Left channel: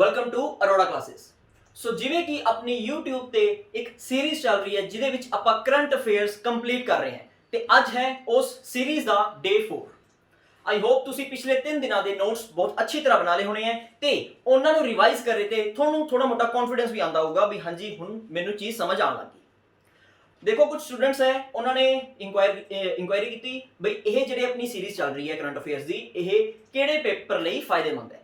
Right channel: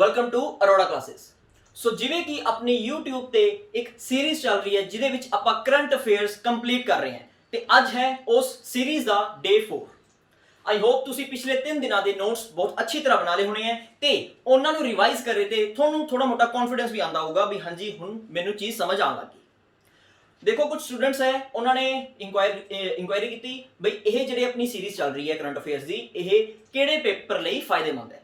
Welcome to Arora classes. So ਜਿਵੇਂ ਕਿ ਆਪਣੀ YouTube ਤੇ ਇੱਕ ਸੀਰੀਜ਼ ਚੱਲ ਰਹੀ ਹੈ ਜਿਹਦੇ ਵਿੱਚ ਆਪਾਂ ਕਰੰਟ ਅਫੇਅਰਸ ਕੰਪਲੀਟ ਕਰ ਰਹੇ ਹਾਂ ਤੇ ਅੱਜ ਹੈ ਉਸ series the day 4। I hope ਤੁਸੀਂ ਪਿਛਲੇ 3 ਦਿਨਾਂ ਦੇ ਨੋਟਸ ਬਹੁਤ ਅੱਛੀ ਤਰ੍ਹਾਂ ਬਣਾ ਲਏ ਹੋਣੇ ਹੈ ਤੇ ਉਹਨਾਂ ਨੂੰ ਰਿਵਾਈਜ਼ ਕਰੇ ਤੇ ਤੁਹਾਨੂੰ ਥੋੜਾ ਮੋਟਾ ਕੌਨਫੀਡੈਂਸ ਵੀ ਆਉਂਦਾ ਹੋਊਗਾ ਵੀ ਹਾਂਜੀ ਹੁਣ ਮੈਨੂੰ ਚੀਜ਼ ਸਮਝ ਆਉਣ ਲੱਗੀ। ਦੇਖੋ ਕੁਝ ਸਟੂਡੈਂਟਸ ਹੈ ਉਹਨਾਂ ਨੇ ਇਨਕੁਆਇਰੀ ਕੀਤੀ ਬਈ ਇਹ ਜਿਹੜੇ ਆਪਣੀ ਸੀਰੀਜ਼ ਚੱਲ ਰਹੀ ਹੈ ਕਰੰਟ ਅਫੇਅਰਸ ਦੀ ਇਹ ਕਿਹੜੇ ਪੇਪਰ ਲਈ ਫਾਇਦੇਮੰਦ ਹੈ।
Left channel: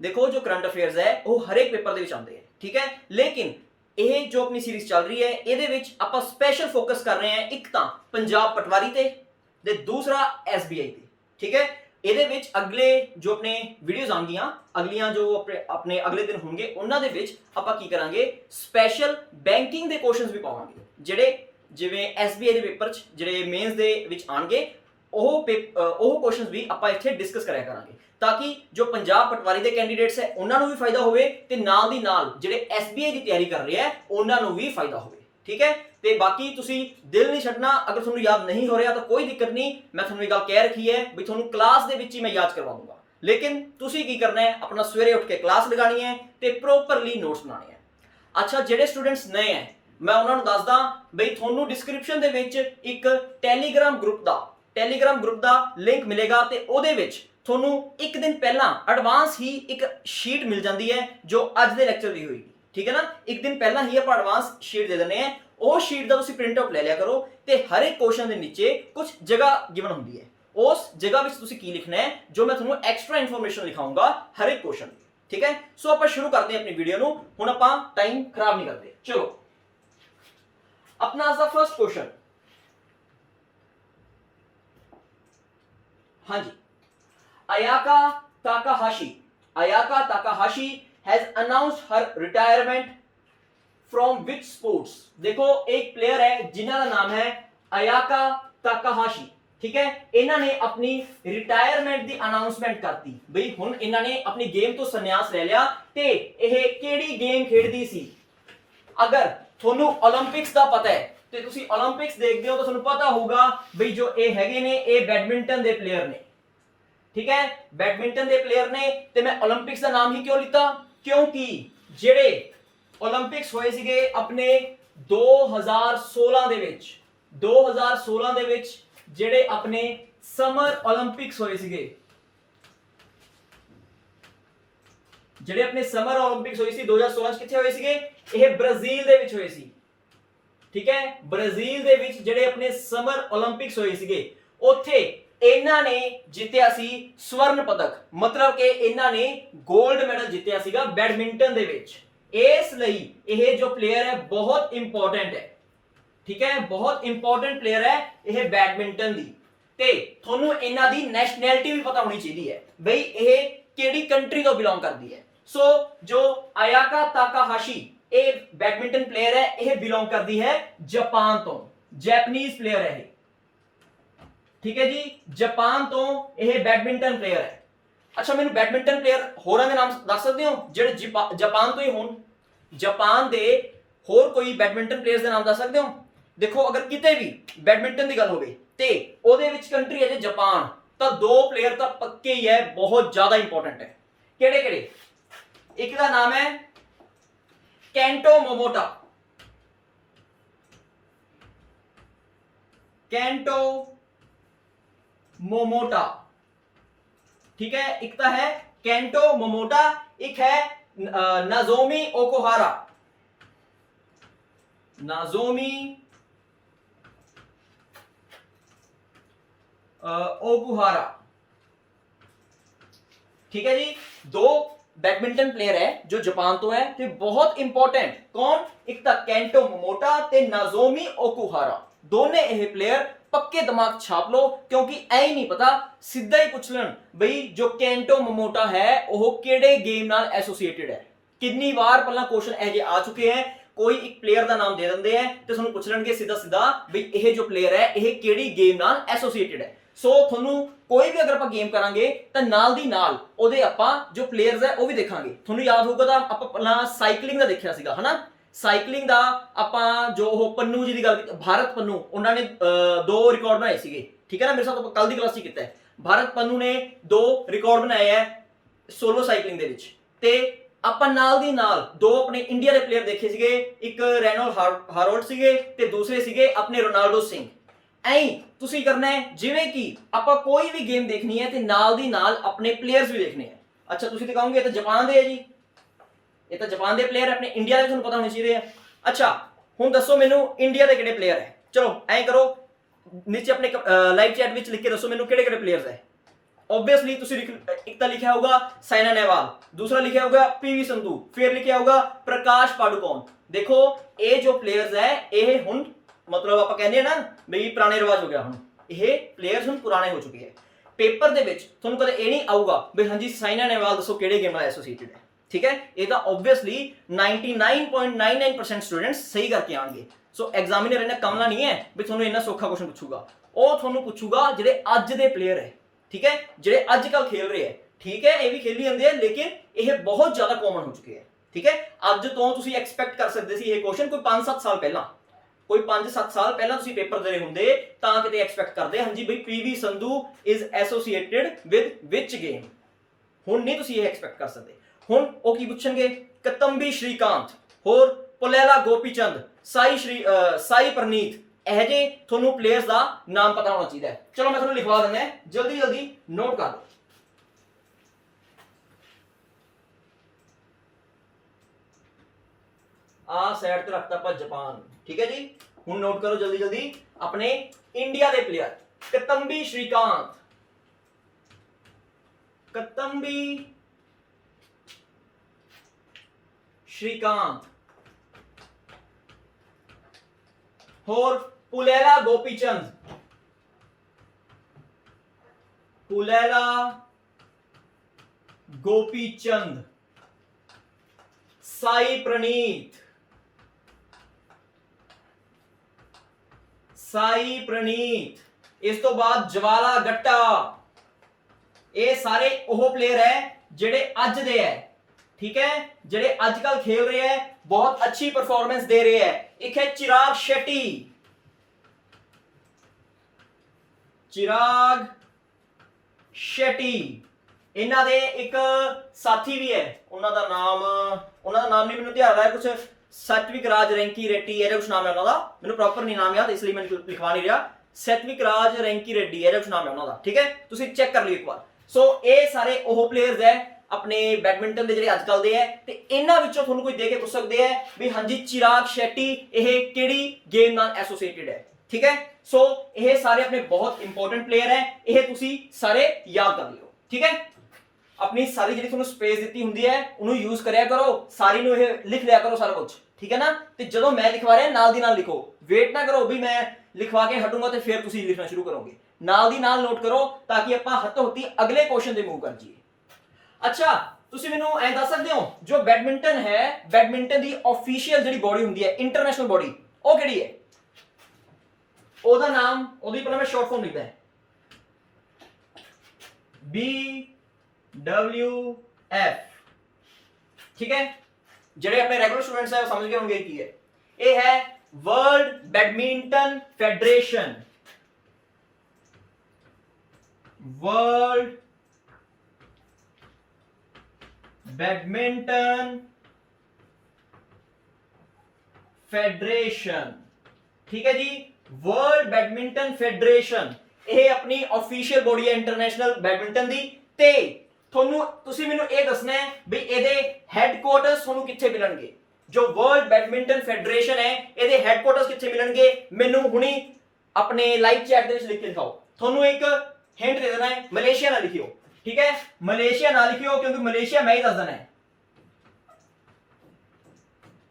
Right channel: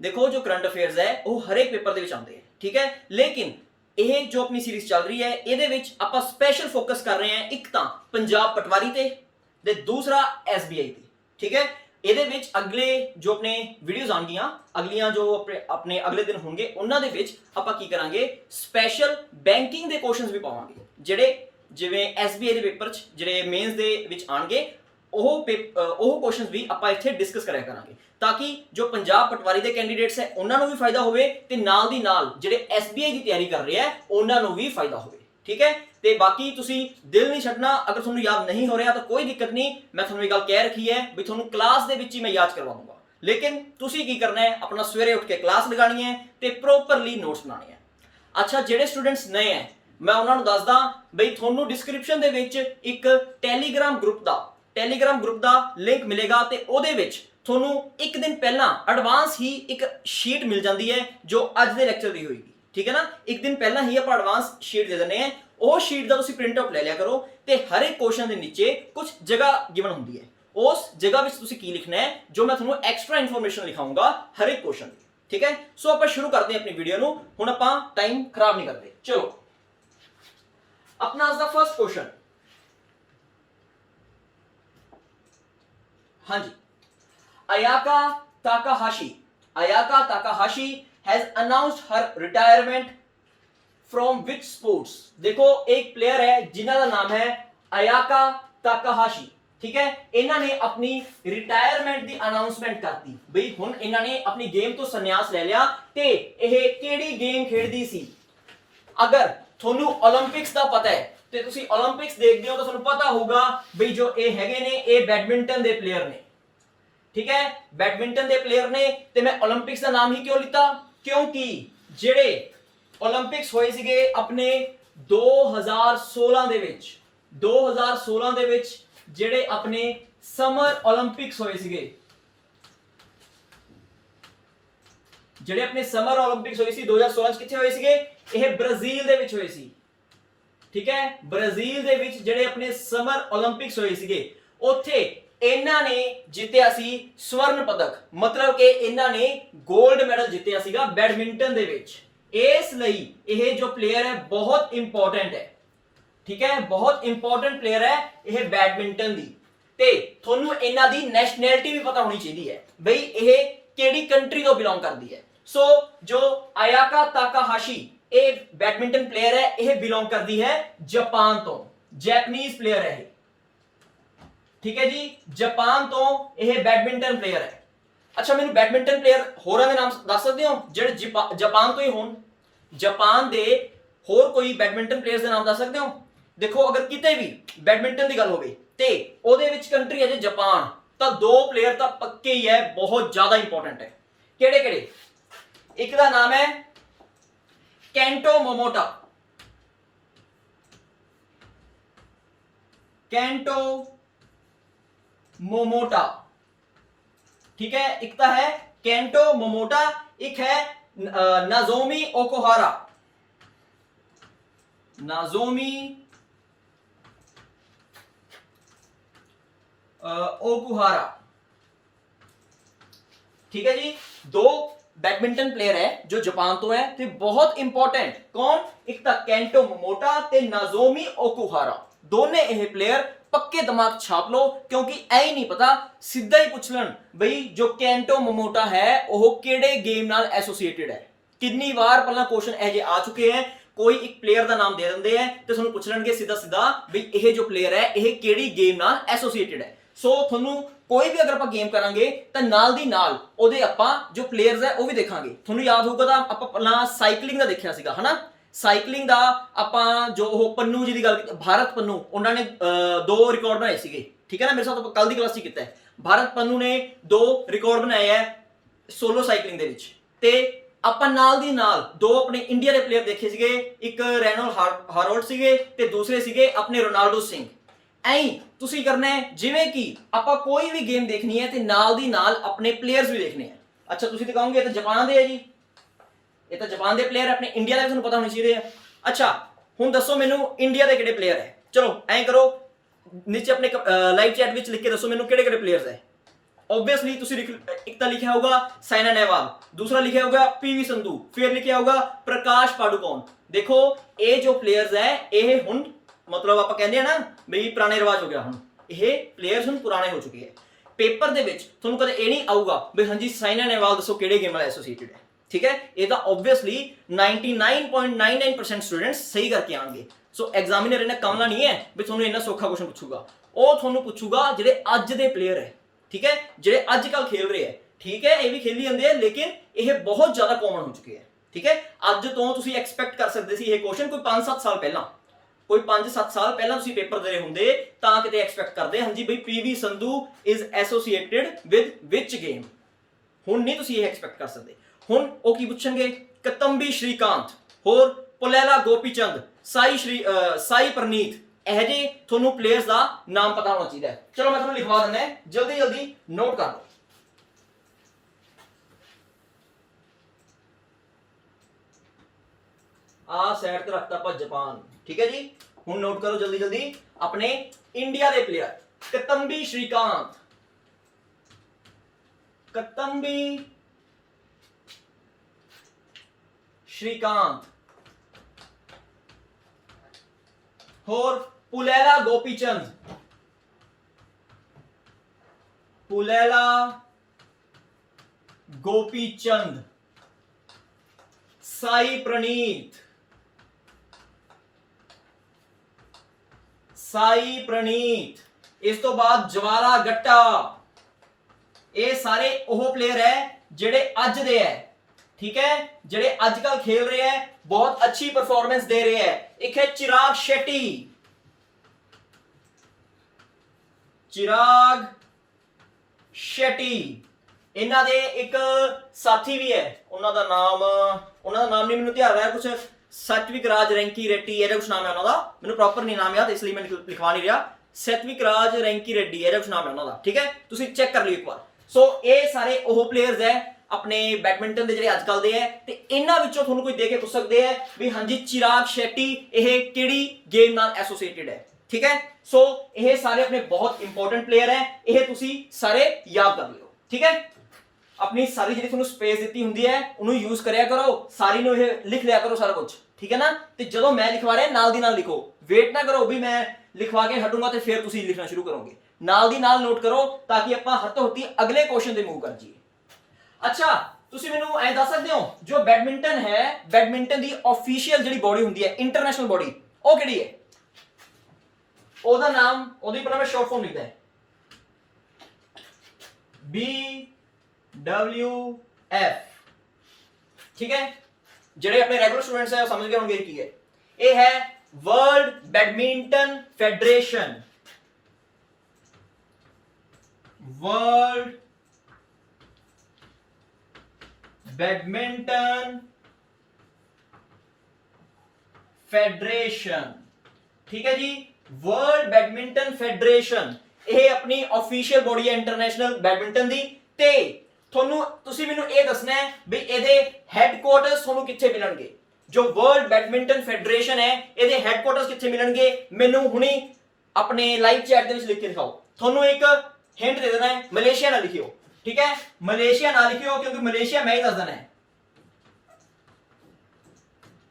देखो जो करंट अफेयर्स है वो हर एक पेपर ਦੇ ਵਿੱਚ ਆਉਂਦੇ ਹੈ, ठीक है, लेकिन ਇਹ ਜੋ ਆਪਣੀ ਸੀਰੀਜ਼ ਚੱਲ ਰਹੀ ਹੈ ਇਹਦੇ ਵਿੱਚ ਆਪਾਂ ਸਪੈਸ਼ਲ ਫੋਕਸ ਕਰ ਰਹੇ ਹਾਂ ਇੱਕ ਤਾਂ ਪੰਜਾਬ ਪਟਵਾਰੀ ਤੇ ਦੂਸਰਾ SBI ਤੇ, ठीक है। ਇਹਦੇ ਵਿੱਚ ਅਗਲੇ ਜੋ ਆਪਣੇ ਵੀਡੀਓਜ਼ ਆਣਗੀਆਂ ਅਗਲੀਆਂ ਜੋ ਆਪਣੇ ਅਗਲੇ ਦਿਨ ਹੋਣਗੇ ਉਹਨਾਂ ਦੇ ਵਿੱਚ ਆਪਾਂ ਕੀ ਕਰਾਂਗੇ ਸਪੈਸ਼ਲ ਬੈਂਕਿੰਗ ਦੇ ਕੁਐਸਚਨਸ ਵੀ ਪਾਵਾਂਗੇ ਜਿਹੜੇ ਜਿਵੇਂ SBI ਦੇ ਪੇਪਰ 'ਚ ਜਿਹੜੇ ਮੇਨਸ ਦੇ ਵਿੱਚ ਆਣਗੇ ਉਹ ਕੁਐਸਚਨਸ ਵੀ ਆਪਾਂ ਇੱਥੇ ਡਿਸਕਸ ਕਰਿਆ ਕਰਾਂਗੇ ਤਾਂ ਕਿ ਜੋ ਪੰਜਾਬ ਪਟਵਾਰੀ ਦੇ ਕੈਂਡੀਡੇਟਸ ਹੈ ਉਹਨਾਂ ਨੂੰ ਵੀ ਫਾਇਦਾ ਹੋਵੇ ਤੇ ਨਾਲ ਦੀ ਨਾਲ ਜਿਹੜੇ SBI ਦੀ ਤਿਆਰੀ ਕਰ ਰਹੇ ਹੈ ਉਹਨਾਂ ਨੂੰ ਵੀ ਫਾਇਦਾ ਹੋਵੇ, ਠੀਕ ਹੈ। ਤੇ ਬਾਕੀ ਤੁਸੀਂ ਦਿਲ ਨਹੀਂ ਛੱਡਣਾ, ਅਗਰ ਤੁਹਾਨੂੰ ਯਾਦ ਨਹੀਂ ਹੋ ਰਿਹਾ ਤਾਂ ਕੋਈ ਦਿੱਕਤ ਨਹੀਂ, ਮੈਂ ਤੁਹਾਨੂੰ ਇਹ ਗੱਲ ਕਹਿ ਰੱਖੀ ਹੈ ਵੀ ਤੁਹਾਨੂੰ ਕਲਾਸ ਦੇ ਵਿੱਚ ਹੀ ਮੈਂ ਯਾਦ ਕਰਵਾ ਦੂੰਗਾ, ਲੇਕਿਨ ਤੁਸੀਂ ਕੀ ਕਰਨਾ ਹੈ ਆਪਣਾ ਸਵੇਰੇ ਉੱਠ ਕੇ ਕਲਾਸ ਲਗਾਣੀ ਹੈ ਤੇ ਪ੍ਰੋਪਰਲੀ ਨੋਟਸ ਬਣਾਉਣੇ ਹੈ। ਅੱਛਾ, ਜਿਹੜੇ ਸਟੂਡੈਂਟਸ ਨਏ ਹੈ ਮੈਂ ਉਹਨਾਂ ਨੂੰ ਦੱਸਦਾ ਬਈ ਤੁਹਾਨੂੰ ਡਿਸਕ੍ਰਿਪਸ਼ਨ ਦੇ ਵਿੱਚ ਇੱਕ ਟੈਲੀਗ੍ਰਾਮ ਗਰੁੱਪ ਦਾ ਲਿੰਕ ਮਿਲੇਗਾ ਤੇ ਉਹਦੇ ਵਿੱਚ ਤੁਹਾਨੂੰ ਇੱਕ ਦਿਨ ਪਹਿਲਾਂ ਐਡਵਾਂਸ ਹੀ ਇੱਕ ਸ਼ੀਟ ਮਿਲ ਜਾਂਦੀ ਹੈ ਜੋ ਅੱਜ ਦੇ ਲੈਕਚਰ ਦੀ ਹੋਏਗੀ, ਠੀਕ ਹੈ ਨਾ। ਇੱਕ ਦਿਨ ਪਹਿਲਾਂ ਹੀ ਆਪਾਂ ਐਡਵਾਂਸ ਸ਼ੀਟ ਦੇ ਦਿੰਦੇ ਹਾਂ, ਉਹ ਸ਼ੀਟ ਦਾ ਤੁਸੀਂ ਪ੍ਰਿੰਟ ਆਊਟ ਲੈ ਲਿਆ ਕਰੋ ਤੇ ਹਰ ਇੱਕ ਕੁਐਸਚਨ ਦੇ ਨੀਚੇ ਕੁਝ ਜਗ੍ਹਾ ਗਿਵਨ ਹੁੰਦੀ ਹੈ, ਉਸ ਜਗ੍ਹਾ ਵਿੱਚ ਤੁਸੀਂ ਕੀ ਲਿਖਣਾ ਹੈ ਜੋ ਮੈਂ ਤੁਹਾਨੂੰ ਐਕਸਟਰਾ ਇਨਫੋਰਮੇਸ਼ਨ ਲਿਖਾਉਂਗਾ ਹਰ ਇੱਕ ਕੁਐਸਚਨ ਦੀ, ਠੀਕ ਹੈ। ਸੋ ਆਪਾਂ ਸ਼ੁਰੂ ਕਰਦੇ ਹਾਂ ਆਪਣੀ ਵੀਡੀਓ ਨੂੰ, ਹੁਣ ਆਪਾਂ ਟਾਈਮ ਖਰਾਬ ਨਹੀਂ ਕਰਦੇ। ਚਲੋ अपना आज दा फर्स्ट क्वेश्चन, हाँ जी, Ayaka Takahashi has announced her retirement from which sports. देखो एक प्लेयर है जिन्हां दा नाम है अयाका ताकाहाशी, ठीक है। इन्हां ने अपनी रिटायरमेंट दी अनाउंसमेंट करती बई हुण इन्हां ने अपनी गेम तो संन्यास ले लिया ते इह किहड़ी गेम खेडदी सी। अगर ਤੁਹਾਨੂੰ 올림픽ਸ ਦਾ ਪਤਾ ਹੈ ਤੇ ਤੁਸੀਂ 올림픽ਸ ਦੇਖਦੇ ਹੋ ਤਾਂ ਤੁਹਾਨੂੰ ਪਤਾ ਹੋਊਗਾ ਬਈ ਜੋ ਇਹ ਹੈਗੇ ਨੇ ਇਹ ਬੈਡਮਿੰਟਨ ਦੇ ਪਲੇਅਰ ਨੇ, ਠੀਕ ਹੈ, ਬੈਡਮਿੰਟਨ ਦੇ ਪਲੇਅਰ ਨੇ। ਤੇ ਮੈਂ 올림픽ਸ ਦਾ ਨਾਮ ਹੀ ਕਿਉਂ ਲਿੱਤਾ ਕਿਉਂਕਿ ਜਿਹੜੇ 올림픽ਸ ਹੋਏ ਸੀਗੇ ਆਪਣੇ 2016 ਦੇ ਵਿੱਚ ਜਿਹੜੇ ਆਪਣੇ ਸਮਰ 올림픽ਸ ਹੋਏ ਸੀਗੇ, ਜਿਹੜੇ ਆਪਣੇ ਸਮਰ 올림픽ਸ ਹੋਏ ਸੀ 2016 ਚ ਕਿੱਥੇ ਹੋਏ ਸੀਗੇ, ਇਹ ਬ੍ਰਾਜ਼ੀਲ ਦੇ ਵਿੱਚ ਹੋਏ ਸੀ, ਠੀਕ ਹੈ। ਬ੍ਰਾਜ਼ੀਲ ਦੇ ਵਿੱਚ ਜਿਹੜੇ ਆਪਣੇ ਸਮਰ 올림픽ਸ ਹੋਏ ਸੀਗੇ ਉੱਥੇ ਇਹਨਾਂ ਨੇ ਜਿੱਤਿਆ ਸੀ ਸਵਰਨ ਪਦਕ, ਮਤਲਬ ਕਿ ਇਹਨਾਂ ਨੇ 골ਡ ਮੈਡਲ ਜਿੱਤਿਆ ਸੀਗਾ ਬੈਡਮਿੰਟਨ ਦੇ ਵਿੱਚ। ਇਸ ਲਈ ਇਹ ਜੋ ਪਲੇਅਰ ਹੈ ਬਹੁਤ ਇੰਪੋਰਟੈਂਟ ਹੈ, ਠੀਕ ਹੈ, ਬਹੁਤ ਇੰਪੋਰਟੈਂਟ ਪਲੇਅਰ ਹੈ ਇਹ ਬੈਡਮਿੰਟਨ ਦੀ। ਤੇ ਤੁਹਾਨੂੰ ਇਹਨਾਂ ਦੀ ਨੈਸ਼ਨੈਲਿਟੀ ਵੀ ਪਤਾ ਹੋਣੀ ਚਾਹੀਦੀ ਹੈ ਬਈ ਇਹ ਕਿਹੜੀ ਕੰਟਰੀ ਤੋਂ ਬਿਲੋਂਗ ਕਰਦੀ ਹੈ। ਸੋ ਜੋ ਅਯਾਕਾ ਤਾਕਾਹਾਸ਼ੀ ਇਹ बैडमिंटन प्लेयर है यह बिलोंग करती है जापान तो, जैपनीज प्लेयर है, ठीक है जी, जापान तो यह बैडमिंटन प्लेयर है। अच्छा मैंने बैडमिंटन प्लेयर होरां दे नाम दस सकते हो जेडे जापान तो ही होण, जापान दे होर कोई बैडमिंटन प्लेयर्स दे नाम दस सकते हो। देखो अगर किते भी बैडमिंटन की गल होवे ते ओदे विच कंट्री है जे जापान तां दो प्लेयर तां पक्के ही है, बहुत ज्यादा इंपॉर्टेंट है। किहड़े किहड़े, एक दा नाम है केंटो मोमोटा, ठीक है, एक तो है केंटो मोमोटा, एक है नाजोमी ओकुहारा, ठीक है जी। दो बैडमिंटन प्लेयर है जो जापान तो है ते बहुत इंपॉर्टेंट, कौन, एक तो केंटो मोमोटा ते नाजोमी ओकुहारा, दोने यह प्लेयर पक्के दिमाग छाप लो क्योंकि ऐ ही नहीं पता सीधा ही पूछ लन बई जो केंटो मोमोटा है वह किहड़े गेम नाल एसोसिएटेड है। कितनी बार पहला क्वेश्चन ऐसे आ चुके हैं, कोई एक प्लेयर का नाम दे देंगे हैं ते तुहानू पूछ लणगे सीधा बई यह जो प्लेयर है यह किहड़ी गेम नाल एसोसिएटेड है। सो तुहानू कोई भी अगर आप गेम करांगे तो नाल दी नाल ओदे आपां जो प्लेयर्स है वो भी देखांगे। तुहानू याद होगा तां आपां पहलां साइकलिंग दा देखिया सीगा, है ना, साइकलिंग दा आपां जो पन्नू जी दी गल भारत पन्नू उन्होंने 2 रिकॉर्ड बनाए सीगे, ठीक है ना, मेरे साथ कल दी क्लास ही कीता है। भारत पन्नू ने 2 रिकॉर्ड बनाए है सोलो साइकलिंग दे विच ते ਆਪਾਂ ਨਾਲ ਦੀ ਨਾਲ ਦੋ ਆਪਣੇ ਇੰਡੀਆ ਦੇ ਪਲੇਅਰ ਦੇਖੇ ਸੀਗੇ, ਇੱਕ ਰੈਨੋਲ ਹਾਰੋਲਡ ਸੀਗੇ ਤੇ ਦੂਸਰੇ ਸੀਗੇ ਆਪਣੇ ਰੋਨਾਲਡੋ ਸਿੰਘ। ਐਂ ਤੁਸੀਂ ਕਰਨਾ ਹੈ ਜਿਵੇਂ ਕਿ ਆਪਾਂ ਕੋਈ ਵੀ ਗੇਮ ਦੇਖਣੀ ਹੈ ਤੇ ਨਾਲ ਦੀ ਨਾਲ ਆਪਣੇ ਪਲੇਅਰਸ ਵੀ ਦੇਖਣੇ ਆ। ਅੱਛਾ ਤੁਸੀਂ ਤਾਂ ਕਹੋਗੇ ਇਹ ਤਾਂ ਜਾਪਾਨ ਦੇ ਹੈ ਜੀ, ਇਹ ਤਾਂ ਜਾਪਾਨ ਦੇ ਪਲੇਅਰ ਆਪਣੇ ਇੰਡੀਆ ਦੇ ਵੀ ਤੁਹਾਨੂੰ ਪਤਾ ਹੋਣੇ ਚਾਹੀਦੇ ਆ। ਅੱਛਾ ਹੁਣ ਦੱਸੋ ਮੈਨੂੰ ਇੰਡੀਆ ਦੇ ਕਿਹੜੇ ਪਲੇਅਰ ਹੈ? ਚਲੋ ਐਂ ਕਰੋ ਨੀਚੇ ਆਪਣੇ ਲਾਈਵ ਚੈਟ ਵਿੱਚ ਲਿਖ ਕੇ ਦੱਸੋ ਮੈਨੂੰ ਕਿਹੜੇ ਕਿਹੜੇ ਪਲੇਅਰਸ ਹੈ। ऑब्वियसली ਤੁਸੀਂ ਇੱਕ ਤਾਂ ਲਿਖਿਆ ਹੋਊਗਾ ਸਾਇਨਾ नेहवाल, दूसरा लिखा होगा पीवी संधू, फिर लिखा होगा प्रकाश पाडुकोण। देखो ये जो प्लेयर्स है ये हुण मतलब ਆਪਾਂ ਕਹਿੰਦੇ ਆ ਨਾ ਵੀ ਪੁਰਾਣੇ ਰਿਵਾਜ ਹੋ ਗਿਆ, ਹੁਣ ਇਹ ਪਲੇਅਰਸ ਹੁਣ ਪੁਰਾਣੇ ਹੋ ਚੁੱਕੇ ਹੈ। ਪੇਪਰ ਦੇ ਵਿੱਚ ਤੁਹਾਨੂੰ ਕਦੇ ਇਹ ਨਹੀਂ ਆਊਗਾ ਵੀ ਹਾਂਜੀ ਸਾਇਨਾ नेहवाल ਦੱਸੋ ਕਿਹੜੇ ਗੇਮ ਨਾਲ ਐਸੋਸੀਏਟਡ ਹੈ, ਠੀਕ ਹੈ। ਇਹ ਤਾਂ ऑब्वियसली 99.99% ਸਟੂਡੈਂਟਸ ਸਹੀ ਕਰਕੇ ਆਣਗੇ। ਸੋ ਐਗਜ਼ਾਮੀਨਰ ਇਹਨਾਂ ਕਮਲਾ ਨਹੀਂ ਹੈ ਵੀ ਤੁਹਾਨੂੰ ਇੰਨਾ ਸੌਖਾ ਕੁਐਸਚਨ ਪੁੱਛੂਗਾ, ਉਹ ਤੁਹਾਨੂੰ ਪੁੱਛੂਗਾ ਜਿਹੜੇ ਅੱਜ ਦੇ ਪਲੇਅਰ ਹੈ, ठीक है, ਜਿਹੜੇ ਅੱਜ ਕੱਲ खेल रहे हैं, ठीक है, ये भी खेली ਜਾਂਦੇ ਆ लेकिन ਇਹ ਬਹੁਤ ਜ਼ਿਆਦਾ ਕਾਮਨ ਹੋ ਚੁੱਕੇ ਹੈ, ठीक है। ਅੱਜ ਤੋਂ ਤੁਸੀਂ ਐਕਸਪੈਕਟ ਕਰ ਸਕਦੇ ਸੀ ਇਹ ਕੁਐਸਚਨ ਕੋਈ 5-7 ਸਾਲ ਪਹਿਲਾਂ, ਕੋਈ 5-7 ਸਾਲ ਪਹਿਲਾਂ ਤੁਸੀਂ ਪੇਪਰ ਦੇ ਰਹੇ ਹੁੰਦੇ ਤਾਂ ਕਿਤੇ ਐਕਸਪੈਕਟ ਕਰਦੇ ਹਾਂਜੀ ਬਈ PV Sandhu is associated with which game. ਹੁਣ ਨਹੀਂ ਤੁਸੀਂ ਇਹ ਐਕਸਪੈਕਟ ਕਰ ਸਕਦੇ। ਹੁਣ ਉਹ ਕੀ ਪੁੱਛਣਗੇ? ਕਤੰਬੀ ਸ਼੍ਰੀਕਾਂਤ, ਹੋਰ ਪੁਲੇਲਾ ਗੋਪੀਚੰਦ, ਸਾਈ ਪ੍ਰਨੀਤ, ਇਹ ਜੇ ਤੁਹਾਨੂੰ ਪਲੇਅਰਸ ਦਾ ਨਾਮ ਪਤਾ ਹੋਣਾ ਚਾਹੀਦਾ ਹੈ। ਚਲੋ ਮੈਂ ਤੁਹਾਨੂੰ ਲਿਖਵਾ ਦਿੰਦਾ, ਜਲਦੀ ਜਲਦੀ ਨੋਟ ਕਰ ਲਓ। ਆ ਸਾਈਡ ਤੇ ਰੱਖਤਾ ਆਪਾਂ ਜਾਪਾਨ, ਠੀਕ ਹੈ ਜੀ। ਹੁਣ ਨੋਟ ਕਰੋ ਜਲਦੀ ਜਲਦੀ ਆਪਣੇ ਇੰਡੀਆ ਦੇ ਪਲੇਅਰ। ਕਤੰਬੀ ਸ਼੍ਰੀਕਾਂਤ, ਕਤੰਬੀ श्रीकांत, और पुलेला गोपीचंद, पुलेला गोपीचंद, साई प्रणीत, साई प्रणीत, इस तो बाद ज्वाला गट्टा। ये सारे ਉਹ प्लेयर है ਜਿਹੜੇ ਅੱਜ ਦੇ ਹੈ, ठीक है, ਜਿਹੜੇ ਅੱਜ ਕੱਲ खेल रहे हैं, बहुत अच्छी परफॉर्मेंस दे रहे हैं। एक है चिराग शेट्टी, चिराग शेट्टी, ਇਹਨਾਂ ਦੇ ਇੱਕ ਸਾਥੀ ਵੀ ਹੈ, ਉਹਨਾਂ ਦਾ ਨਾਮ ਨਹੀਂ ਮੈਨੂੰ ਧਿਆਨ ਰਿਹਾ, ਕੁਝ ਸਤਵਿਕ ਰਾਜ ਰੈਂਕੀ ਰੈੱਡੀ ਇਹਦਾ ਕੁਝ ਨਾਮ ਹੈ ਉਹਨਾਂ ਦਾ, ਮੈਨੂੰ ਪ੍ਰੋਪਰ ਨਹੀਂ ਨਾਮ ਯਾਦ, ਇਸ ਲਈ ਮੈਂ ਲਿਖਵਾ ਨਹੀਂ ਰਿਹਾ। ਸਤਵਿਕ ਰਾਜ ਰੈਂਕੀ ਰੈੱਡੀ ਇਹਦਾ ਕੁਝ ਨਾਮ ਹੈ ਉਹਨਾਂ ਦਾ, ਠੀਕ ਹੈ, ਤੁਸੀਂ ਚੈੱਕ ਕਰ ਲਿਓ ਇੱਕ ਵਾਰ। ਸੋ ਇਹ ਸਾਰੇ ਉਹ ਪਲੇਅਰਸ ਹੈ ਆਪਣੇ ਬੈਡਮਿੰਟਨ ਦੇ ਜਿਹੜੇ ਅੱਜ ਕੱਲ ਦੇ ਹੈ, ਤੇ ਇਹਨਾਂ ਵਿੱਚੋਂ ਤੁਹਾਨੂੰ ਕੋਈ ਦੇ ਕੇ ਪੁੱਛ ਸਕਦੇ ਹੈ ਵੀ ਹਾਂਜੀ ਚਿਰਾਗ ਸ਼ੈਟੀ ਇਹ ਕਿਹੜੀ ਗੇਮ ਨਾਲ ਐਸੋਸੀਏਟਡ ਹੈ, ਠੀਕ ਹੈ। ਸੋ ਇਹ ਸਾਰੇ ਆਪਣੇ ਬਹੁਤ ਇੰਪੋਰਟੈਂਟ ਪਲੇਅਰ ਹੈ, ਇਹ ਤੁਸੀਂ ਸਾਰੇ ਯਾਦ ਕਰ ਲਿਓ, ਠੀਕ ਹੈ। ਆਪਣੀ ਸਾਰੀ ਜਿਹੜੀ ਤੁਹਾਨੂੰ ਸਪੇਸ ਦਿੱਤੀ ਹੁੰਦੀ ਹੈ ਉਹਨੂੰ ਯੂਜ਼ ਕਰਿਆ ਕਰੋ, ਸਾਰੀ ਨੂੰ ਇਹ ਲਿਖ ਲਿਆ ਕਰੋ ਸਾਰਾ ਕੁਝ, ਠੀਕ ਹੈ ਨਾ। ਤੇ ਜਦੋਂ ਮੈਂ ਲਿਖਵਾ ਰਿਹਾ ਨਾਲ ਦੀ ਨਾਲ ਲਿਖੋ, ਵੇਟ ਨਾ ਕਰੋ ਵੀ ਮੈਂ ਲਿਖਵਾ ਕੇ ਹਟੂੰਗਾ ਤੇ ਫਿਰ ਤੁਸੀਂ ਲਿਖਣਾ ਸ਼ੁਰੂ ਕਰੋਗੇ, ਨਾਲ ਦੀ ਨਾਲ ਨੋਟ ਕਰੋ ਤਾਂ ਕਿ ਆਪਾਂ ਹੱਥੋਂ ਹੱਥੀ ਅਗਲੇ ਕੁਐਸਚਨ ਤੇ ਮੂਵ ਕਰ ਜਾਈਏ। अच्छा ਤੁਸੀਂ ਮੈਨੂੰ ਐਂ ਦੱਸ ਸਕਦੇ ਹੋ ਜੋ ਬੈਡਮਿੰਟਨ ਹੈ, ਬੈਡਮਿੰਟਨ ਦੀ ਆਫੀਸ਼ੀਅਲ ਜਿਹੜੀ ਬੋਡੀ ਹੁੰਦੀ ਹੈ, ਇੰਟਰਨੈਸ਼ਨਲ ਬੋਡੀ, ਉਹ ਕਿਹੜੀ ਹੈ? ਉਹਦਾ ਨਾਮ, ਉਹਦੀ ਪਹਿਲਾਂ ਮੈਂ ਸ਼ਾਰਟ ਫਾਰਮ ਲਿਖਦਾ ਹੈ BWF, ਠੀਕ ਹੈ। ਜਿਹੜੇ ਆਪਣੇ ਰੈਗੂਲਰ ਸਟੂਡੈਂਟਸ ਹੈ ਉਹ ਸਮਝ ਗਏ ਹੋਣਗੇ ਕੀ ਹੈ। ਇਹ ਹੈ world badminton federation, world badminton federation, ठीक है जी, वर्ल्ड बैडमिंटन फेडरेशन ਇਹ ਆਪਣੀ ਆਫੀਸ਼ੀਅਲ ਬੋਡੀ ਹੈ ਇੰਟਰਨੈਸ਼ਨਲ ਬੈਡਮਿੰਟਨ ਦੀ। ਤੇ ਤੁਸੀਂ ਮੈਨੂੰ ਇਹ ਦੱਸਣਾ ਹੈ ਵੀ ਇਹਦੇ ਹੈੱਡਕੁਆਰਟਰਸ ਤੁਹਾਨੂੰ ਕਿੱਥੇ ਮਿਲਣਗੇ। ਜੋ ਵਰਲਡ ਬੈਡਮਿੰਟਨ ਫੈਡਰੇਸ਼ਨ ਹੈ ਇਹਦੇ ਹੈੱਡਕੁਆਰਟਰਸ ਕਿੱਥੇ ਮਿਲਣਗੇ ਮੈਨੂੰ ਹੁਣੀ ਆਪਣੇ ਲਾਈਵ ਚੈਟ ਦੇ ਵਿੱਚ ਲਿਖ ਕੇ ਦਿਖਾਓ। ਤੁਹਾਨੂੰ ਇੱਕ ਹਿੰਟ ਦੇ ਦੇਣਾ ਹੈ, ਮਲੇਸ਼ੀਆ ਨਾ ਲਿਖਿਓ, ठीक है, मलेशिया ना लिखियो क्योंकि मलेशिया मैं ही दस देना है,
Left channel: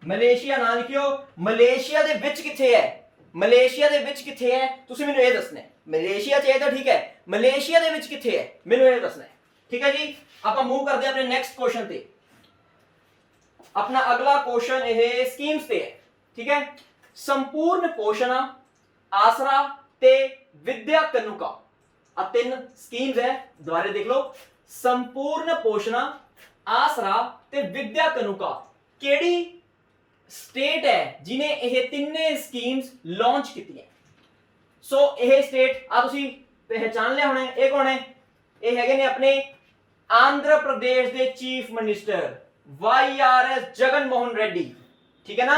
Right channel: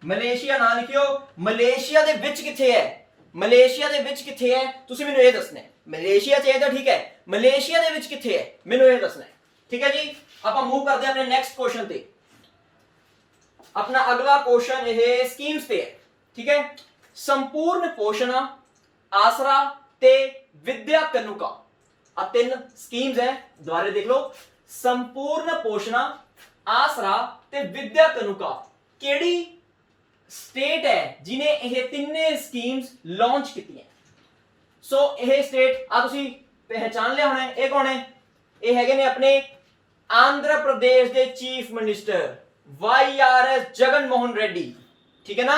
मलेशिया ना लिखियो। मलेशिया दे विच किथे है, मलेशिया दे विच किथे है तुसी मेनू ये दसना है। मलेशिया च है तो ठीक है, मलेशिया दे विच किथे है मेनू ये दसना है, ठीक है जी। आपां मूव करते हैं अपने नेक्स्ट क्वेश्चन ते। अपना अगला क्वेश्चन ये स्कीम्स पे है, ठीक है। संपूर्ण पोषण, आसरा ते विद्या कनुका, आ तीन स्कीम्स है, दोबारा देख लो। संपूर्ण पोषण, आसरा ते विद्या कनुका, केड़ी स्टेट है जिन्हें यह तीने स्कीम्स लॉन्च की है? सो यह स्टेट आ तुसी पहचान लिया होना है, ये कौन है? ये हैगे ने अपने आंध्र प्रदेश दे chief minister, YRS Jagan Mohan Reddy, ठीक है ना,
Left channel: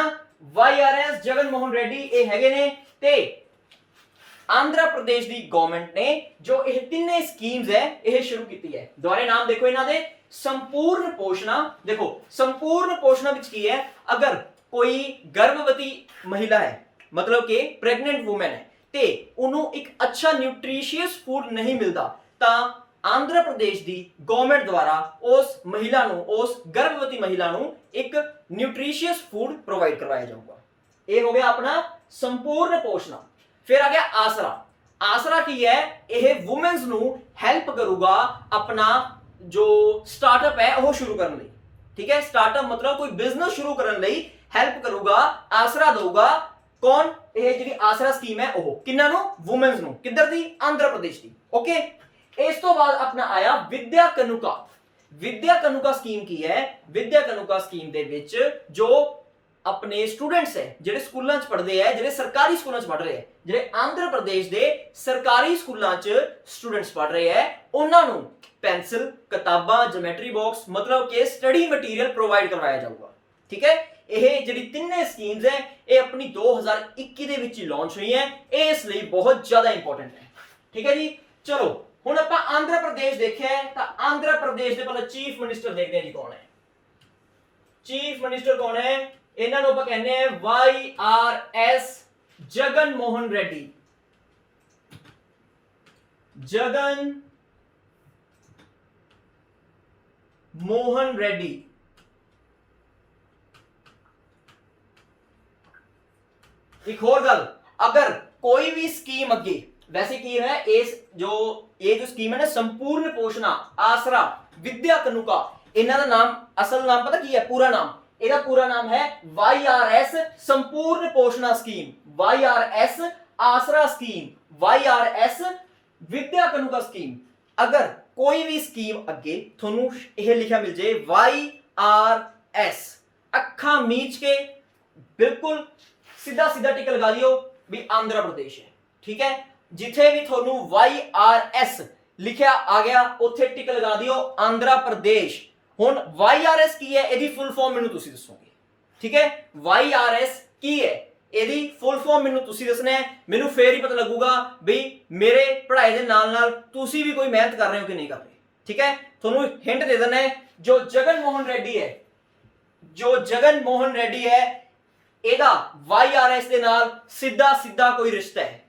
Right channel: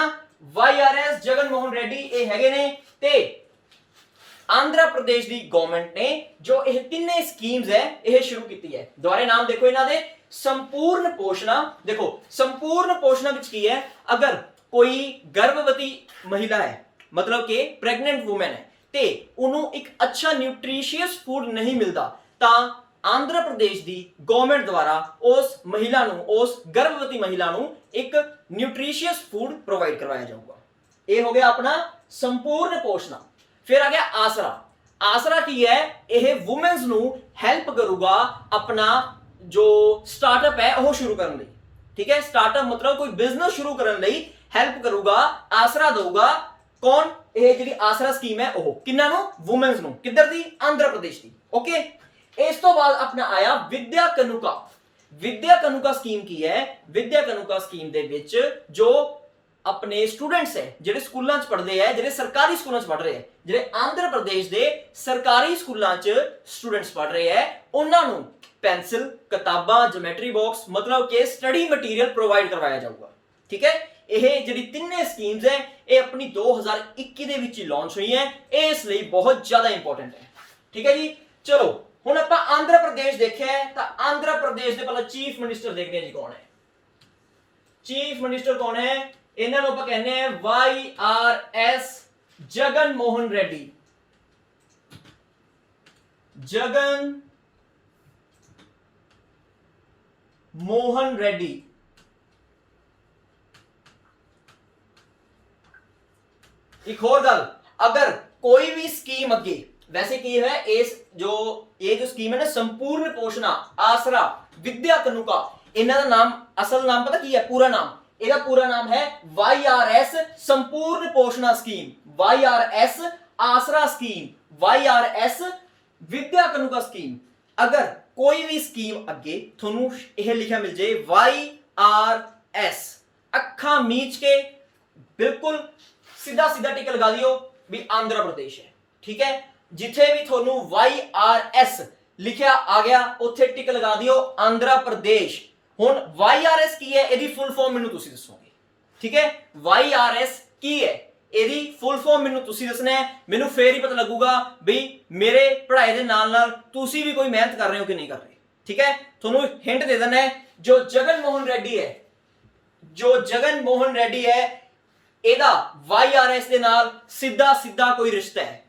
YRS जगन मोहन रेड्डी ਇਹ ਹੈਗੇ ਨੇ ਤੇ ਆਂਧਰਾ ਪ੍ਰਦੇਸ਼ ਦੀ ਗਵਰਨਮੈਂਟ ਨੇ ਜੋ ਇਹ ਤਿੰਨੇ ਸਕੀਮਸ ਹੈ ਇਹ ਸ਼ੁਰੂ ਕੀਤੀ ਹੈ। ਦੁਆਰੇ ਨਾਮ ਦੇਖੋ ਇਹਨਾਂ ਦੇ, ਸੰਪੂਰਨ ਪੋਸ਼ਣਾ। ਦੇਖੋ ਸੰਪੂਰਨ ਪੋਸ਼ਣਾ ਵਿੱਚ ਕੀ ਹੈ, ਅਗਰ ਕੋਈ ਗਰਭਵਤੀ ਮਹਿਲਾ ਹੈ मतलब कि प्रेगनेंट वूमेन है ते उन्हों एक अच्छा न्यूट्रिशियस फूड नहीं मिलता ता आंध्र प्रदेश दी गवर्नमेंट द्वारा उस महिला नूं, उस गर्भवती महिला नूं एक न्यूट्रिशियस फूड प्रोवाइड करवाया जाऊगा। ये हो गया अपना संपूर्ण पोषण। फिर आ गया आसरा। आसरा की है, यह वुमेन्स नूं हेल्प करूगा अपना जो स्टार्टअप है वो शुरू करने लई, ठीक है। स्टार्टअप मतलब कोई बिजनेस शुरू करने लई हेल्प करूगा, आसरा दूगा। कौन? ये जी आसरा स्कीम है वो किन्ना नु? वुमेन्स नु। किधर दी? आंध्र प्रदेश दी। ओके, इस तो बाद अपना आया विद्या कनुका। विद्या कनुका स्कीम की है, विद्या कनुका स्कीम दे विच जो अपने स्टूडेंट्स है जेडे स्कूलां च पढ़दे है, जेडे सरकारी स्कूलां च पढ़ रहे हैं, जेडे आंध्र प्रदेश दे सरकारी स्कूलां च स्टूडेंट्स पढ़ रहे हैं, उन्हां नु पेंसिल, किताबां, ज्योमेट्री बॉक्स मतलब कि स्टडी मटीरियल प्रोवाइड करवाया जाऊगा, ठीक है। ਇਹ ਜਿਹੜੀ ਤਿੰਨੇ ਸਕੀਮਸ ਹੈ ਇਹ ਆਪਣੀ 2021 ਦੇ ਵਿੱਚ ਹੀ ਲਾਂਚ ਹੋਈ ਹੈ, ਇਸ ਲਈ ਬਹੁਤ ਜ਼ਿਆਦਾ ਇੰਪੋਰਟੈਂਟ ਹੈ, ਠੀਕ ਹੈ ਜੀ। ਚਲੋ ਹੁਣ ਆਪਾਂ ਆਂਧਰਾ ਪ੍ਰਦੇਸ਼ ਦੇਖਿਆ ਤਾਂ ਆਂਧਰਾ ਪ੍ਰਦੇਸ਼ ਦੇ ਪਹਿਲਾਂ ਚੀਫ ਮਿਨਿਸਟਰ ਦੇਖਦੇ ਹਾਂ ਜੀ ਕੌਣ ਹੈ। ਚੀਫ ਮਿਨਿਸਟਰ ਕੌਣ ਹੈ? ਇਹਨਾਂ ਨੂੰ ਆਪਾਂ ਕਹਿੰਦੇ ਆ YRS ਜਗਨ ਮੋਹਨ ਰੈਡੀ। ਜਗਨ ਮੋਹਨ ਰੈਡੀ। एक और गल, अगर कोई भी स्कीम अगे वैसे की है इस जो ये जो स्कीम है ना संपूर्ण पोषणा, आसरा, विद्या कनुका, इन्हां दा नाम असल नाम पता की है? पूरा नाम, ਇਹਦਾ पूरा नाम है YRS संपूर्ण पोषणा स्कीम, YRS आसरा स्कीम, YRS विद्या कनुका स्कीम। अगर कोई भी स्कीम अगे थोनू यह लिखा मिल जाए YRS, अखा मीच के बिल्कुल सीधा सीधा टिक लगा दियो भी आंध्र प्रदेश है, ठीक है। जिथे भी थोनू YRS लिखा आ गया उत्थे टिक लगा दियो आंध्र प्रदेश। हुन YRS की है, एदी फुल फॉर्म मेनू तुसी दसोगे, ठीक है। YRS की है, एदी फुल फॉर्म मेनू तुसी दसना है, मेनू फेर ही पता लगूगा भी मेरे पढ़ाई दे नाल नाल तुसी भी कोई मेहनत कर रहे हो कि नहीं कर रहे, ठीक है। थोनू हिंट दे देना है, जो जगन मोहन रेड्डी है, जो जगन मोहन रेड्डी है ਇਹਦਾ YRS ਦੇ ਨਾਲ ਸਿੱਧਾ ਸਿੱਧਾ ਕੋਈ ਰਿਸ਼ਤਾ ਹੈ,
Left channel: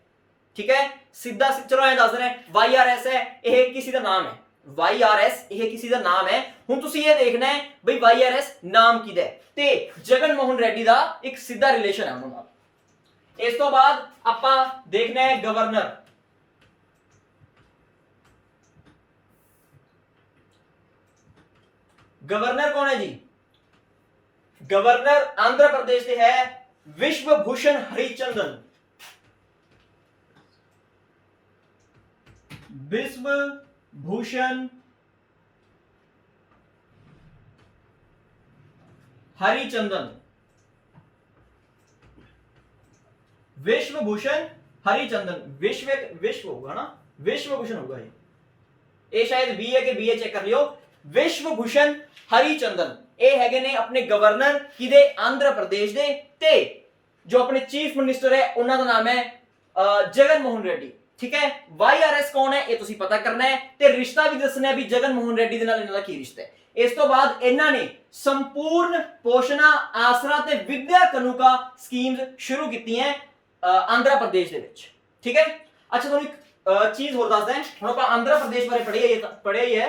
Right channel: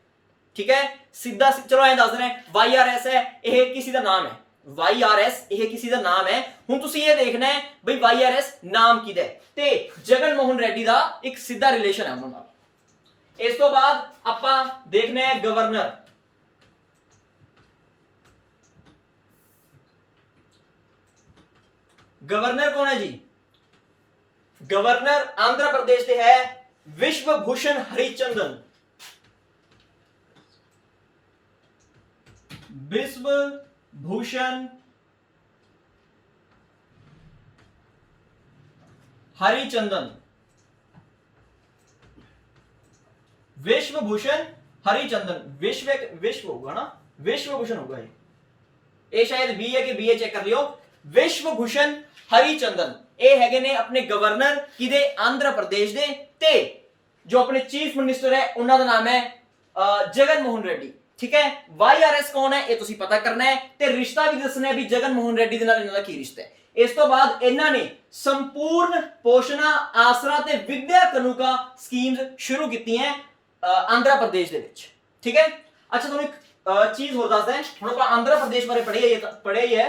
ਠੀਕ ਹੈ। ਸਿੱਧਾ ਚਲੋ ਐਂ ਦੱਸ ਰਹੇ YRS ਹੈ ਇਹ ਕਿਸੇ ਦਾ ਨਾਮ ਹੈ, YRS ਇਹ ਕਿਸੇ ਦਾ ਨਾਮ ਹੈ। ਹੁਣ ਤੁਸੀਂ ਇਹ ਦੇਖਣਾ ਹੈ ਬਈ YRS ਨਾਮ ਕਿਹਦਾ ਹੈ ਤੇ ਜਗਨ ਮੋਹਨ ਰੈਡੀ ਦਾ ਇੱਕ ਸਿੱਧਾ ਰਿਲੇਸ਼ਨ ਹੈ ਉਹਨਾਂ ਨਾਲ। ਇਸ ਤੋਂ ਬਾਅਦ ਆਪਾਂ ਦੇਖਣਾ ਹੈ ਗਵਰਨਰ। गवर्नर कौन है जी? गवर्नर आंध्र प्रदेश के है विश्वभूषण हरिचंदन। विश्वभूषण हरिचंदन, विश्वभूषण हरिचंदन, विश्व होगा ना, विश्वभूषण होगा ये शायद बी है कि बी ए चेक कर लियो। विश्वभूषण हरिचंदन ये हैगे ने अपने गवर्नर किदे आंध्र प्रदेश दे ते जो अपने चीफ मिनिस्टर है उन्हां दा नाम है जगन मोहन रेड्डी, ठीक है। YRS कौन है ये तुसी पता करना है ते रिश्ता भी दसना है भी जगन मोहन रेड्डी दे नाल इन्हां दा की रिश्ता है। इस तो बाद इन्हां ने संपूर्ण पोषणा आसरा ते विद्या कनुका स्कीम्स शुरू कीती हैं आंध्र प्रदेश दे विच, ठीक है। अच्छा तुहानू एक चीज होर दसदा है, हुण आपां आंध्र प्रदेश बारे पढ़िया ही है।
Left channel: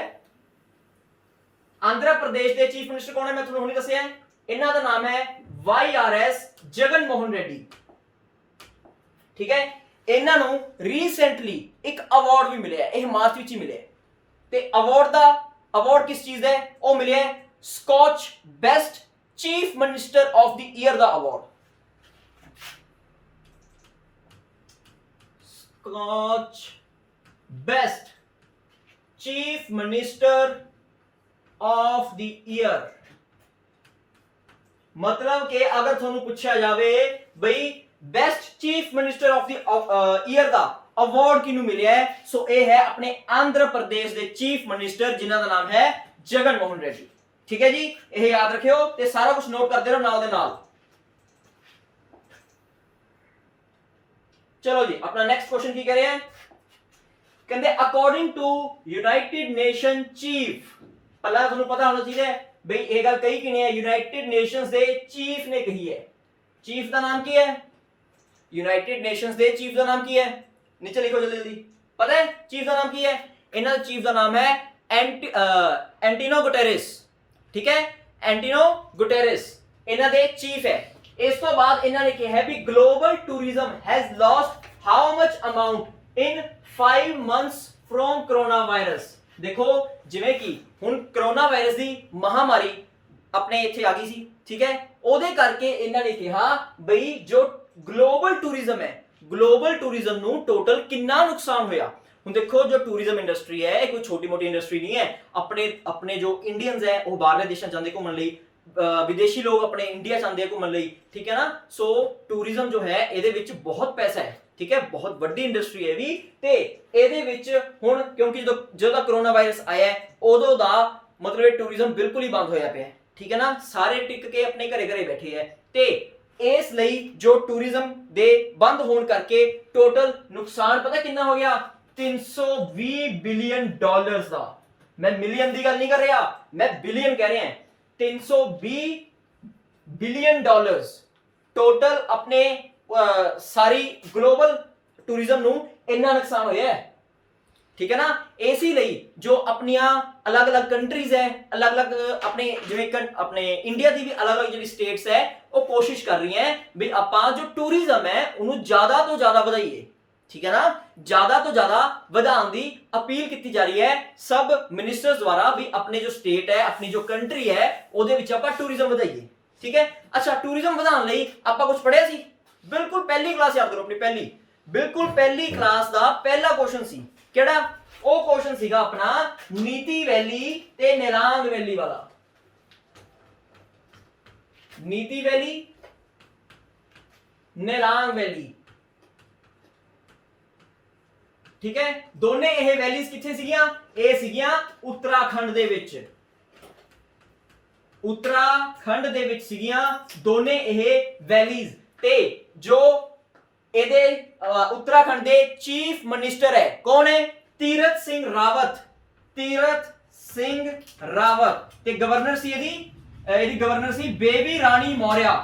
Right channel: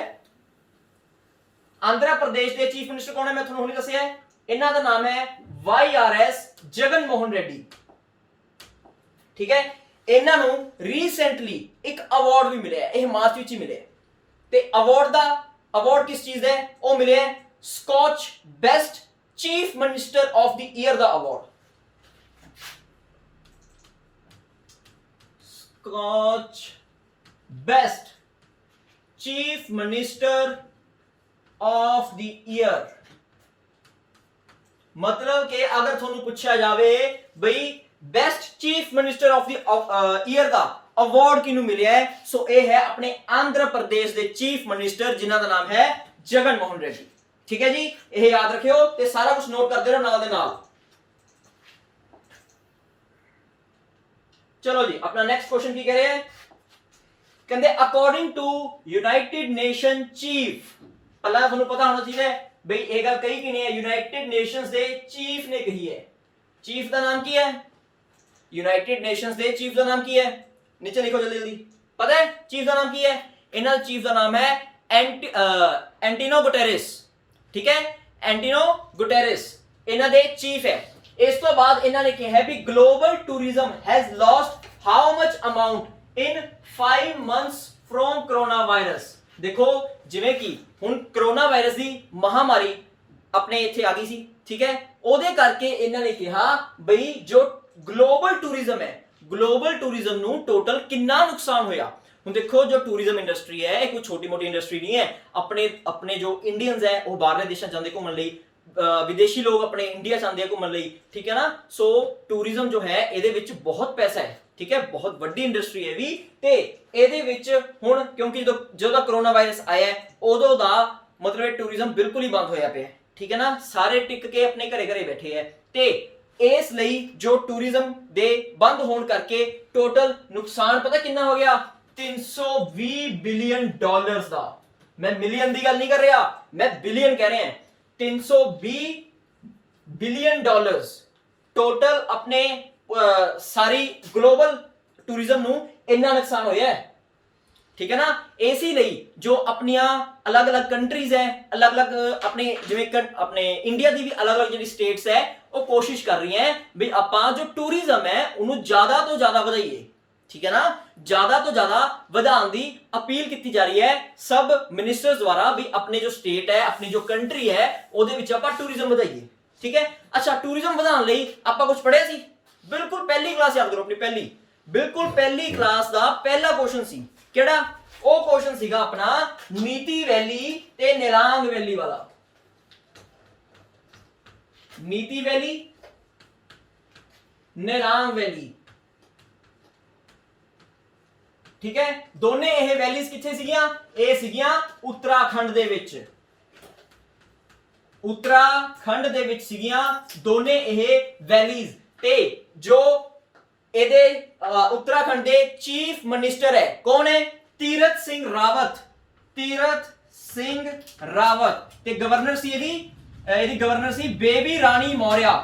आंध्र प्रदेश के चीफ मिनिस्टर कौन है मैं तुहानू हुणे दस्सिया है, इन्हां दा नाम है YRS जगन मोहन रेड्डी, ठीक है। इन्हां नू रीसेंटली एक अवार्ड भी मिले है, मार्च विच ही मिले ते अवार्ड किस चीज है वो मिले है Skoch best chief minister of the year दा award, Skoch best chief minister of the year. मतलब कि अगर थोनू पूछा जावे भाई best chief minister of the year का अवार्ड किनू मिले है, सो ये है अपने आंध्र प्रदेश के चीफ मिनिस्टर जिन्हां दा नाम है जगन मोहन रेड्डी, ठीक है जी, ये याद रखियो ते सारा कुछ नोट करते रहो नाल दे नाल। चलो जी, अपना नेक्स्ट क्वेश्चन की कह रहे हैं, कहते according to United Nation chief, पहला ਤੁਹਾਨੂੰ पता होना चाहिए बई ये गल कही कि नहीं है, यूनाइटेड नेशंस दे चीफ ने कही है। चीफ का नाम की है, यूनाइटेड नेशंस दे चीफ का नाम की है, नीचे लिखो जल्दी जल्दी, पता है चीफ का नाम की है? इन्होंने चीफ का नाम है एंटिनो गुटेरेस, ठीक है, एंटिनो गुटेरेस इन्हों दे चीफ है। इस तो बाद इन्होंने कहा है भी global tourism has lost how much amount in 5 months from corona virus. देखो जिवें कि हुण कोरोना वायरस की महामारी अपने इत्थे आ गई सी, ठीक है, ओदे करके इन्होंने कहा बई जो ग्लोबल टूरिज्म है, ग्लोबल टूरिज्म नू टोटल कितना नुकसान होया। हुण देखो जो टूरिज्म इंडस्ट्री है कोई छोटी मोटी इंडस्ट्री नहीं है, अपने अपने जो इंडियंस है वो बाहरले देशां जांदे घूमण लई, विदेशी लोग अपने इंडिया चाहते हैं घूमने लई, ठीक है ना। सो टूरिज्म जो है ਇਹਦੇ ਵਿੱਚ बहुत पैसा है, ठीक है, बहुत ਵੱਡੀ इंडस्ट्री है भी ਤੇ ਇਹਦੇ ਵਿੱਚ ਹੁਣ ਕਿਉਂਕਿ ਜਦੋਂ कोरोना वायरस आया ਉਦੋਂ ਦਾ मतलब टूरिज्म बिल्कुल ही बंद होया ਪਿਆ, ठीक है ना, सारे टिक के अपने घरे घरे बैठे है ਤੇ ਇਸ ਲਈ जो टूरिज्म ਦੇ ਬੰਦ ਹੋਣ ਕਰਕੇ टोटल नुकसान पता कितना हो गया, 320 बिलियन डॉलर्स ਦਾ। मैं मिलियन की गल नहीं कर रहा, मैं बिलियन कह रहे हैं। 320 बिलियन डॉलर्स टोटल अपने सारी ग्लोबल टूरिज्म नू इन्ना नुकसान होया है, ठीक है ना। इसी ਲਈ जो अपनिया अलग अलग कंट्रीज है, अलग अलग अपने जिवें अपने इंडिया की भी अलग अलग जी स्टेट्स है वो कोशिश कर रही हैं भी आपां जो टूरिज्म है उन्होंने ज्यादा तो ज्यादा ਵਧਾਈਏ, ठीक है ना, ज्यादा तो ज्यादा ਵਧਾਉਣ ਦੀ अपील की जा रही है सब मिनिस्टर्स द्वारा भी अपने जो स्टेट है, अपनी जो कंट्री है ਉਹਦੇ ਵਿੱਚ ਆਪਾਂ टूरिज्म ਵਧਾਈਏ, ठीक है। अच्छा टूरिज्म ਵਧਾਉਣ ਲਈ ਆਪਾਂ ਕੁਝ ਪੜਿਆ ਸੀ, ਬਿਲਕੁਲ ਪਹਿਲੀ ਕਲਾਸ ਯਾਦ ਕਰੋ ਆਪਣੀ ਪਹਿਲੀ, ਬਿਲकुल ਪਹਿਲੀ ਕਲਾਸ ਦਾ ਪਹਿਲਾ ਕੁਐਸਚਨ ਸੀ ਕਿਹੜਾ, ਉਹ ਕੁਐਸਚਨ ਸੀਗਾ ਆਪਣਾ ਨੀਤੀ ਵੈਲੀ ਤੇ ਨਿਲਾਂਗ ਵੈਲੀ ਵਾਲਾ। ਨੀਤੀ ਵੈਲੀ ਨਿਲਾਂਗ ਵੈਲੀ, ठीक है, दोने ਇਹ ਵੈਲੀਜ਼ ਕਿੱਥੇ ਸੀਗੀਆਂ, ਇਹ ਸੀਗੀਆਂ ਉੱਤਰਾਖੰਡ ਦੇ ਵਿੱਚ, ਉੱਤਰਾਖੰਡ ਦੇ ਵਿੱਚ ਸੀਗੀਆਂ ਦੋਨੇ ਇਹ ਵੈਲੀਜ਼। ਤੇ ਜੋ ਇਹਦੇ ਉੱਤਰਾਖੰਡ ਦੇ ਚੀਫ ਮਿਨਿਸਟਰ ਹੈ ਕੌਣ ਹੈ, ਤੀਰਥ ਸਿੰਘ ਰਾਵਤ, ਤੀਰਥ ਸਿੰਘ ਰਾਵਤ, ਤੇ ਗਵਰਨਰ ਸੀ ਇਹਦੀ ਗਵਰਨਰ ਸੀ ਬੇਬੀ ਰਾਣੀ ਮੌਰਿਆ,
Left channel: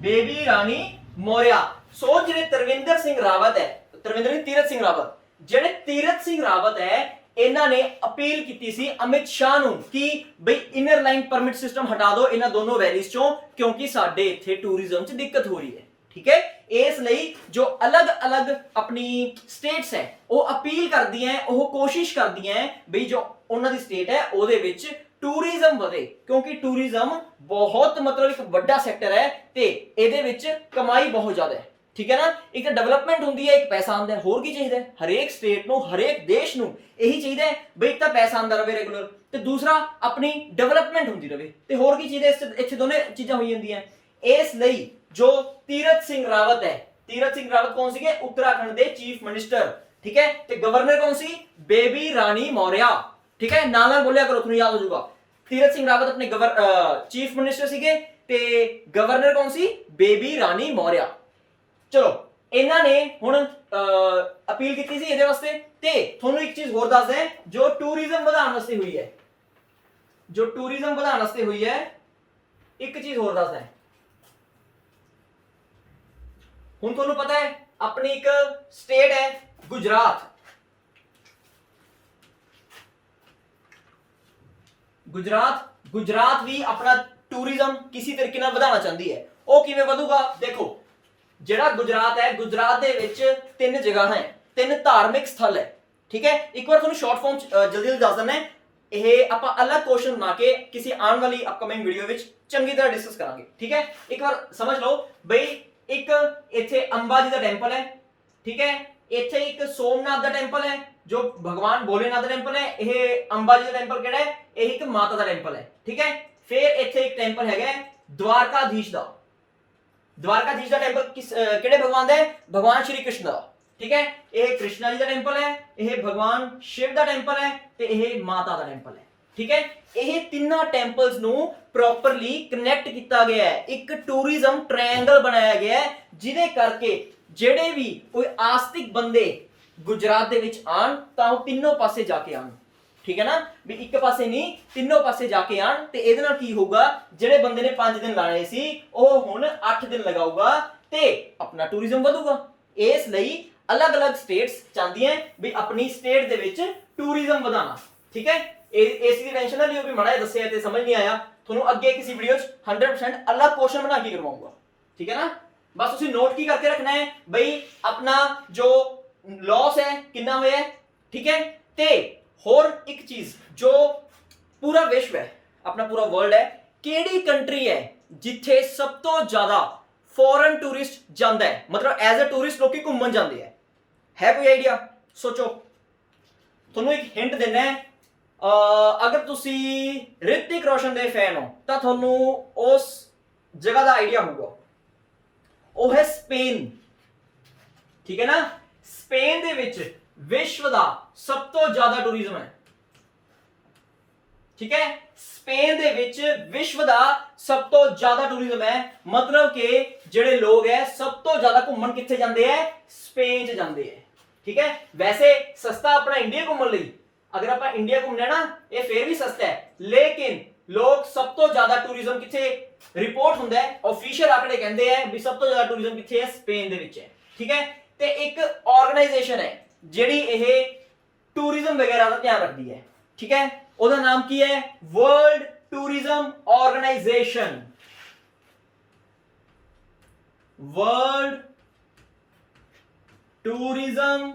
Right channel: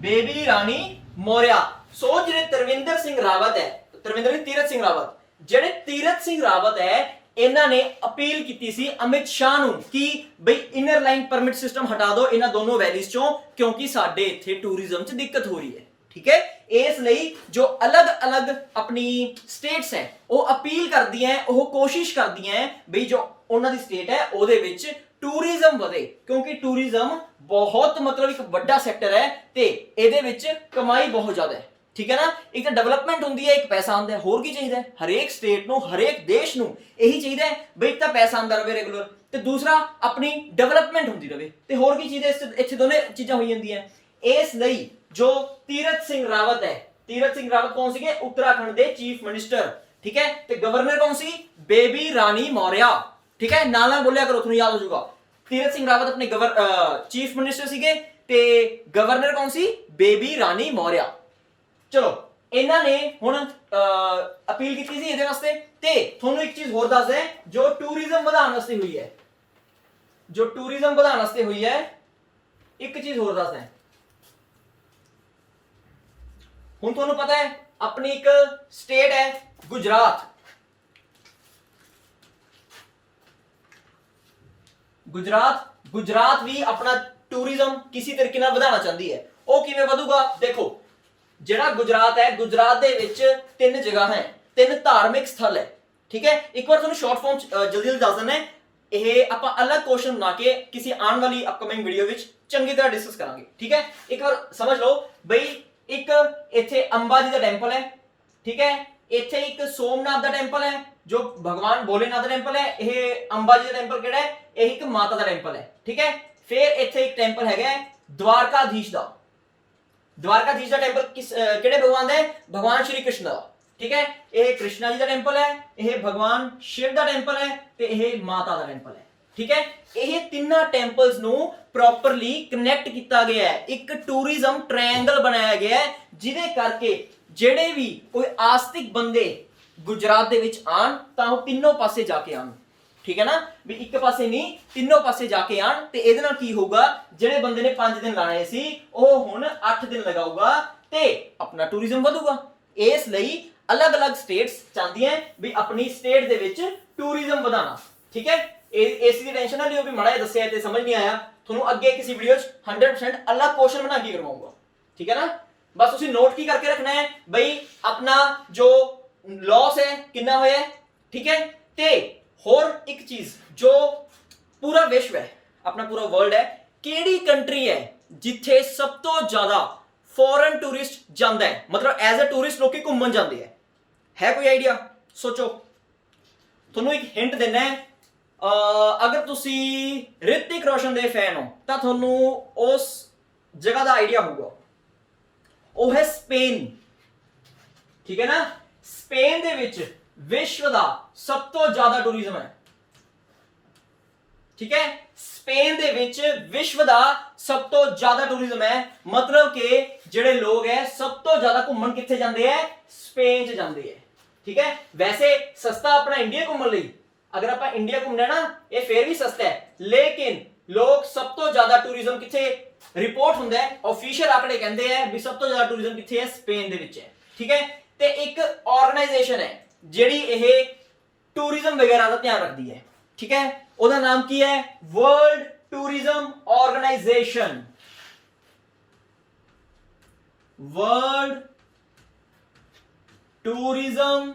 ਬੇਬੀ ਰਾਣੀ ਮੌਰਿਆ। ਸੋ ਜਿਹੜੇ ਤਰਵਿੰਦਰ ਸਿੰਘ ਰਾਵਤ ਹੈ, ਤਰਵਿੰਦਰ ਨਹੀਂ ਤੀਰਥ ਸਿੰਘ ਰਾਵਤ, ਜਿਹੜੇ ਤੀਰਥ ਸਿੰਘ ਰਾਵਤ ਹੈ ਇਹਨਾਂ ਨੇ ਅਪੀਲ ਕੀਤੀ ਸੀ ਅਮਿਤ ਸ਼ਾਹ ਨੂੰ ਕਿ ਬਈ ਇਨਰ ਲਾਈਨ ਪਰਮਿਟ ਸਿਸਟਮ ਹਟਾ ਦਿਓ ਇਹਨਾਂ ਦੋਨੋਂ ਵੈਲੀਜ਼ ਚੋਂ ਕਿਉਂਕਿ ਸਾਡੇ ਇੱਥੇ ਟੂਰਿਜ਼ਮ 'ਚ ਦਿੱਕਤ ਹੋ ਰਹੀ ਹੈ, ਠੀਕ ਹੈ। ਇਸ ਲਈ ਜੋ ਅਲੱਗ-ਅਲੱਗ ਆਪਣੀ ਸਟੇਟਸ ਹੈ ਉਹ ਅਪੀਲ ਕਰਦੀਆਂ ਹੈ, ਉਹ ਕੋਸ਼ਿਸ਼ ਕਰਦੀਆਂ ਹੈ ਬਈ ਜੋ ਉਹਨਾਂ ਦੀ ਸਟੇਟ ਹੈ ਉਹਦੇ ਵਿੱਚ ਟੂਰਿਜ਼ਮ ਵਧੇ ਕਿਉਂਕਿ ਟੂਰਿਜ਼ਮ ਬਹੁਤ ਮਤਲਬ ਇੱਕ ਵੱਡਾ ਸੈਕਟਰ ਹੈ ਤੇ ਇਹਦੇ ਵਿੱਚ ਕਮਾਈ ਬਹੁਤ ਜ਼ਿਆਦਾ ਹੈ, ठीक है ना। एक तो डेवलपमेंट होंदी है, एक पैसा आंदा है, होर की चाहिए, हर एक स्टेट नु हर एक देश नु यही चाहिए बई एक तो पैसा आंदा रहे रेगुलर ते दूसरा अपनी डेवलपमेंट होंदी रहे ते होर की चाहिए, इत्थे दोने चीज़ां होई जंदियां। इस लई जो तीरथ सिंह रावत है, तीरथ सिंह रावत कौन सी, उत्तराखंड के चीफ मिनिस्टर, ठीक है, ते गवर्नर कौन सी, बेबी रानी मौर्या, ठीक है, नाल नाल बोलिया करो तुम्हें याद हो जाएगा। तीरथ सिंह रावत अपने चीफ मिनिस्टर सीगे ते गवर्नर कौन सी, बेबी रानी मौर्या। चलो ਇਹਨਾਂ ਨੇ ਹੁਣ ਅਪੀਲ ਕੀਤੀ ਸੀ ਇਹਦੇ ਵਾਸਤੇ ਤੇ ਤੁਹਾਨੂੰ ਇੱਕ ਚੀਜ਼ ਹੋਰ ਦੱਸ ਦੇ ਜੋ ਟੂਰਿਜ਼ਮ ਵਧਾਉਣ ਵਾਸਤੇ ਹੋਈ ਹੈ, ਜੋ ਟੂਰਿਜ਼ਮ ਵਧਾਉਣ ਵਾਸਤੇ ਹੋਈ ਹੈ ਇੱਕ ਚੀਜ਼ ਹੋਰ ਦੱਸਦਾ। ਹੁਣ ਤੁਹਾਨੂੰ ਪਤਾ ਹੈ ਆਪਣੀ ਇੱਕ ਸਟੇਟ ਹੈ ਗੁਜਰਾਤ, ਗੁਜਰਾਤ ਵੀ ਆਪਣਾ ਟੂਰਿਜ਼ਮ ਕਿਸੇ ਤਰੀਕੇ ਨਾਲ ਵਧਾਉਣਾ ਚਾਹੁੰਦੀ ਹੈ। ਉਹ ਕਿਵੇਂ ਵਧੂਗਾ, ਦੇਖੋ ਜਿਹੜਾ ਗੁਜਰਾਤ ਹੈ, ਗੁਜਰਾਤ ਦੇ ਵਿੱਚ 3 ਜਗ੍ਹਾ ਹੈ, 3 ਧਾਰਮਿਕ ਸਥਲ ਹੈ, ਠੀਕ ਹੈ। ਇੱਕ ਵਾਰ ਤੁਹਾਨੂੰ ਸ਼ਾਰਟ ਫਾਰਮ ਜਲਦੀ ਦੱਸ ਦਿੰਦਾ, ਇਹ ਆਪਾਂ ਅਲੱਗ ਕੁਐਸਚਨ ਬਣਾ ਕੇ ਕਿਸੇ ਆਉਣ ਵਾਲੀ ਅਪਕਮਿੰਗ ਵੀਡੀਓ ਵਿੱਚ ਚੰਗੀ ਤਰ੍ਹਾਂ ਡਿਸਕਸ ਕਰਾਂਗੇ, ਠੀਕ ਹੈ। ਇੱਕ ਵਾਰ ਸਮਝ ਲਓ ਬਈ ਇੱਕ ਇੱਥੇ ਅੰਬਾ ਜੀ ਦਾ ਟੈਂਪਲ ਹੈ, ਠੀਕ ਹੈ, ਇੱਥੇ ਇੱਕ ਸੋਮਨਾਥ ਦਾ ਟੈਂਪਲ ਹੈ ਜੋ ਭਗਵਾਨ ਭੋਲੇਨਾਥ ਦਾ ਟੈਂਪਲ ਹੈ, ਇਹ ਅੰਬਾ ਜੀ ਦਾ ਟੈਂਪਲ ਕਿਹੜਾ ਹੈ, ਇਹ ਇੱਕ ਮਾਤਾ ਦਾ ਟੈਂਪਲ ਹੈ, ਠੀਕ ਹੈ। ਫਿਰ ਇੱਥੇ ਇੱਕ ਟੈਂਪਲ ਹੈਗਾ द्वारकाधीश ਦਾ, द्वारकाधीश का टेंपल किस केड़े भगवान दा है, भगवान श्री कृष्ण का, ठीक है। यह कृष्णा जी का टेंपल है, यह भगवान शिव का टेंपल है ते यह माता का टेंपल है, ਠੀਕ ਹੈ। ਇਹ ਤਿੰਨਾਂ ਟੈਂਪਲਸ ਨੂੰ ਪ੍ਰੋਪਰਲੀ ਕਨੈਕਟ ਕੀਤਾ ਗਿਆ ਹੈ, ਇੱਕ ਟੂਰਿਜ਼ਮ ਟ੍ਰਾਇੰਗਲ ਬਣਾਇਆ ਗਿਆ ਹੈ, ਜਿਹਦੇ ਕਰਕੇ ਜਿਹੜੇ ਵੀ ਕੋਈ ਆਸਤਿਕ ਬੰਦੇ ਗੁਜਰਾਤ ਦੇ ਵਿੱਚ ਆਣ ਤਾਂ ਉਹ ਤਿੰਨੋਂ ਪਾਸੇ ਜਾ ਕੇ ਆਣ, ਠੀਕ ਹੈ ਨਾ, ਵੀ ਇੱਕ ਪਾਸੇ ਨਹੀਂ ਤਿੰਨੋਂ ਪਾਸੇ ਜਾ ਕੇ ਆਣ। ਤੇ ਇਹਦੇ ਨਾਲ ਕੀ ਹੋਊਗਾ, ਜਿਹੜੇ ਬੰਦੇ ਨੇ 5 ਦਿਨ ਲਾਣੇ ਸੀ ਉਹ ਹੁਣ 8 ਦਿਨ ਲਗਾਊਗਾ ਤੇ ਆਪਣਾ ਟੂਰਿਜ਼ਮ ਵਧੂਗਾ। ਇਸ ਲਈ ਅਲੱਗ-ਅਲੱਗ ਸਟੇਟਸ ਚਾਹੁੰਦੀਆਂ ਵੀ ਆਪਣੀ ਸਟੇਟ ਦੇ ਵਿੱਚ ਟੂਰਿਜ਼ਮ ਵਧਾਣਾ, ਠੀਕ ਹੈ। ਇਸ ਦੀ ਟੈਨਸ਼ਨ ਨਾ ਲਿਓ ਵੀ ਮਾੜਾ ਜਿਹਾ ਦੱਸਿਆ ਤੇ ਸਮਝ ਨਹੀਂ ਆਇਆ, ਤੁਹਾਨੂੰ ਅੱਗੇ ਕਿਸੇ ਵੀਡੀਓ 'ਚ 100% ਅਲੱਗ ਕੁਐਸਚਨ ਬਣਾ ਕੇ ਕਰਵਾਉਂਗਾ, ਠੀਕ ਹੈ ਨਾ। ਬਸ ਤੁਸੀਂ ਨੋਟ ਕੀ ਕਰਕੇ ਰੱਖਣਾ ਹੈ ਬਈ ਆਪਣਾ ਜੋ ਲॉस ਹੈ ਕਿੰਨਾ ਹੋਇਆ ਹੈ, ਠੀਕ ਹੈ। ਤੇ ਹੋਰ ਇੱਕ ਚੀਜ਼, ਜੋ ਪੂਰਾ ਵਿਸ਼ਵ ਹੈ, ਆਪਣਾ ਪੂਰਾ ਵਰਲਡ ਹੈ, ਕਿਹੜੀ ਕੰਟਰੀ ਹੈ ਜਿੱਥੇ ਸਭ ਤੋਂ ਜ਼ਿਆਦਾ ਫੋਰਨ ਟੂਰਿਸਟ ਜਾਂਦਾ ਹੈ, ਮਤਲਬ ਐਜ਼ ਅ ਟੂਰਿਸਟ ਲੋਕੀ ਘੁੰਮਣ ਜਾਂਦੇ ਹੈ ਕੋਈ ਆਈਡੀਆ? ਸੋਚੋ। ਤੁਹਾਨੂੰ ਇੱਕ ਹਿੰਟ ਦੇਣਾ ਹੈ, ਅਗਰ ਤੁਸੀਂ ਰਿਤਿਕ ਰੋਸ਼ਨ ਦੇ ਫੈਨ ਹੋ ਤਾਂ ਤੁਹਾਨੂੰ ਉਸ ਜਗ੍ਹਾ ਦਾ ਆਈਡੀਆ ਹੋਊਗਾ, ਉਹ ਹੈ ਸਪੇਨ, ਠੀਕ ਹੈ ਨਾ। ਸਪੇਨ ਦੇ ਵਿੱਚ ਵਿਸ਼ਵ ਦਾ ਸਭ ਤੋਂ ਜ਼ਿਆਦਾ ਟੂਰਿਜ਼ਮ ਹੈ, ਠੀਕ ਹੈ। ਸਪੇਨ ਦੇ ਵਿੱਚ ਵਿਸ਼ਵ ਦਾ ਸਭ ਤੋਂ ਜ਼ਿਆਦਾ ਟੂਰਿਜ਼ਮ ਹੈ, ਮਤਲਬ ਕਿ ਜਿਹੜੇ ਲੋਕ ਹੈ ਸਭ ਤੋਂ ਜ਼ਿਆਦਾ ਘੁੰਮਣ ਕਿੱਥੇ ਜਾਂਦੇ ਹੈ, ਸਪੇਨ 'ਚ ਜਾਂਦੇ ਹੈ, ਠੀਕ ਹੈ। ਵੈਸੇ ਸਸਤਾ ਆਪਣਾ ਇੰਡੀਆ ਘੁੰਮਣ ਲਈ, ਅਗਰ ਆਪਾਂ ਇੰਡੀਆ ਘੁੰਮਣਾ ਨਾ ਇਹ ਫੇਰ ਵੀ ਸਸਤਾ ਹੈ, ਲੇਕਿਨ ਲੋਕ ਸਭ ਤੋਂ ਜ਼ਿਆਦਾ ਟੂਰਿਜ਼ਮ ਕਿੱਥੇ ਰਿਪੋਰਟ ਹੁੰਦਾ ਹੈ, ਆਫੀਸ਼ੀਅਲ ਆંકੜੇ ਕਹਿੰਦੇ ਆ ਵੀ ਸਭ ਤੋਂ ਜ਼ਿਆਦਾ ਟੂਰਿਜ਼ਮ ਕਿੱਥੇ ਹੈ, ਸਪੇਨ ਦੇ ਵਿੱਚ ਹੈ, ਠੀਕ ਹੈ। ਤੇ ਇੱਕ ਆਰਗੇਨਾਈਜੇਸ਼ਨ ਹੈ ਜਿਹੜੀ ਇਹ ਟੂਰਿਜ਼ਮ ਵਗੈਰਾ ਦਾ ਧਿਆਨ ਰੱਖਦੀ ਹੈ, ਠੀਕ ਹੈ। ਉਹਦਾ ਨਾਮ ਕੀ ਹੈ? World tourism organisation. World tourism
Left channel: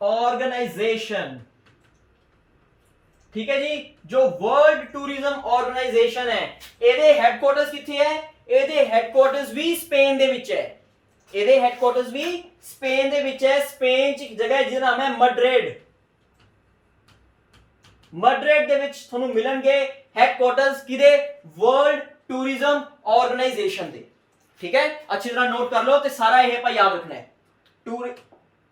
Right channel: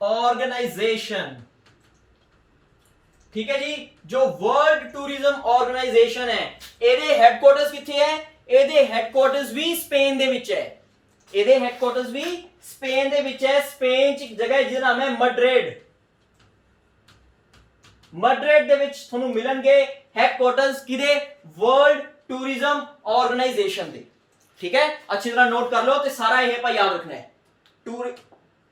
organisation, ठीक है जी। जो वर्ल्ड टूरिज्म ऑर्गेनाइजेशन है ਇਹਦੇ ਹੈਡਕੁਆਰਟਰਸ ਕਿੱਥੇ ਹੈ? ਇਹਦੇ ਹੈਡਕੁਆਰਟਰਸ ਵੀ ਸਪੇਨ ਦੇ ਵਿੱਚ ਹੈ, ਇਹਦੇ ਹੈਡਕੁਆਰਟਰਸ ਵੀ ਸਪੇਨ ਦੇ ਵਿੱਚ ਹੈ। ਸਪੇਨ 'ਚ ਇੱਕ ਜਗ੍ਹਾ ਹੈ ਜਿਹਦਾ ਨਾਮ ਹੈ ਮੈਡਰਿਡ। ਮੈਡਰਿਡ ਦੇ ਵਿੱਚ ਤੁਹਾਨੂੰ ਮਿਲਣਗੇ ਹੈਡਕੁਆਰਟਰਸ ਕਿਹਦੇ? ਵਰਲਡ ਟੂਰਿਜ਼ਮ ਆਰਗੇਨਾਈਜੇਸ਼ਨ ਦੇ, ਠੀਕ ਹੈ। ਅੱਛੀ ਤਰ੍ਹਾਂ ਨੋਟ ਕਰ ਲਓ ਤੇ ਸਾਰਾ ਇਹ ਆਪਾਂ ਯਾਦ ਰੱਖਣਾ ਹੈ।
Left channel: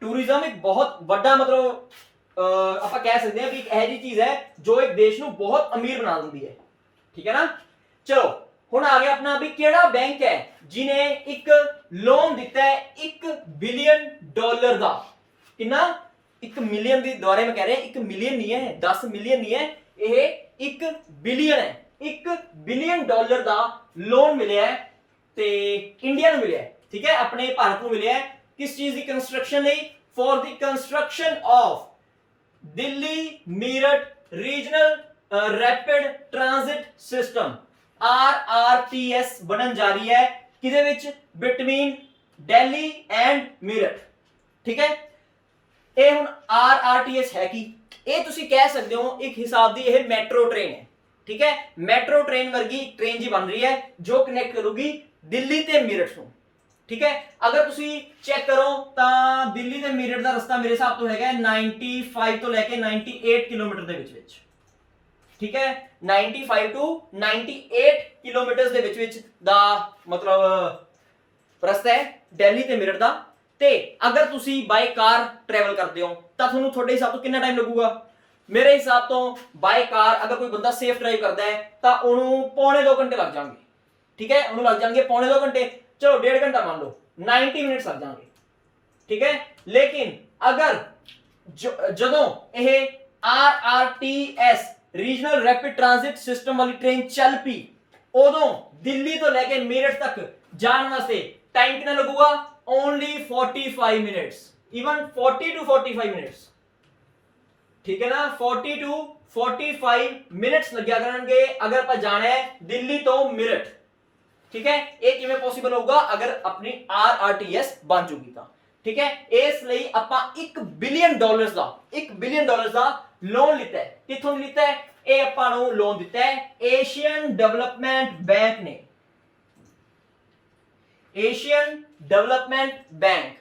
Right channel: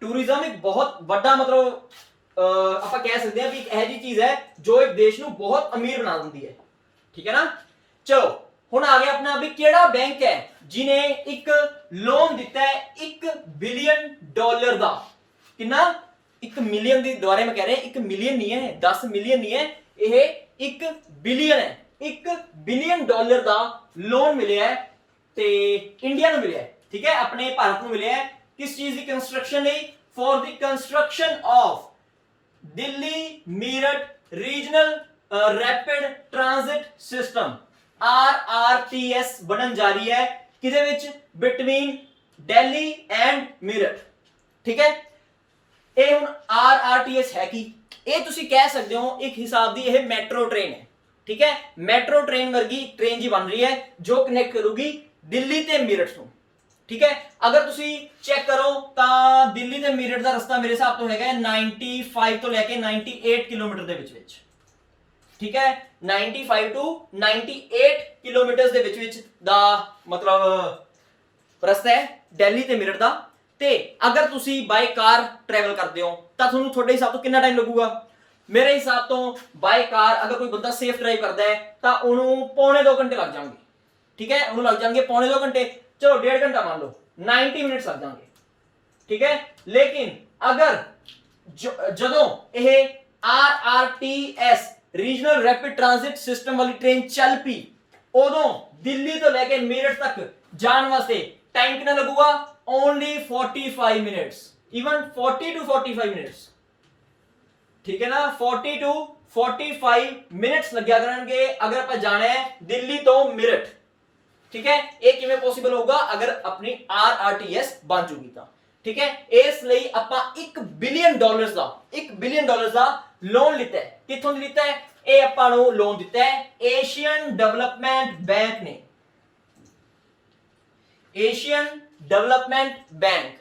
ਟੂਰਿਜ਼ਮ ਇੱਕ ਬਹੁਤ ਵੱਡਾ ਮਤਲਬ ਆਪਾਂ ਕਹਿ ਸਕਦੇ ਹਾਂ ਵੀ ਇੱਕ ਇਹੋ ਜਿਹੀ ਚੀਜ਼ ਹੈ ਜੋ ਇੱਕ ਦੇਸ਼ ਨੂੰ ਬਹੁਤ ਅਮੀਰ ਬਣਾ ਦਿੰਦੀ ਹੈ, ਠੀਕ ਹੈ ਨਾ। ਚਲੋ ਹੁਣ ਆ ਗਿਆ ਆਪਣਾ ਵੀ ਕਿਹੜਾ ਬੈਂਕ ਹੈ ਜਿਨੇ ਇੱਕ ਲੋਨ ਦਿੱਤਾ ਹੈ $1 ਬਿਲੀਅਨ ਦਾ। ਕਿੰਨਾ? 1 ਮਿਲੀਅਨ ਦੀ ਦੁਆਰੇ ਮੈਂ ਕਹਿ ਰਿਹਾ, 1 ਮਿਲੀਅਨ ਨਹੀਂ ਹੈ, 10 ਮਿਲੀਅਨ ਨਹੀਂ ਹੈ, ਇਹ 1 ਬਿਲੀਅਨ ਹੈ। $1 ਬਿਲੀਅਨ ਦਾ ਲੋਨ ਮਿਲਿਆ ਹੈ ਤੇ ਇੰਡੀਆ ਨੂੰ ਮਿਲਿਆ ਹੈ, ਠੀਕ ਹੈ, ਆਪਣੇ ਭਾਰਤ ਨੂੰ ਮਿਲਿਆ ਹੈ। ਕਿਸ ਚੀਜ਼ ਦੀ ਕੰਸਟਰਕਸ਼ਨ ਲਈ? For the construction of Delhi Meerut regional rapid transit system, RRTS ਬਣਨ ਜਾ ਰਹੀ ਹੈ ਕਿਹਦੇ ਵਿੱਚ? ਬਿਟਵੀਨ ਦਿੱਲੀ ਐਂਡ ਮੀਰਠ, ਠੀਕ ਹੈ। ਇਹ ਹੁਣ RRTS ਹੈ ਕੀ? ਇਹ ਤੁਸੀਂ ਕਹਿ ਸਕਦੇ ਹੋ ਇੱਕ ਹਿਸਾਬ ਦੀ ਇਹ ਮੈਟਰੋ ਟ੍ਰੇਨ ਹੈ, ਠੀਕ ਹੈ। ਮੈਟਰੋ ਟ੍ਰੇਨ ਵਰਗੀ ਟ੍ਰੇਨ ਜੀ ਬਣ ਰਹੀ ਹੈ ਜੋ ਕਨੈਕਟ ਕਰੂਗੀ ਦਿੱਲੀ ਤੇ ਮੀਰਠ ਨੂੰ, ਠੀਕ ਹੈ। ਅਗਰ ਤੁਸੀਂ ਚੈੱਕ ਕਰੋ ਤਾਂ ਦਿੱਲੀ ਤੇ ਮੀਰਠ ਦਾ ਰਸਤਾ ਮੇਰੇ ਹਿਸਾਬ ਤੋਂ ਹੈਗਾ 95 ਤੋਂ ਲੈ ਕੇ 98 ਕਿਲੋਮੀਟਰ ਦੇ ਵਿੱਚ, ਠੀਕ ਹੈ। 95 ਟੂ 98 ਕਿਲੋਮੀਟਰ ਦੇ ਵਿੱਚ ਦਾ ਮਤਲਬ ਰਸਤਾ ਹੈ ਦਿੱਲੀ ਤੇ ਮੀਰਠ ਦਾ। ਤੇ ਅਗਰ ਤੁਸੀਂ ਬਾਈ ਕਾਰ ਟਰੈਵਲ ਕਰਦੇ ਹੋ ਤਾਂ ਤੁਹਾਨੂੰ ਤੁਹਾਡੇ ਹਿਸਾਬ ਤੋਂ ਕਿੰਨਾ ਟਾਈਮ ਲੱਗੂਗਾ? ਮੇਰੇ ਹਿਸਾਬ ਤੋਂ ਬਾਈ ਕਾਰ ਅਗਰ ਕੋਈ ਬੰਦਾ ਸੇਫ ਡਰਾਈਵ ਕਰਦਾ ਹੈ ਤਾਂ ਉਹਨੂੰ ਪੌਣੇ 2 ਘੰਟੇ ਲੱਗ ਜਾਣਗੇ, ਠੀਕ ਹੈ। ਉਹਨੂੰ ਲੱਗ ਜਾਣਗੇ ਪੌਣੇ 2 ਘੰਟੇ, ਚਲੋ 1.5 ਘੰਟਾ ਮੰਨ ਲਓ, 90 ਮਿੰਟਸ ਲੱਗ ਜਾਣਗੇ, ਠੀਕ ਹੈ। ਲੇਕਿਨ ਅਗਰ ਜਦੋਂ ਇਹ RRTS regional rapid transit system ਵਾਲੀ ਟ੍ਰੇਨ ਚੱਲ ਪਈ, ਉਦੋਂ ਦਿੱਲੀ ਤੋਂ ਲੈ ਕੇ ਮੇਰਠ ਤੱਕ ਜਾਣ ਵਾਸਤੇ ਟਾਈਮ ਕਿੰਨਾ ਲੱਗੂਗਾ? Only 45 minutes, even 40 to 45 minutes, ਠੀਕ ਹੈ ਨਾ। 40 to 45 ਮਿੰਟਸ ਲੱਗਿਆ ਕਰਨਗੇ ਅਗਰ ਆਪਾਂ ਜਾਣਾ ਹੈ ਦਿੱਲੀ ਤੋਂ ਮੇਰਠ, ਠੀਕ ਹੈ। ਇਹ ਕਿਵੇਂ ਪੋਸੀਬਲ ਹੋਊਗਾ? ਅਗਰ ਆਪਣੀ RRTS ਬਣ ਜੂਗੀ ਤਾਂ, ਠੀਕ ਹੈ। ਇਸ ਲਈ ਆਪਾਂ $1 ਬਿਲੀਅਨ ਦਾ ਲੋਨ ਲਿੱਤਾ ਹੈ। ਕਿੱਥੋਂ ਲਿੱਤਾ ਹੈ? ਇਹ ਆਪਾਂ ਨੂੰ ਲੋਨ ਦਿੱਤਾ ਹੈ ਏਸ਼ੀਅਨ ਡਿਵੈਲਪਮੈਂਟ ਬੈਂਕ ਨੇ, ਏਸ਼ੀਅਨ ਡਿਵੈਲਪਮੈਂਟ ਬੈਂਕ।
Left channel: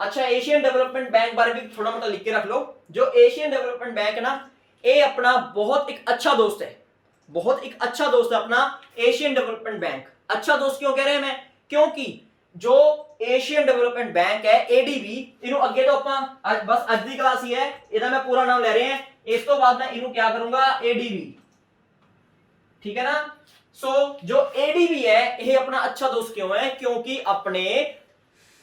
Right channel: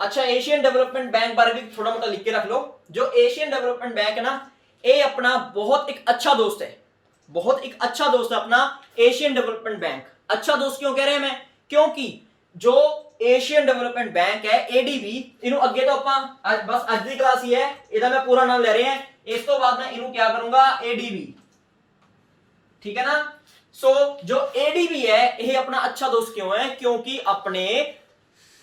अच्छा, एशियन डेवलपमेंट बैंक बारे भी थोड़ा मोटा लिख के रख लो। जो एशियन डेवलपमेंट बैंक है ना, ये अपना बहुत एक अच्छा दोस्त है, बहुत एक अच्छा दोस्त है अपना एशियन डेवलपमेंट बैंक। अच्छा दोस्त क्यों कह रहे हैं मैं? क्योंकि जो ਏਸ਼ੀਅਨ ਡਿਵੈਲਪਮੈਂਟ ਬੈਂਕ ਹੈ ADB, ਇਹਨੂੰ ਅੱਗੇ ਤੋਂ ਆਪਾਂ ਬਸ ਅੱਜ ਦੀ ਕਲਾਸ ਹੀ ਹੈ, ਇਹਦਾ ਮੈਂ ਪੂਰਾ ਨਾਮ ਲੈ ਰਹੇ ਹਾਂ, ਇਸ ਤੋਂ ਬਾਅਦ ਮੈਂ ਇਹਨੂੰ क्या करूंगा ADB, ठीक है ना। सो जो ADB है ਇਹ ਆਪਣਾ ਅੱਛਾ ਦੋਸਤ ਕਿਉਂ ਹੈ, ਕਿਉਂਕਿ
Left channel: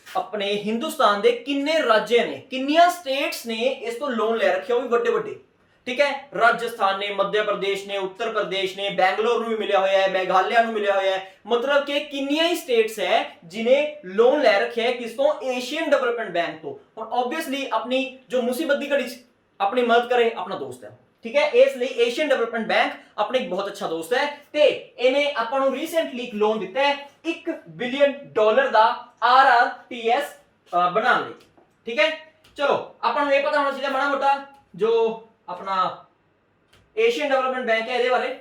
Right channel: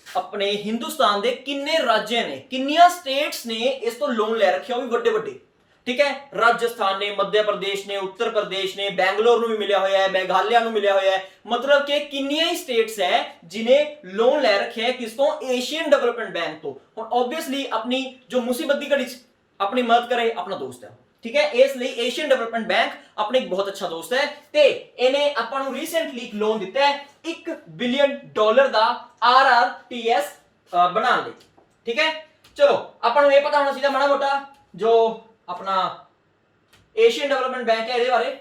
ਆਪਣੇ ਹਿੰਦੁਸਤਾਨ ਦੇ ਕਿੰਨੇ ਰਾਜ ਨੇ, ਕਿੰਨੀਆਂ ਸਟੇਟਸ ਨੇ ਇਸ ਤੋਂ ਲੋਨ ਲੈ ਰੱਖਿਆ, ਉਹ ਵੀ ਵੱਡੇ ਵੱਡੇ, ठीक है। राजस्थान ने, मध्य प्रदेश ने, उत्तर प्रदेश ने, बैंगलोर ਨੂੰ ਵੀ ਮਿਲਿਆ ਹੋਇਆ ਹੈ, ਮੇਘਾਲਿਆ ਨੂੰ ਮਿਲਿਆ ਹੋਇਆ ਹੈ, ਮਤਲਬ ਕਿ ਕਿੰਨੀਆਂ ਹੀ ਸਟੇਟਸ ਹੈ ਜਿਨੇ ਲੋਨ ਲੈ ਰੱਖਿਆ ਹੈ ਕਿਸ ਤੋਂ, ਏਸ਼ੀਅਨ ਡਿਵੈਲਪਮੈਂਟ ਬੈਂਕ ਤੋਂ। ਹੁਣ ਆਬਵੀਅਸਲੀ ਆਪਣੀ ਜੋ ਮੁਸੀਬਤ ਦੀ ਘੜੀ 'ਚ ਆਪਣੀ ਮਦਦ ਕਰੇ ਆਪਣਾ ਦੋਸਤ ਹੈ, ਠੀਕ ਹੈ। ਇਸ ਲਈ ਏਸ਼ੀਅਨ ਡਿਵੈਲਪਮੈਂਟ ਬੈਂਕ ਆਪਣੇ ਇੱਕ ਬਹੁਤ ਅੱਛਾ ਦੋਸਤ ਹੈ ਤੇ ਇਹਨੇ ਆਪਾਂ ਨੂੰ ਰੀਸੈਂਟਲੀ ਇੱਕ ਲੋਨ ਦਿੱਤਾ ਹੈ $1 ਬਿਲੀਅਨ ਦਾ RRTS ਬਣਾਉਣ ਲਈ, ਠੀਕ ਹੈ। ਚਲੋ ਆਪਾਂ ਨੂੰ ਇਹ ਪਤਾ ਹੋਣਾ ਚਾਹੀਦਾ ਮਾੜਾ ਮੋਟਾ ਜੋ अपना एशियन डेवलपमेंट बैंक है, ਇਹਦੇ ਬਾਰੇ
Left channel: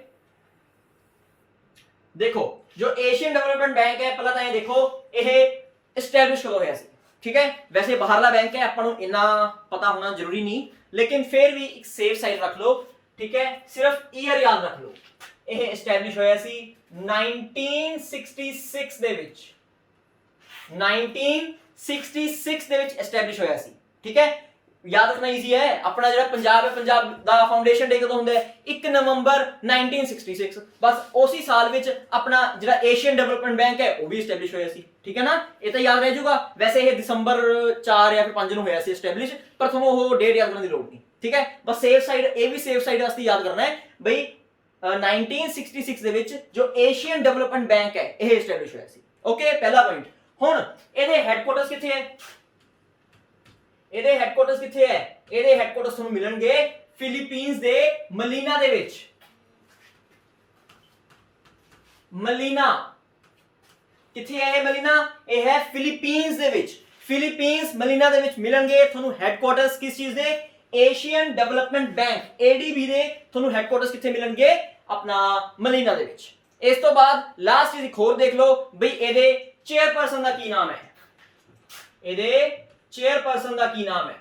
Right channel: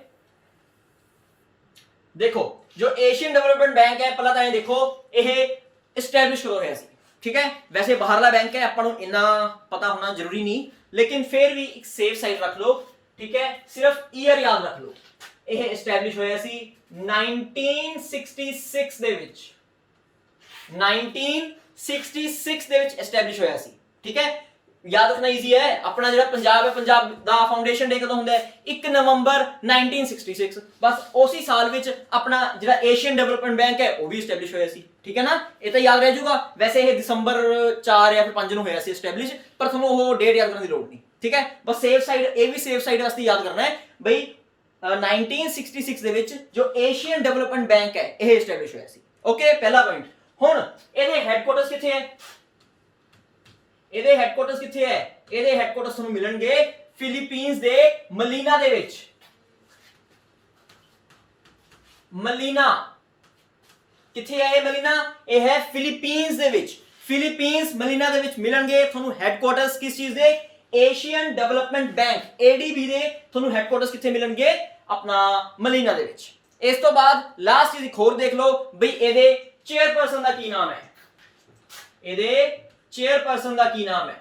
देखो। जो एशियन डेवलपमेंट बैंक है पहला ਤਾਂ ਇਹ देखो ਇਹ एस्टैब्लिश कदों ਹੋਇਆ ਸੀ, ठीक है। वैसे बाहरला बैंक है ਆਪਾਂ ਨੂੰ ਇੰਨਾ पता होना जरूरी नहीं, लेकिन फिर भी एक सेफ साइड रख लो, ठीक है। सिर्फ ईयर याद रख लो, ਇਹ एस्टैब्लिश ਹੋਇਆ ਸੀ 1966 ਦੇ ਵਿੱਚ, 1966 ਦੇ ਵਿੱਚ एस्टैब्लिश ਹੋਇਆ ਸੀ, ठीक है। याद रखना इजी है। अपना जो पंजाब है, पंजाब दा फाउंडेशन डे कदों हुंदा है 1 नवंबर 1966, बस उसी साल विच अपना जो एशियन डेवलपमेंट बैंक है वो भी एस्टैब्लिश होया सी, ठीक है ना। ये तो याद रह जाऊगा। वैसे ये दिसंबर 4 या फिर 5 ਨੂੰ ਹੋਇਆ ਸੀ एस्टैब्लिश, पर ਤੁਹਾਨੂੰ ਉਹ डेट याद करने की लोड़ नहीं, ठीक है। बस सेफ साइड ये भी सेफ साइड वास्ते याद करना है बई 1966 ਦੇ ਵਿੱਚ जो एशियन डेवलपमेंट बैंक है ਇਹ एस्टैब्लिश ਹੋਇਆ ਸੀ, ओके। पहला पॉइंट। ਹੁਣ ਇਹਦੇ ਹੈੱਡਕੁਆਟਰਸ ਕਿੱਥੇ ਹੈ, ਇਹਦੇ ਹੈੱਡਕੁਆਟਰਸ ਕਿੱਥੇ ਹੈ, ਇਹਦੇ ਹੈੱਡਕੁਆਟਰਸ ਤੁਹਾਨੂੰ ਮਿਲਣਗੇ ਫਿਲੀਪੀਨਸ ਦੇ ਮਲੀਨਾ ਦੇ ਵਿੱਚ। ਮਲੀਨਾ ਕਿੱਥੇ ਹੈ ਇਹ ਮਲੀਨਾ, ਇਹ ਹੈ ਫਿਲੀਪੀਨਸ ਦੇ ਵਿੱਚ। ਫਿਲੀਪੀਨਸ ਮਲੀਨਾ ਦੇ ਵਿੱਚ ਮਿਲਣਗੇ ਤੁਹਾਨੂੰ ਹੈੱਡਕੁਆਟਰਸ ਕਿਸ ਚੀਜ਼ ਦੇ, ਏਸ਼ੀਅਨ ਡਿਵੈਲਪਮੈਂਟ ਬੈਂਕ ADB ਦੇ ਤੁਹਾਨੂੰ ਹੈੱਡਕੁਆਟਰਸ ਕਿੱਥੇ ਮਿਲਣਗੇ, ਆਪਣਾ ਮਲੀਨਾ ਦੇ ਵਿੱਚ। ਇਸ ਤੋਂ ਬਾਅਦ ਲਾਸਟ ਚੀਜ਼ ਇੱਕ ਹੋਰ ਦੇਖ ਲਓ ਬਈ ਇਹਦੇ ਚੇਅਰਪਰਸਨ ਦਾ ਕੀ ਨਾਮ ਹੈ, ਇਹਦੇ चेयरपर्सन का की नाम है,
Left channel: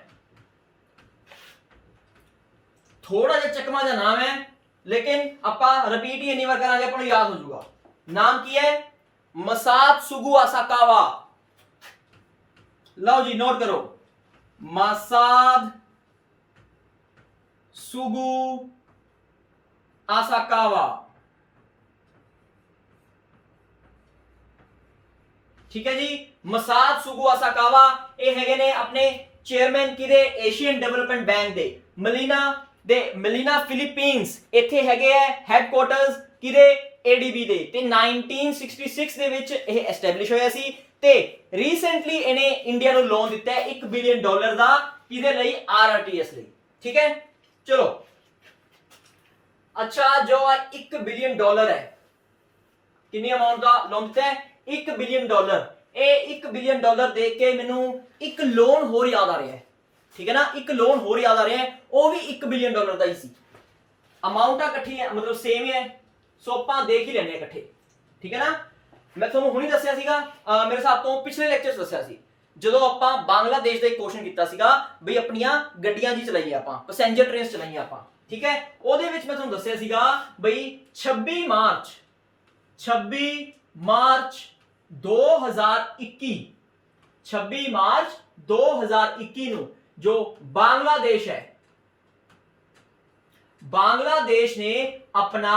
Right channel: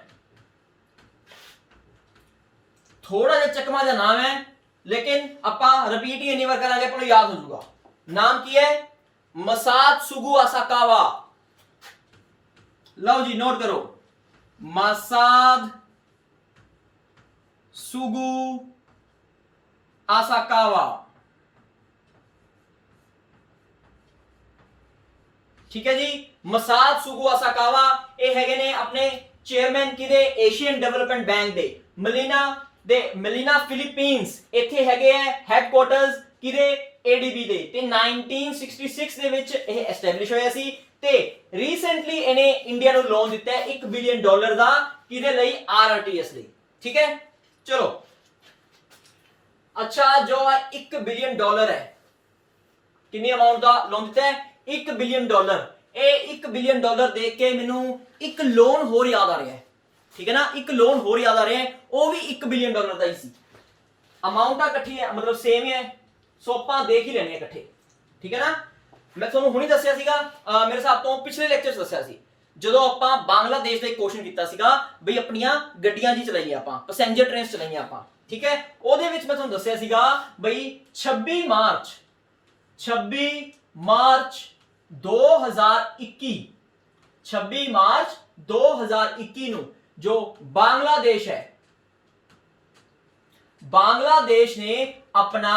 थोड़ा जिहा चकमा जिहा नाम है लेकिन आपां रिपीट ही इन्नी बार करांगे आपको याद हो जाऊगा। नाम की है मसात्सुगु आसाकावा। लो जी नोट करो, मसात्सुगु आसाकावा, ठीक है जी। मसात्सुगु आसाकावा ਇਹ ਹੈਗੇ ਨੇ ਆਪਣੇ ਚੇਅਰਮੈਨ ਕਿਹਦੇ, ਏਸ਼ੀਅਨ ਡਿਵੈਲਪਮੈਂਟ ਬੈਂਕ ਦੇ ਮਲੀਨਾ ਫਿਲੀਪੀਨਸ। ਇੱਥੇ ਹੈਗੇ ਆ ਹੈੱਡਕੁਆਟਰਸ ਕਿਹਦੇ, ADB ਦੇ, ਤੇ 1966 ਦੇ ਵਿੱਚ ਇਹ ਐਸਟੈਬਲਿਸ਼ ਹੋਇਆ ਸੀ ਤੇ ਰੀਸੈਂਟਲੀ ਇਹਨੇ ਇੰਡੀਆ ਨੂੰ ਲੋਨ ਦਿੱਤਾ ਹੈ $1 ਬਿਲੀਅਨ ਦਾ, ਕਿਹਦੇ ਲਈ, RRTS ਲਈ, ठीक है। चलो अच्छा, जो 1 ਬਿਲੀਅਨ है कितनी अमाउंट का लोन दिता है, $1 ਬਿਲੀਅਨ। ਇਹ $1 ਬਿਲੀਅਨ ਦੇਖ ਕੇ ਮੈਨੂੰ ਇੱਕ ਲੋਨ ਹੋਰ ਯਾਦ ਆ ਰਿਹਾ ਹੈ, ਠੀਕ ਹੈ ਨਾ। ਇੱਕ ਲੋਨ ਹੋਰ ਯਾਦ ਆ ਰਿਹਾ ਹੈ, ਉਹ ਵੀ $1 ਬਿਲੀਅਨ ਦਾ ਹੀ ਸੀ। ਅਮਾਉਂਟਾਂ ਇਕੱਠੀ ਹੈ, ਮਤਲਬ ਸੇਮ ਹੈ, ਸੋ ਆਪਾਂ ਦੇਖ ਹੀ ਲੈਣੇ ਇਕੱਠੇ, ਠੀਕ ਹੈ ਨਾ। ਮੈਂ ਤੁਹਾਨੂੰ ਹੁਣੀ ਦੱਸਿਆ ਸੀਗਾ, ਮੇਰੇ ਹਿਸਾਬ ਤੋਂ ਪਿਛਲੇ ਲੈਕਚਰ 'ਚ ਦੱਸਿਆ ਸੀ, ਜਦੋਂ ਆਪਾਂ ਬੰਗਲਾਦੇਸ਼ ਦਾ ਇੱਕ ਕੁਐਸਚਨ ਕੀਤਾ ਸੀਗਾ ਬਈ ਆਪਣੀਆਂ ਗੱਡੀਆਂ ਜੀ ਚਲਾਈਆਂ ਆਪਾਂ, ਪੈਸੇਂਜਰ ਟ੍ਰੇਨਸ ਚਲਾਈਆਂ ਆਪਾਂ, ਠੀਕ ਹੈ। ਉਹਦੇ ਵਿੱਚ ਮੈਂ ਤੁਹਾਨੂੰ ਦੱਸਿਆ ਸੀਗਾ ਬਈ 26 ਮਾਰਚ 2021, 26 ਮਾਰਚ 2021 ਨੂੰ ਜੋ बांग्लादेश है, बांग्लादेश ने अपना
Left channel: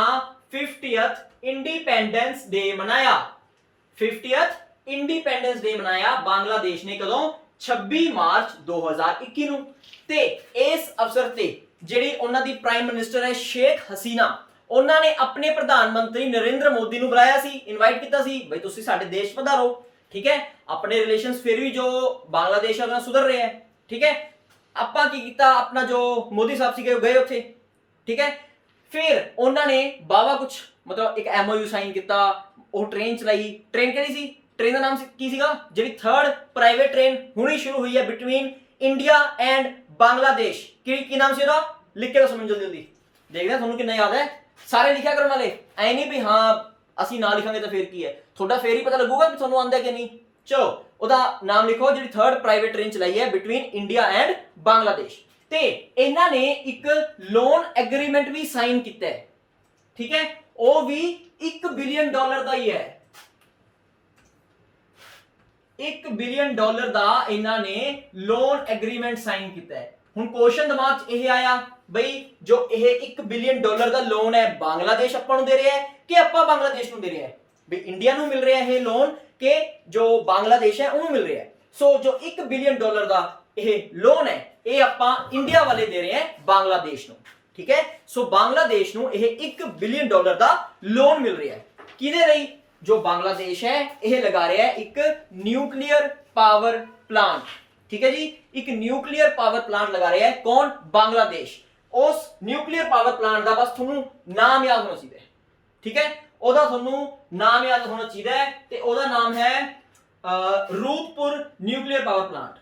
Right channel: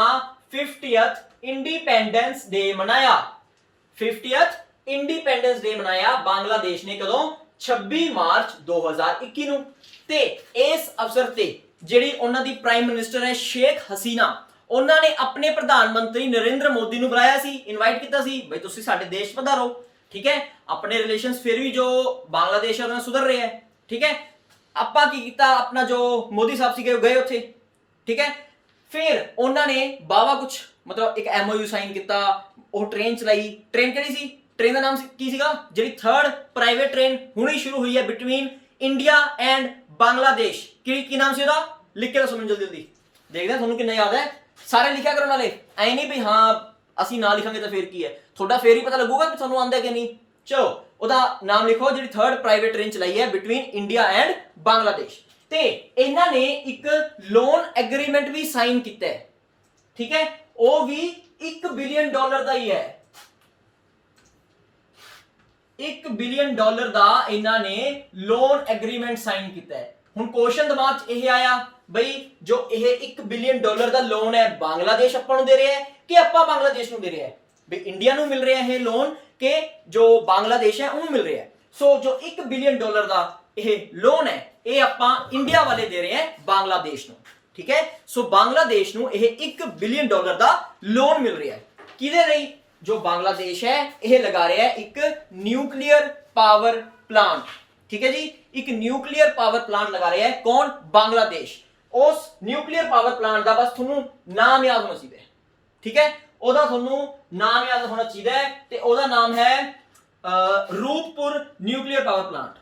50th इंडिपेंडेंस डे मनाया, 50th इंडिपेंडेंस डे मनाया बांग्लादेश ने कदों 26 मार्च 2021 ਨੂੰ। ਤੇ ਇਸ ਅਵਸਰ ਤੇ ਜਿਹੜੀ ਉਹਨਾਂ ਦੀ ਪ੍ਰਾਈਮ ਮਿਨਿਸਟਰ ਹੈ ਸ਼ੇਖ ਹਸੀਨਾ, ਉਹਨਾਂ ਨੇ ਆਪਣੇ ਪ੍ਰਧਾਨ ਮੰਤਰੀ ਨਰਿੰਦਰ ਮੋਦੀ ਨੂੰ ਬੁਲਾਇਆ ਸੀ, ਇਨਵਾਈਟ ਕੀਤਾ ਸੀ ਬਈ ਤੁਸੀਂ ਸਾਡੇ ਦੇਸ਼ ਪਧਾਰੋ, ਠੀਕ ਹੈ। ਆਪਣੇ ਰਿਲੇਸ਼ਨਸ ਫਿਰ ਵੀ ਜੋ ਬਾਂਗਲਾਦੇਸ਼ ਨਾਲ ਸੁਧਰ ਰਹੇ ਹੈ, ਠੀਕ ਹੈ। ਆਪਾਂ ਕੀ ਕੀਤਾ, ਆਪਣਾ ਜੋ ਮੋਦੀ ਸਾਹਿਬ ਸੀਗੇ ਗਏ ਉੱਥੇ, ਠੀਕ ਹੈ। ਫਿਰ ਉਹਨਾਂ ਨੇ ਬਾਵਾ ਕੁਛ ਮਤਲਬ ਇੱਕ MOU ਸਾਈਨ ਕੀਤਾ, ਉਹ ਟ੍ਰੇਨ ਚਲਾਈ। ਟ੍ਰੇਨ ਕਿਹੜੀ ਸੀ, ਟ੍ਰੇਨ ਦਾ ਨਾਮ ਕੀ ਸੀਗਾ, ਜਿਹੜੀ 3rd ਪ੍ਰਾਈਵੇਟ ਟ੍ਰੇਨ ਹੁਣੀ ਸ਼ੁਰੂ ਹੋਈ ਹੈ ਬਿਟਵੀਨ ਇੰਡੀਆ ਐਂਡ ਬਾਂਗਲਾदेश, ਕੀ ਨਾਮ ਸੀ ਉਹਦਾ, ਲਿਖ ਕੇ ਦੱਸੋ ਮੈਨੂੰ ਜਲਦੀ ਜਲਦੀ, ਦੇਖਦੇ ਹਾਂ ਤੁਹਾਨੂੰ ਕਿੰਨਾ ਯਾਦ ਹੈ। ਸਾਰੇ ਲਿਖਿਆ ਕਰਨ ਵਾਲੇ, ਐ ਨਹੀਂ ਵੀ ਹਾਂ ਅਸੀਂ ਨਾ ਲਿਖਾਂਗੇ ਤਾਂ ਫਿਰ ਕੀ ਹੈ, ਤੁਹਾਡਾ ਫੇਰ ਹੀ ਪਤਾ ਲੱਗੂਗਾ ਕਿ ਤੁਹਾਨੂੰ ਆਉਂਦਾ ਕਿ ਨਹੀਂ। ਚਲੋ ਉਹਦਾ ਨਾਮ ਲਿਖੋ, ਜਿਹੜੀ 3rd ਪ੍ਰਾਈਵੇਟ ਟ੍ਰੇਨ ਚਲਾਈ ਹੈ ਬਿਟਵੀਨ ਇੰਡੀਆ ਐਂਡ ਬਾਂਗਲਾदेश। ਤੇ ਇਹਨਾਂ ਨੇ ਇੱਕ ਲੋਨ ਐਗਰੀਮੈਂਟ ਵੀ ਸਾਈਨ ਕੀਤਾ ਹੈ, ਠੀਕ ਹੈ। ਉਹ ਵੀ $1 ਬਿਲੀਅਨ ਦਾ ਹੀ ਹੈ, 1 ਬਿਲੀਅਨ ਡਾਲਰ ਦਾ ਇਹਨਾਂ ਨੇ ਲੋਨ ਐਗਰੀਮੈਂਟ ਸਾਈਨ ਕੀਤਾ ਹੈ। ਹੁਣ ਕੁਐਸਚਨ ਦਿਮਾਗ 'ਚ ਇਹ ਆਇਆ ਬਈ ਜੋ ਇਹ 1 ਬਿਲੀਅਨ ਡਾਲਰ ਦਾ ਲੋਨ ਹੈ ਬੰਗਲਾਦੇਸ਼ ਆਪਾਂ ਨੂੰ ਦੇ ਰਿਹਾ ਹੈ ਕਿ ਆਪਾਂ ਬੰਗਲਾਦੇਸ਼ ਨੂੰ ਦੇ ਰਿਹਾ ਹੈ? ਬਈ ਇੰਡੀਆ ਨੂੰ ਮਿਲ ਰਿਹਾ ਇਹ ਲੋਨ ਕਿ ਜੋ ਬੰਗਲਾਦੇਸ਼ ਹੈ ਉਹਨੂੰ ਮਿਲ ਰਿਹਾ ਹੈ? ਸੋ ਜੋ 1 ਬਿਲੀਅਨ ਡਾਲਰ ਦਾ ਇਹ ਲੋਨ ਹੈ ਇਹ ਆਪਾਂ ਇੰਡੀਆ ਵਾਲੇ ਦੇ ਰਹੇ ਹਾਂ ਬੰਗਲਾਦੇਸ਼ ਨੂੰ, ਠੀਕ ਹੈ। ਸੋ ਬੰਗਲਾਦੇਸ਼ ਨੂੰ ਇਹ 1 ਬਿਲੀਅਨ ਡਾਲਰ ਦਾ ਲੋਨ ਮਿਲ ਰਿਹਾ ਹੈ ਕਿਹਦੇ ਲਈ? ਜੋ ਬੰਗਲਾਦੇਸ਼ ਹੈ ਇਹ ਲਗਾ ਰਿਹਾ ਹੈ ਇੱਕ ਨਿਊਕਲੀਅਰ ਪਾਵਰ ਪਲਾਂਟ, ठीक है जी, एक न्यूक्लियर पावर प्लांट लगा रहा है कौन? बांग्लादेश। उस न्यूक्लियर पावर प्लांट का बस थोनू नाम याद होना चाहिए, ठीक है, ओदा थोनू नाम याद होना चाहिए ते ओदा नाम है Rooppur nuclear power plant.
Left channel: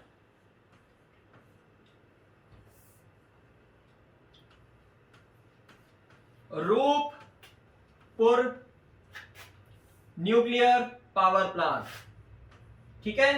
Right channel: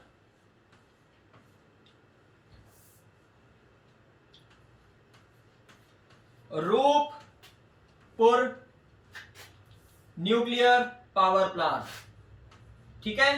Rooppur nuclear power plant, ठीक है।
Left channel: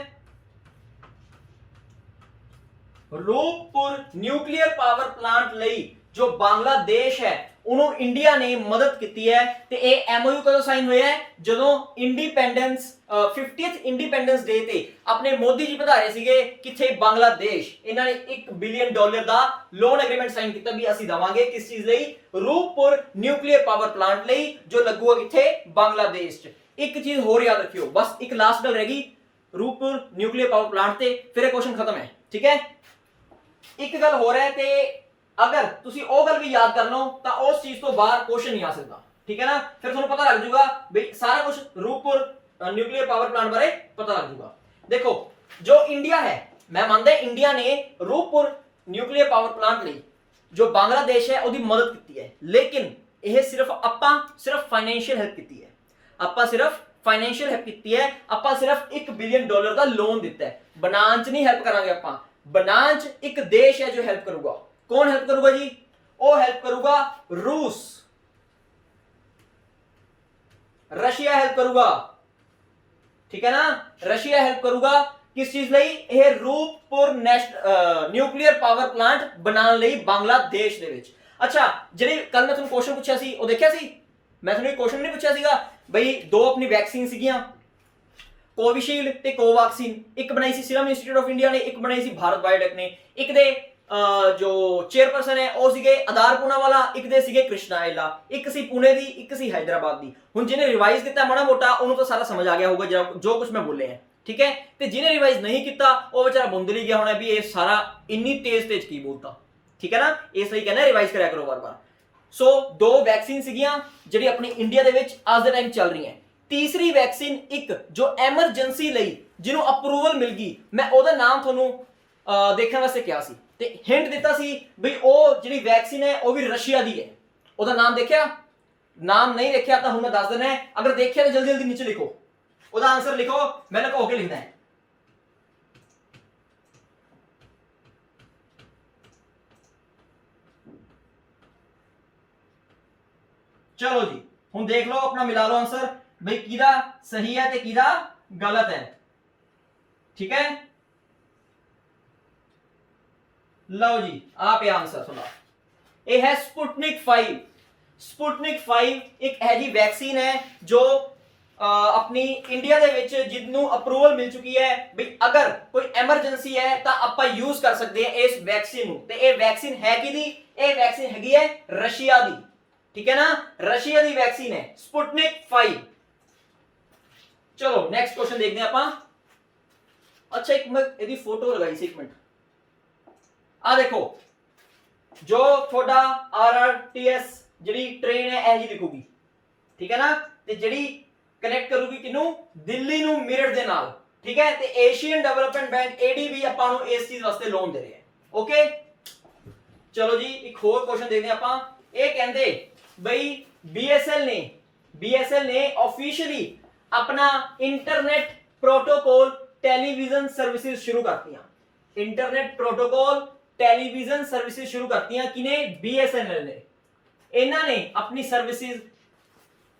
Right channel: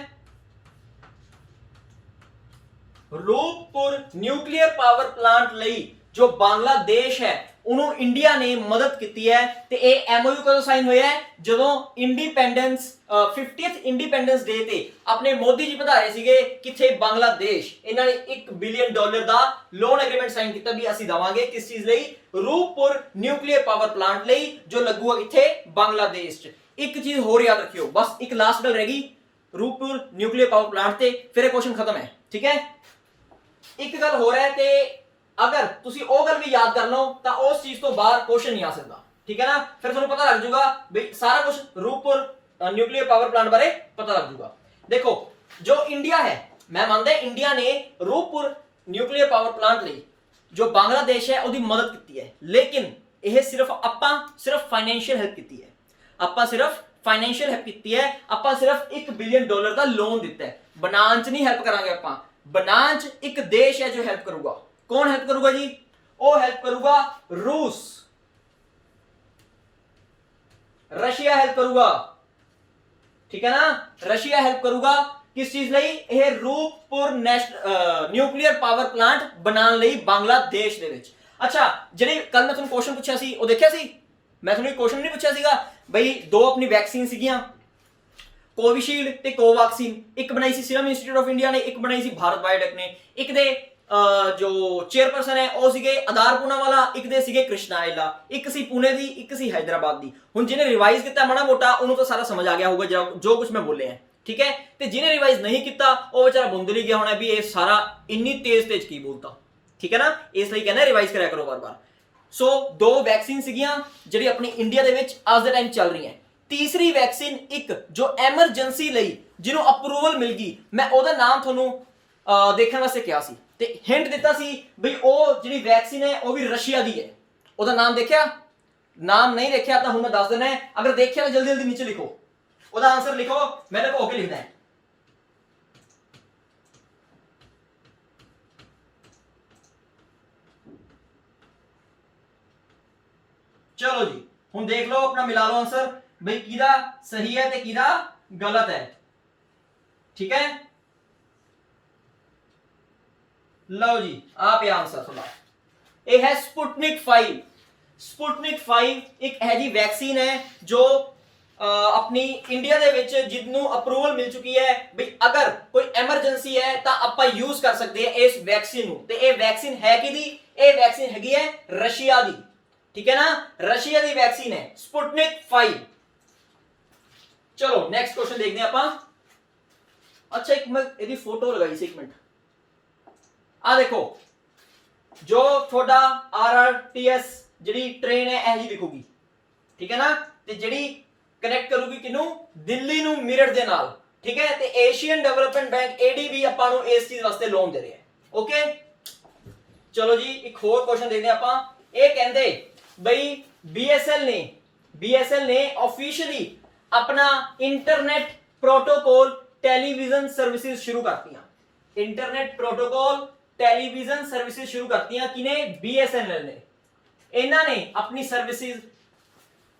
रूपपुर न्यूक्लियर पावर प्लांट ਲਈ जो बांग्लादेश है ਉਹਨੂੰ ਇੰਡੀਆ ਨੇ ਮਦਦ ਕੀਤੀ ਹੈ ਤੇ ਇਹ ਐਮਓਯੂ ਕਦੋਂ ਸਾਈਨ ਹੋਇਆ ਹੈ? ਜਦੋਂ ਇੰਡੀਪੈਂਡੈਂਸ 50th ਇੰਡੀਪੈਂਡੈਂਸ ਡੇ ਤੇ ਆਪਣੇ ਮੋਦੀ ਜੀ ਵਧਾ ਰਹੇ ਸੀਗੇ ਕਿੱਥੇ? ਬੰਗਲਾਦੇਸ਼। ਇਹਨਾਂ ਨੇ 1 ਬਿਲੀਅਨ ਡਾਲਰ ਦਾ ਲੋਨ ਐਗਰੀਮੈਂਟ ਸਾਈਨ ਕੀਤਾ ਵੀ ਅਸੀਂ ਦਵਾਂਗੇ ਕਿਸ ਚੀਜ਼ ਲਈ? ਰੂਪਪੁਰ ਨਿਊਕਲੀਅਰ ਪਾਵਰ ਪਲਾਂਟ ਲਈ ਜੋ ਲੱਗੂਗਾ ਕਿੱਥੇ? ਬੰਗਲਾਦੇਸ਼ 'ਚ। ਇੱਕ ਚੀਜ਼ ਹੋਰ ਯਾਦ ਰੱਖਿਓ, ਬਸ ਇੱਕ ਲਾਸਟ ਗੱਲ ਰਹਿ ਗਈ ਰੂਪਪੁਰ ਨਿਊਕਲੀਅਰ ਪਾਵਰ ਪਲਾਂਟ ਤੇ, ਫਿਰ ਇਹ ਕੁਐਸਚਨ ਖਤਮ ਹੈ, ਠੀਕ ਹੈ। ਇੱਕ ਗੱਲ ਹੋਰ ਹੈ ਤੇ अगर तुसी ओ गल भी याद कर लो तो उस चीज तो बाहर क्वेश्चन नहीं आ सकता, ठीक है ना। फिर तुहानू पता लग जाऊगा भाई सारा कुछ रूपपुर न्यूक्लियर पावर प्लांट बारे पता लग जाऊगा। देखो जो इंडिया है, मैं मानदा इंडिया ने रूपपुर न्यूक्लियर पावर प्लांट ਲਈ जो बांग्लादेश है ਉਹਦੀ मदद ਕੀਤੀ है, लेकिन ਇਹ सिर्फ फाइनेंशियल हेल्प ਕੀਤੀ है। ਆਪਾਂ सिर्फ फाइनेंशियल हेल्प ਕੀਤੀ है, ਆਪਾਂ सिर्फ 1 बिलियन डॉलर ਦਾ ਲੋਨ ਦਿੱਤਾ ਹੈ। बनाने ਚ नहीं हेल्प करांगे ਆਪਾਂ, बनाने ਚ एक देश है जो हेल्प करूगा। कौन हेल्प करूगा जी? वो हेल्प करूगा रूस, रशिया हेल्प करूगा, ठीक है ना। रशिया हेल्प करूगा किस चीज ਲਈ? ਇਹ रूपपुर न्यूक्लियर पावर प्लांट बनाने ਲਈ बांग्लादेश ਦੇ ਵਿੱਚ। अच्छा ਜਿਹੜੇ ਕੱਲ ਮੈਂ ਤੁਹਾਨੂੰ ਕੁਐਸਚਨ ਪੁੱਛਿਆ ਸੀ ਉਹ ਦੇਖਿਆ ਸੀ? ਮੈਂ ਤੁਹਾਨੂੰ ਇੱਕ ਕੁਐਸਚਨ ਨਹੀਂ ਪੁੱਛਿਆ ਸੀਗਾ ਬਈ ਦੋ ਆਪਣੀ ਵੈਕਸੀਨ ਸੀਗੀਆਂ ਕੋਵਿਸ਼ੀਲਡ ਤੇ ਕੋਵੈਕਸੀਨ, ਇੱਕ ਬਣਾਈ ਸੀ ਸੀਰਮ ਇੰਸਟੀਚਿਊਟ ਆਫ ਇੰਡੀਆ ਨੇ, ਇੱਕ ਬਣਾਈ ਸੀ ਭਾਰਤ ਬਾਇਓਟੈਕ ਨੇ। ਇੱਕ ਦੇ जो चेयरपर्सन है ਉਹ ਸੀਗੇ ਆਧਾਰ ਪੂਨਾਵਾਲਾ, ਇੱਕ ਦੇ ਸੀਗੇ ਕ੍ਰਿਸ਼ਨਾਇਲਾ, ਇੱਕ ਸੀ ਪੁਣੇ ਦੀ, ਇੱਕ ਸੀ ਹੈਦਰਾਬਾਦ ਦੀ। ਹੁਣ ਜਿਹਨੇ ਰਿਵਾਈਜ਼ ਕੀਤਾ ਮਾੜਾ ਮੋਟਾ ਉਹਨੂੰ ਤਾਂ ਸਾਰਾ ਸਮਝ ਆ ਗਿਆ ਹੋਊਗਾ ਜੋ ਕੁਝ ਮੈਂ ਬੋਲਿਆ ਹੈ, ਠੀਕ ਹੈ। ਤੇ ਜਿਹਨੇ ਰਿਵਾਈਜ਼ ਨਹੀਂ ਕੀਤਾ ਉਹ ਵਿਚਾਰਾ ਬੁੰਦਲ ਹੀ ਗਿਆ ਹੋਣਾ ਵੀ ਇਹ ਸਾਰਾ ਇੰਨੀ ਤੇਜ਼ ਕੀ ਬੋਲਤਾ, ਠੀਕ ਹੈ ਨਾ। ਇਸ ਲਈ ਕਹਿੰਦਾ ਰਿਵਾਈਜ਼ ਕਰਿਆ ਕਰੋ ਵਾਰ-ਵਾਰ। ਸੋ ਦੋ ਵੈਕਸੀਨ ਸੀਗੀਆਂ ਜਿਹੜੀ ਆਪਣੀ ਇੰਡੀਆ ਦੇ ਵਿੱਚ ਅੱਜ ਦੇ ਟਾਈਮ ਚੱਲ ਰਹੀਆਂ। ਤੀਸਰੀ ਵੈਕਸੀਨ ਇੱਕ ਜੋ ਐਮਰਜੈਂਸੀ ਲਈ ਜਿਹਨੂੰ ਅਪਰੂਵਲ ਮਿਲ ਗਈ, ਮੈਂ ਉਹਦਾ ਨਾਮ ਤੁਹਾਨੂੰ ਦੇਖਣ ਵਾਸਤੇ ਕਿਹਾ ਸੀ ਤੇ ਹਿੰਟ ਦਿੱਤਾ ਸੀ ਬਈ ਉਹ ਜਿਹੜੀ ਵੈਕਸੀਨ ਹੈ ਉਹ ਵੀ ਰਸ਼ੀਆ ਦੀ ਹੈ। ਉਹਦਾ ਨਾਮ ਦੇਖਿਆ? ਨਾਮ ਨਹੀਂ ਦੇਖਿਆ ਤਾਂ ਹੁਣ ਮੈਂ ਦੱਸ ਦੇਣਾ ਹੈ, ਅਗਰ ਦੇਖਿਆ ਤਾਂ ਜਲਦੀ ਜਲਦੀ ਨੀਚੇ ਲਿਖੋ, ਉਹਦਾ ਆਨਸਰ ਲਿਖੋ, ਮੈਂ ਲੁਕੋ ਕੇ ਲਿਖਣਾ ਹੈ। ਚਲੋ ਜੀ ਹੁਣ ਦੇਖ ਲਓ, ਆਪਣਾ ਮਿਲਾ ਲਓ ਆਨਸਰ ਬਈ ਕਿਹਦਾ ਸਹੀ ਹੈ ਤੇ ਕਿਹਦਾ ਗਲਤ ਹੈ, ਠੀਕ ਹੈ। लो जी आप आंसर सुना, ये है स्पुतनिक 5। स्पुतनिक 5 एक है जी वैक्सीन है जो अपनी इंडिया दे विच जिन्नू अप्रूवल मिल चुकी है भाई अगर कोई एमरजेंसी है तो आपां यूज कर सकते हैं इस वैक्सीन नू। ते ये वैक्सीन है किहदी? ये वैक्सीन हैगी है रशिया दी, ठीक है ना, रशिया दी वैक्सीन है स्पुतनिक 5। चलो नेक्स्ट क्वेश्चन देखते हैं आपां। अच्छा एक मैं इहदी फोटो लगाई सी, एक मिनट आ देखो जो थोड़ा RRTS जी ट्रेन है ऐ जी दिखूगी, ठीक है ना, ते जी कनेक्ट करूगी किनू? दिल्ली नू मेरठ दे नाल, ठीक है। ते एशियन डेवलपमेंट बैंक ADB आपां नू इस चीज वास्ते लोन दे रहा है, ओके। चलो जी एक होर क्वेश्चन देखते हैं आपां। ये कहंदे बई BSL ने ऑफिशियली अपना इंटरनेट प्रोटोकॉल टेलीविजन सर्विसेज शुरू करती। इंटरनेट प्रोटोकॉल टेलीविजन सर्विसेज शुरू करती हैं किने? BSNL ने। इन्हां ने अपनी सर्विसेज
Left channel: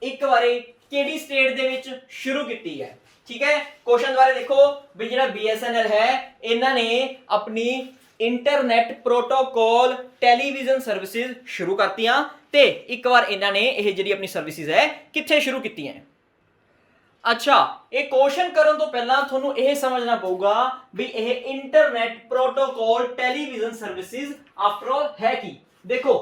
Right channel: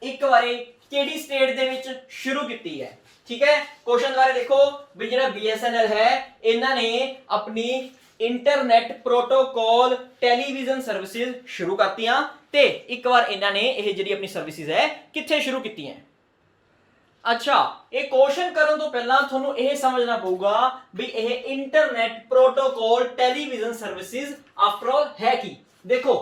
एक बारे केडी स्टेट दे विच शुरू कीती है, ठीक है। क्वेश्चन बारे देखो भी जेड़ा BSNL है इन्हां ने अपनी इंटरनेट प्रोटोकॉल टेलीविजन सर्विसेज शुरू करती हैं ते एक बार इन्हां ने यह जिहड़ी अपनी सर्विसेज है कित्थे शुरू कीती हैं? ਅੱਛਾ, ਇਹ ਕੁਐਸਚਨ ਕਰਨ ਤੋਂ ਪਹਿਲਾਂ ਤੁਹਾਨੂੰ ਇਹ ਸਮਝਣਾ ਪਊਗਾ ਵੀ ਇਹ internet protocol television services after all ਹੈ ਕੀ। ਦੇਖੋ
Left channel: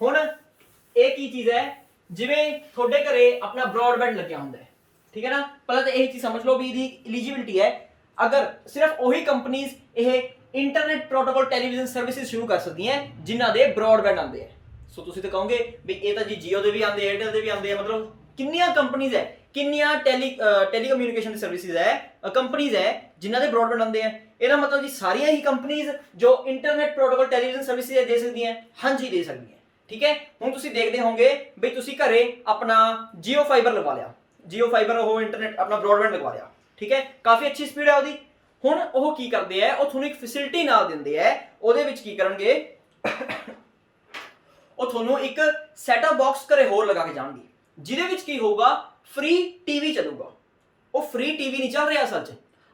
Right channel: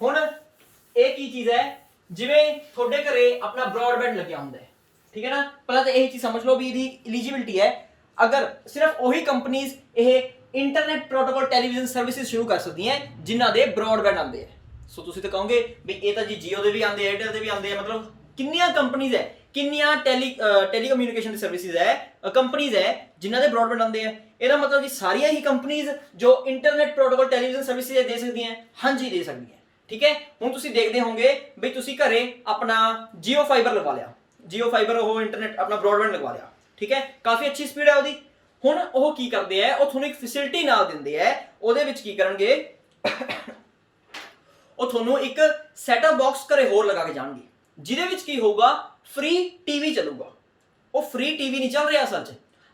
ਹੁਣ ਇਹ ਕੀ ਚੀਜ਼ ਹੈ, ਜਿਵੇਂ ਤੁਹਾਡੇ ਘਰੇ ਆਪਣਾ ਬ੍ਰੌਡਬੈਂਡ ਲੱਗਿਆ ਹੁੰਦਾ ਹੈ, ਠੀਕ ਹੈ ਨਾ। ਪਹਿਲਾਂ ਤਾਂ ਇਹ ਚੀਜ਼ ਸਮਝ ਲਓ ਵੀ ਇਹਦੀ ਐਲੀਜੀਬਿਲਟੀ ਹੈ, ਅਗਰ ਸਿਰਫ ਉਹੀ ਕੰਪਨੀਆਂ ਇਹ ਇੰਟਰਨੈਟ ਪ੍ਰੋਟੋਕਾਲ ਟੈਲੀਵਿਜ਼ਨ ਸਰਵਿਸਿਜ਼ ਸ਼ੁਰੂ ਕਰ ਸਕਦੀਆਂ ਜਿਨ੍ਹਾਂ ਦੇ ਬ੍ਰੌਡਬੈਂਡ ਆਉਂਦੇ ਹੈ। ਸੋ ਤੁਸੀਂ ਤਾਂ ਕਹੋਗੇ ਵੀ ਇਹ ਤਾਂ ਜੀ ਜੀਓ ਦੇ ਵੀ ਆਉਂਦੇ, ਏਅਰਟੈਲ ਦੇ ਵੀ ਆਉਂਦੇ ਆ, ਮਤਲਬ ਕਿੰਨੀਆਂ ਕੰਪਨੀਆਂ ਹੈ, ਕਿੰਨੀਆਂ ਟੈਲੀਕਮਿਊਨੀਕੇਸ਼ਨ ਦੀ ਸਰਵਿਸਿਜ਼ ਹੈ, ਕੰਪਨੀਆਂ ਹੈ ਜਿਨ੍ਹਾਂ ਦੇ ਬ੍ਰੌਡਬੈਂਡ ਆਉਂਦੇ ਆ। ਇਹਦਾ ਮਤਲਬ ਜੀ ਸਾਰੀਆਂ ਹੀ ਕੰਪਨੀਆਂ ਜੋ ਇੰਟਰਨੈਟ ਪ੍ਰੋਟੋਕਾਲ ਟੈਲੀਵਿਜ਼ਨ ਸਰਵਿਸਿਜ਼ ਦੇ ਸਕਦੀਆਂ? ਹਾਂਜੀ ਦੇ ਸਕਦੀਆਂ, ਠੀਕ ਹੈ। ਹੁਣ ਤੁਸੀਂ ਦੇਖਦੇ ਹੋਵੋਗੇ ਵੀ ਤੁਸੀਂ ਘਰੇ ਆਪਣਾ ਜੀਓ ਫਾਈਬਰ ਲਗਵਾ ਲਿਆ, ਜੀਓ ਫਾਈਬਰ ਉਹ ਇੰਟਰਨੈਟ ਆਪਣਾ ਬ੍ਰੌਡਬੈਂਡ ਲਗਵਾ ਲਿਆ, ਠੀਕ ਹੈ, ਕਾਫੀ ਅੱਛੀ ਸਪੀਡ ਹੈ ਉਹਦੀ। ਹੁਣ ਉਹ ਕੀ ਕਰਦੇ ਆ, ਉਹ ਤੁਹਾਨੂੰ ਇੱਕ ਫੈਸਿਲਿਟੀ ਨਾਲ ਦਿੰਦੇ ਆ, ਉਹਦੇ ਵਿੱਚ ਕੀ ਕਰਨਗੇ, ਉਹ ਤੁਹਾਨੂੰ ਇੱਕ ਸੈਟਅਪ ਬਾਕਸ ਘਰੇ ਹੋਰ ਲਗਾ ਕੇ ਜਾਣਗੇ, ਜਿਹਦੇ ਵਿੱਚ ਕੀ ਹੋਊਗਾ, ਫ੍ਰੀ ਟੀਵੀ ਚੱਲੂਗਾ। ਉਹ ਫ੍ਰੀ ਟੀਵੀ ਨਹੀਂ ਚੱਲ ਰਿਹਾ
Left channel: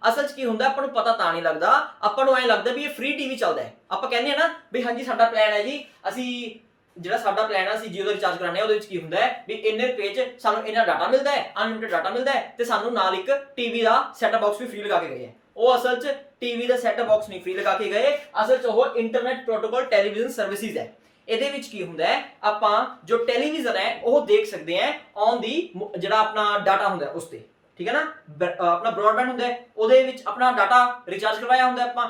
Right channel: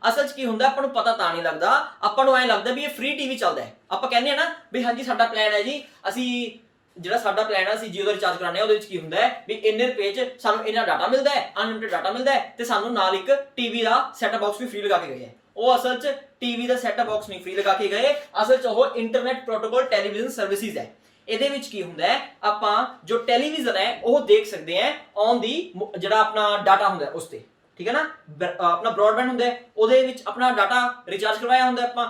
ਅਸਲ 'ਚ ਕੀ ਹੁੰਦਾ ਆਪਾਂ ਨੂੰ ਪਤਾ ਤਾਂ ਨਹੀਂ ਲੱਗਦਾ, ਆਪਾਂ ਨੂੰ ਐਂ ਲੱਗਦਾ ਵੀ ਇਹ ਫ੍ਰੀ ਟੀਵੀ ਚੱਲਦਾ ਹੈ। ਆਪਾਂ ਕਹਿੰਦੇ ਆ ਨਾ ਵੀ ਹਾਂਜੀ ਸਾਡਾ ਪਲਾਨ ਹੈ ਜੀ, ਅਸੀਂ ਜਿਹੜਾ ਸਾਡਾ ਪਲਾਨ ਆ ਅਸੀਂ ਜੀਓ ਦਾ ਰਿਚਾਰਜ ਕਰਾਉਂਦੇ ਆ, ਉਹਦੇ ਵਿੱਚ ਕੀ ਹੁੰਦਾ ਹੈ ਵੀ ਇੰਨੇ ਰੁਪਏ 'ਚ ਸਾਨੂੰ ਇੰਨਾ ਡਾਟਾ ਮਿਲਦਾ ਹੈ, ਅਨਲਿਮਿਟਿਡ ਡਾਟਾ ਮਿਲਦਾ ਹੈ, ਤੇ ਸਾਨੂੰ ਨਾਲ ਇੱਕ ਟੀਵੀ ਦਾ ਸੈਟਅਪ ਬਾਕਸ ਵੀ ਫ੍ਰੀ ਲਗਾ ਕੇ ਗਏ ਹੈ। ਉਹ ਅਸਲ 'ਚ ਟੀਵੀ ਦਾ ਸੈਟਅਪ ਬਾਕਸ ਨਹੀਂ ਫ੍ਰੀ ਲਗਾ ਕੇ ਗਏ, ਅਸਲ 'ਚ ਉਹ ਇੰਟਰਨੈਟ ਪ੍ਰੋਟੋਕਾਲ ਟੈਲੀਵਿਜ਼ਨ ਸਰਵਿਸਿਜ਼ ਹੈ। ਇਹਦੇ ਵਿੱਚ ਕੀ ਹੁੰਦਾ ਹੈ, ਆਪਾਂ ਜੋ ਟੈਲੀਵਿਜ਼ਨ ਹੈ ਉਹ ਦੇਖ ਸਕਦੇ ਹਾਂ ਔਨ ਦੀ ਜਿਹੜਾ ਆਪਣਾ ਡਾਟਾ ਹੁੰਦਾ ਉਸ ਤੇ, ਠੀਕ ਹੈ ਨਾ। ਆਪਣਾ ਬ੍ਰੌਡਬੈਂਡ ਹੁੰਦਾ ਉਹਦੇ ਵਿੱਚ ਆਪਣਾ ਡਾਟਾ ਰਿਚਾਰਜ ਕਰਵਾਇਆ ਹੁੰਦਾ ਆਪਾਂ,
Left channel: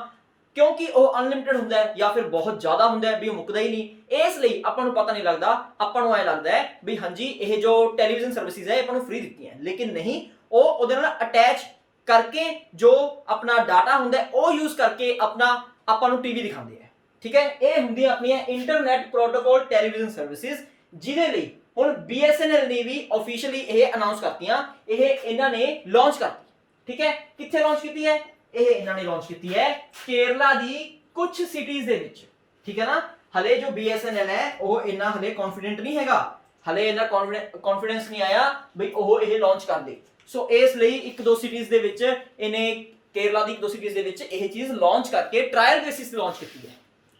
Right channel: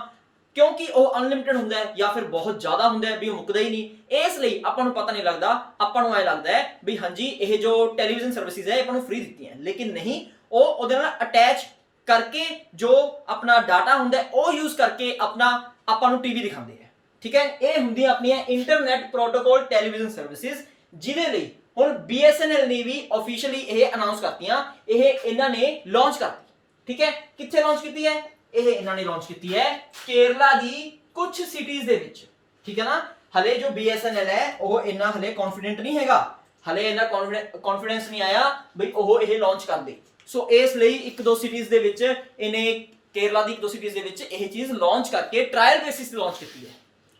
ਕਿਉਂਕਿ ਉਹ ਅਨਲਿਮਿਟਿਡ ਹੁੰਦਾ ਹੈ ਜਾਂ ਫਿਰ ਬਹੁਤ ਜ਼ਿਆਦਾ ਹੁੰਦਾ ਹੈ ਵੀ ਉਹ ਮੁੱਕਦਾ ਹੀ ਨਹੀਂ। ਇਸ ਲਈ ਆਪਾਂ ਨੂੰ ਪਤਾ ਨਹੀਂ ਲੱਗਦਾ, ਆਪਾਂ ਨੂੰ ਐ ਲੱਗਦਾ ਹੈ ਵੀ ਹਾਂਜੀ ਇਹ ਜੋ ਟੈਲੀਵਿਜ਼ਨ ਸਰਵਿਸਿਜ਼ ਹੈ ਆਪਾਂ ਨੂੰ ਫ੍ਰੀ ਦਿੱਤੀਆਂ, ਲੇਕਿਨ ਨਹੀਂ, ਉਹ ਉਹਦੇ ਨਾਲ ਅਟੈਚ ਕਰਕੇ ਜੋ ਆਪਣਾ ਡਾਟਾ ਹੁੰਦਾ ਉਹ ਯੂਜ਼ ਕਰਕੇ ਆਪਾਂ ਨੂੰ ਟੀਵੀ ਦਿਖਾਉਂਦੇ ਆ, ਠੀਕ ਹੈ। ਇਹ ਹੁੰਦੀਆਂ ਆਪਣੀਆਂ ਇੰਟਰਨੈਟ ਪ੍ਰੋਟੋਕਾਲ ਟੈਲੀਵਿਜ਼ਨ ਸਰਵਿਸਿਜ਼, ਜਿਹਦੇ ਲਈ ਹੁਣ BSNL ਨੇ ਵੀ ਆਫੀਸ਼ੀਅਲੀ ਇਹ ਅਨਾਉਂਸ ਕਰਤੀਆਂ, ਇਹ ਇਹਨਾਂ ਨੇ ਲਾਂਚ ਕਰਤੀ, ਠੀਕ ਹੈ। ਕਿੱਥੇ ਲਾਂਚ ਕੀਤੀ ਹੈ ਇਹ, ਇਹਨਾਂ ਨੇ ਲਾਂਚ ਕੀਤੀ ਹੈ ਕੇਰਲਾ ਦੀ ਕੁਝ ਸਿਟੀਜ਼ ਦੇ ਵਿੱਚ, ਠੀਕ ਹੈ ਨਾ। ਹਲੇ ਜੋ BSNL ਹੈ ਉਹ ਇੰਨਾ ਹਲੇ ਕੌਨਫੀਡੈਂਟ ਨਹੀਂ ਹੈਗਾ, ਹਲੇ ਇੰਨਾ ਕੌਨਫੀਡੈਂਸ ਨਹੀਂ ਆਇਆ ਬਈ ਉਹ ਇਹ ਲਾਂਚ ਕਰ ਦੇ। ਸੋ ਇਸ ਲਈ ਇੱਕ ਦੋ ਸਿਟੀਜ਼ ਦੇ ਵਿੱਚ ਇਹਨੇ, ਕੇਰਲਾ ਦੀ ਇੱਕ ਦੋ ਸਿਟੀਜ਼ ਦੇ ਵਿੱਚ ਇਹ ਚੀਜ਼ ਲਾਂਚ ਕਰਕੇ ਟ੍ਰਾਇਲ ਬੇਸਿਸ ਤੇ ਲਾਂਚ ਕੀਤੀ ਹੈ,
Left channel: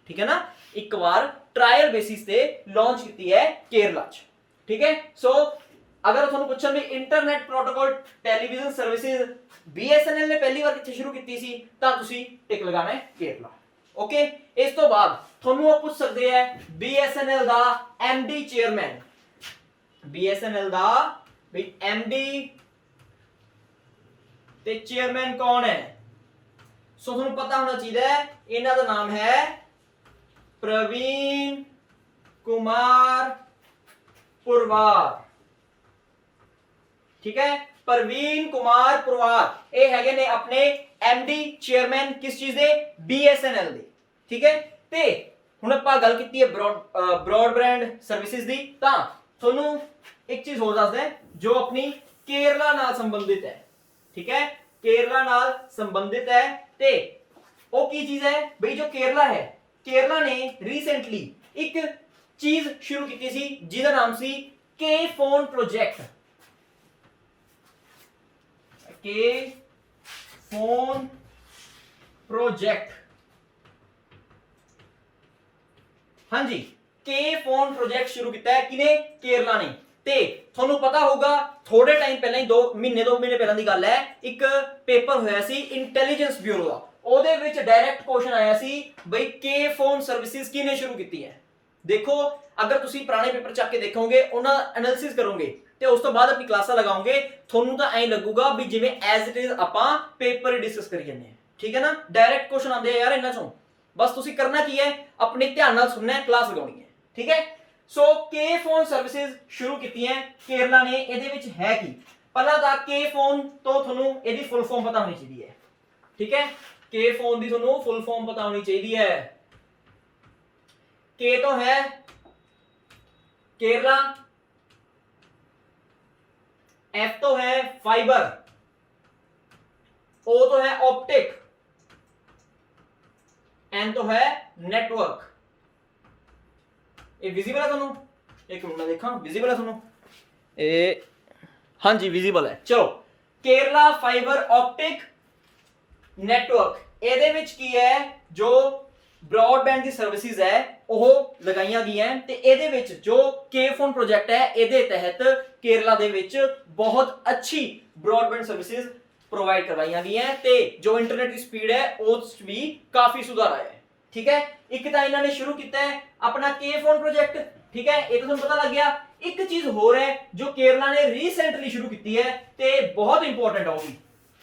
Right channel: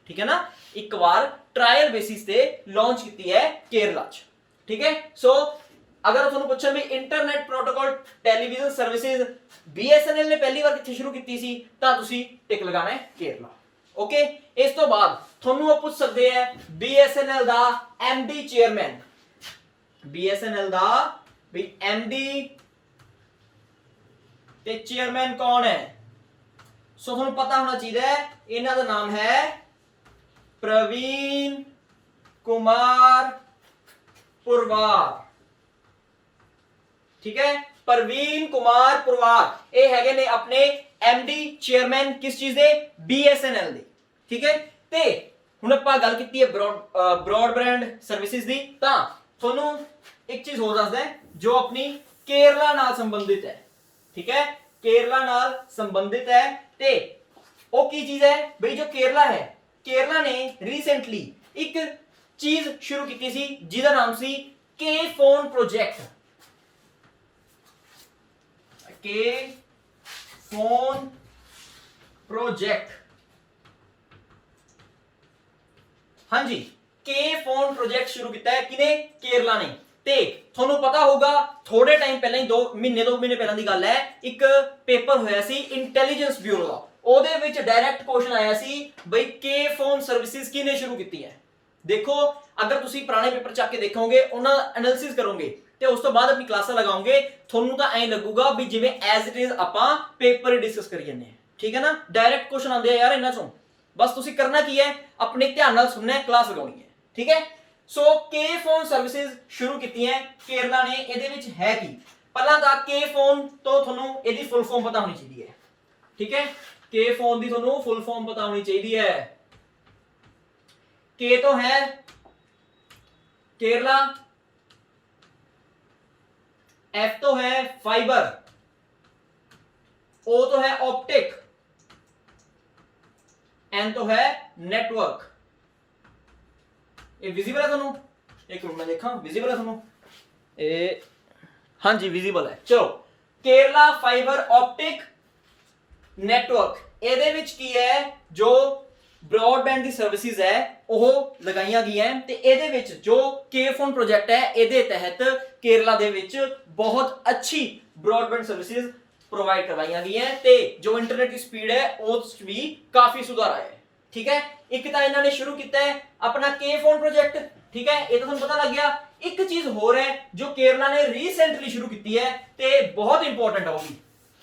ਠੀਕ ਹੈ ਨਾ। ਇੱਕ ਵਾਰ ਟ੍ਰਾਇਲ ਬੇਸਿਸ ਤੇ ਲਾਂਚ ਕੀਤੀ ਹੈ ਕੇਰਲਾ 'ਚ, ਠੀਕ ਹੈ। ਸੋ ਅਗਰ ਤੁਹਾਨੂੰ ਪੁੱਛਣ ਵੀ internet protocol television services BSNL ਨੇ ਪਹਿਲੀ ਵਾਰ ਕਿੱਥੇ ਸ਼ੁਰੂ ਕੀਤੀ ਸੀ, ਤਾਂ ਤੁਸੀਂ ਟਿਕ ਲਗਾਣਾ ਹੈ ਕੇਰਲਾ, ਓਕੇ। ਇਸ ਤੋਂ ਬਾਅਦ ਤੁਹਾਨੂੰ ਉਹ ਪੁੱਛ ਸਕਦੇ ਆ BSNL ਦਾ MD ਚੇਅਰਮੈਨ, BSNL ਦਾ ਵੀ MD ਤੇ ਚੇਅਰਮੈਨ ਕੌਣ ਹੈ। ਸੋ ਤੁਹਾਨੂੰ ਪਤਾ ਹੋਣਾ ਚਾਹੀਦਾ ਹੈ, ਇਹਨਾਂ ਦਾ ਨਾਮ ਹੈ ਪ੍ਰਵੀਨ ਕੁਮਾਰ ਪੁਰਵਾਰ, ਠੀਕ ਹੈ। ਪ੍ਰਵੀਨ ਕੁਮਾਰ ਪੁਰਵਾਰ ਇਹ ਹੈਗੇ ਨੇ ਆਪਣੇ MD ਚੇਅਰਮੈਨ ਕਿਸ ਚੀਜ਼ ਦੇ, BSNL ਦੇ, ਠੀਕ ਹੈ। ਤੇ ਹੁਣ ਆਪਾਂ ਗੱਲ ਕੀਤੀ ਹੈ ਬ੍ਰੌਡਬੈਂਡ ਸਰਵਿਸਿਜ਼ ਦੀ, ਤਾਂ ਤੁਹਾਨੂੰ ਇੱਕ ਚੀਜ਼ ਹੋਰ ਦੱਸਦਾ ਜੋ ਆਪਣੀ ਕੇਰਲਾ ਨਾਲ ਸੰਬੰਧਿਤ ਹੈ, ਠੀਕ ਹੈ, ਕੇਰਲਾ ਨਾਲ ਸੰਬੰਧਿਤ ਹੈ। ਤੇ ਉਹ ਕੀ ਚੀਜ਼ ਹੈ ਬਈ, ਜੋ ਕੇਰਲਾ ਹੈ, ਕੇਰਲਾ ਨੇ ਰੀਸੈਂਟਲੀ ਇੱਕ ਚੀਜ਼ ਸ਼ੁਰੂ ਕੀਤੀ ਸੀ ਜਿਹਦਾ ਨਾਮ ਸੀ ਕੇ ਫੋਨ ਪ੍ਰੋਜੈਕਟ, ਕੇ ਫੋਨ ਪ੍ਰੋਜੈਕਟ, ਹਾਂਜੀ ਕੇ ਫੋਨ ਪ੍ਰੋਜੈਕਟ ਸ਼ੁਰੂ ਕੀਤਾ ਹੈ ਕਿਨੇ, ਕੇਰਲਾ ਨੇ। ਤੇ ਤੁਹਾਨੂੰ ਪਤਾ ਹੋਊਗਾ ਥੋੜੇ ਟਾਈਮ ਪਹਿਲਾਂ ਹੀ 2 ਮਹੀਨੇ ਪਹਿਲਾਂ ਦੀ ਗੱਲ ਹੈ, ਇੱਕ ਪੇਪਰ ਹੋਇਆ ਸੀ ਇੰਟੈਲੀਜੈਂਸ ਬਿਊਰੋ ਦਾ, ਉਹਦੇ ਵਿੱਚ ਡਾਇਰੈਕਟ ਕੁਐਸਚਨ ਆਇਆ ਸੀ ਬਈ ਕੇ ਫੋਨ ਸਰਵਿਸਿਜ਼ ਕਿਨੇ ਸ਼ੁਰੂ ਕੀਤੀ ਹੈ। ਦੇਖੋ ਅਗਰ ਤੁਸੀਂ ਪੁਰਾਣੇ ਪੇਪਰ ਚੱਕ ਕੇ ਦੇਖੋਗੇ, ਉਹਨਾਂ ਦਾ ਐਨਾਲਿਸਿਸ ਕਰੋਗੇ ਤੇ ਉਸ ਤੋਂ ਬਾਅਦ ਆਪਣੀ ਕਲਾਸਾਂ ਲਗਾਓਗੇ, ਤੁਹਾਨੂੰ ਤਾਂ ਐਂ ਲੱਗੂਗਾ ਵੀ ਜਿਵੇਂ ਐਜ਼ ਇਟ ਇਜ਼ ਆਪਾਂ ਪੇਪਰ ਹੀ ਡਿਸਕਸ ਕਰੀ ਜਾਂਦੇ ਹਾਂ, ਠੀਕ ਹੈ ਨਾ। ਡਾਇਰੈਕਟ ਕੁਐਸਚਨ ਆਉਂਦੇ ਆ ਯਾਰ ਇਹਨਾਂ ਚੋਂ, ਬਸ ਤੁਸੀਂ ਕਰਨਾ ਕੀ ਹੈ, ਆਪਣੇ ਧਿਆਨ ਨਾਲ ਸੁਣਨਾ ਹੈ, ਕਲਾਸ ਲਗਾਉਣੀ ਹੈ, ਠੀਕ ਹੈ। ਸੋ ਕੇ ਫੋਨ ਸਰਵਿਸਿਜ਼ ਸ਼ੁਰੂ ਕੀਤੀਆਂ ਕੇਰਲਾ ਨੇ। ਇਹਦੇ ਵਿੱਚ ਹੈ ਕੀ, ਪਹਿਲਾਂ ਤਾਂ ਕੇ ਫੋਨ ਤੋਂ ਤੁਹਾਨੂੰ ਇਹਦੀ ਫੁੱਲ ਫਾਰਮ ਪਤਾ ਹੋਣੀ ਚਾਹੀਦੀ ਹੈ, ਠੀਕ ਹੈ। ਕੇ ਫੋਨ ਦੀ ਤੁਹਾਨੂੰ ਫੁੱਲ ਫਾਰਮ ਪਤਾ ਹੋਣੀ ਚਾਹੀਦੀ ਹੈ। ਕੇ ਤੋਂ ਹੈ केरला, एफ तो है फाइबर, ओ तो है ऑप्टिक, एन तो है नेटवर्क। ये विजिबल है ਤੁਹਾਨੂੰ? एक मिनट मैं देखा विजिबल है ਤੁਹਾਨੂੰ? हाँ जी विजिबल है। चलो केरला फाइबर ऑप्टिक नेटवर्क, ਇਹਦੇ ਵਿੱਚ ਕੀ ਹੈ, ਜੋ ਬ੍ਰੌਡਬੈਂਡ ਦੀ ਸਰਵਿਸਿਜ਼ ਹੈ ਉਹ ਲਗਾਈਆਂ ਗਈਆਂ ਤੇ ਇਹਦੇ ਵਿੱਚ ਜੋ ਕੇ ਫੋਨ ਪ੍ਰੋਜੈਕਟ ਹੈ ਇਹਦੇ ਤਹਿਤ ਕੇਰਲਾ ਦੇ ਵਿੱਚ ਬਹੁਤ ਅੱਛੀ ਬ੍ਰੌਡਬੈਂਡ ਸਰਵਿਸਿਜ਼ ਪ੍ਰੋਵਾਈਡ ਕਰਵਾਈਆਂ ਗਈਆਂ ਤੇ ਜੋ ਇੰਟਰਨੈਟ ਦੀ ਸਪੀਡ ਹੈ ਉਸ ਵਿੱਚ ਵੀ ਕਾਫੀ ਸੁਧਾਰ ਆਇਆ ਹੈ। ਠੀਕ ਹੈ, ਇੱਕ ਤਾਂ ਇਹਨਾਂ ਨੇ ਸ਼ੁਰੂ ਕੀਤਾ ਹੈ ਆਪਣਾ ਕੇ ਫੋਨ ਪ੍ਰੋਜੈਕਟ। ਠੀਕ ਹੈ, ਇਹ ਤਾਂ ਤੁਹਾਨੂੰ ਪਤਾ ਲੱਗ ਗਿਆ। ਇੱਕ ਚੀਜ਼ ਹੋਰ ਹੈ ਜੋ ਕੇਰਲਾ ਨੇ ਰੀਸੈਂਟਲੀ ਸ਼ੁਰੂ ਕੀਤੀ ਹੈ ਤੇ ਬਹੁਤ ਇੰਪੋਰਟੈਂਟ ਹੋਗੀ।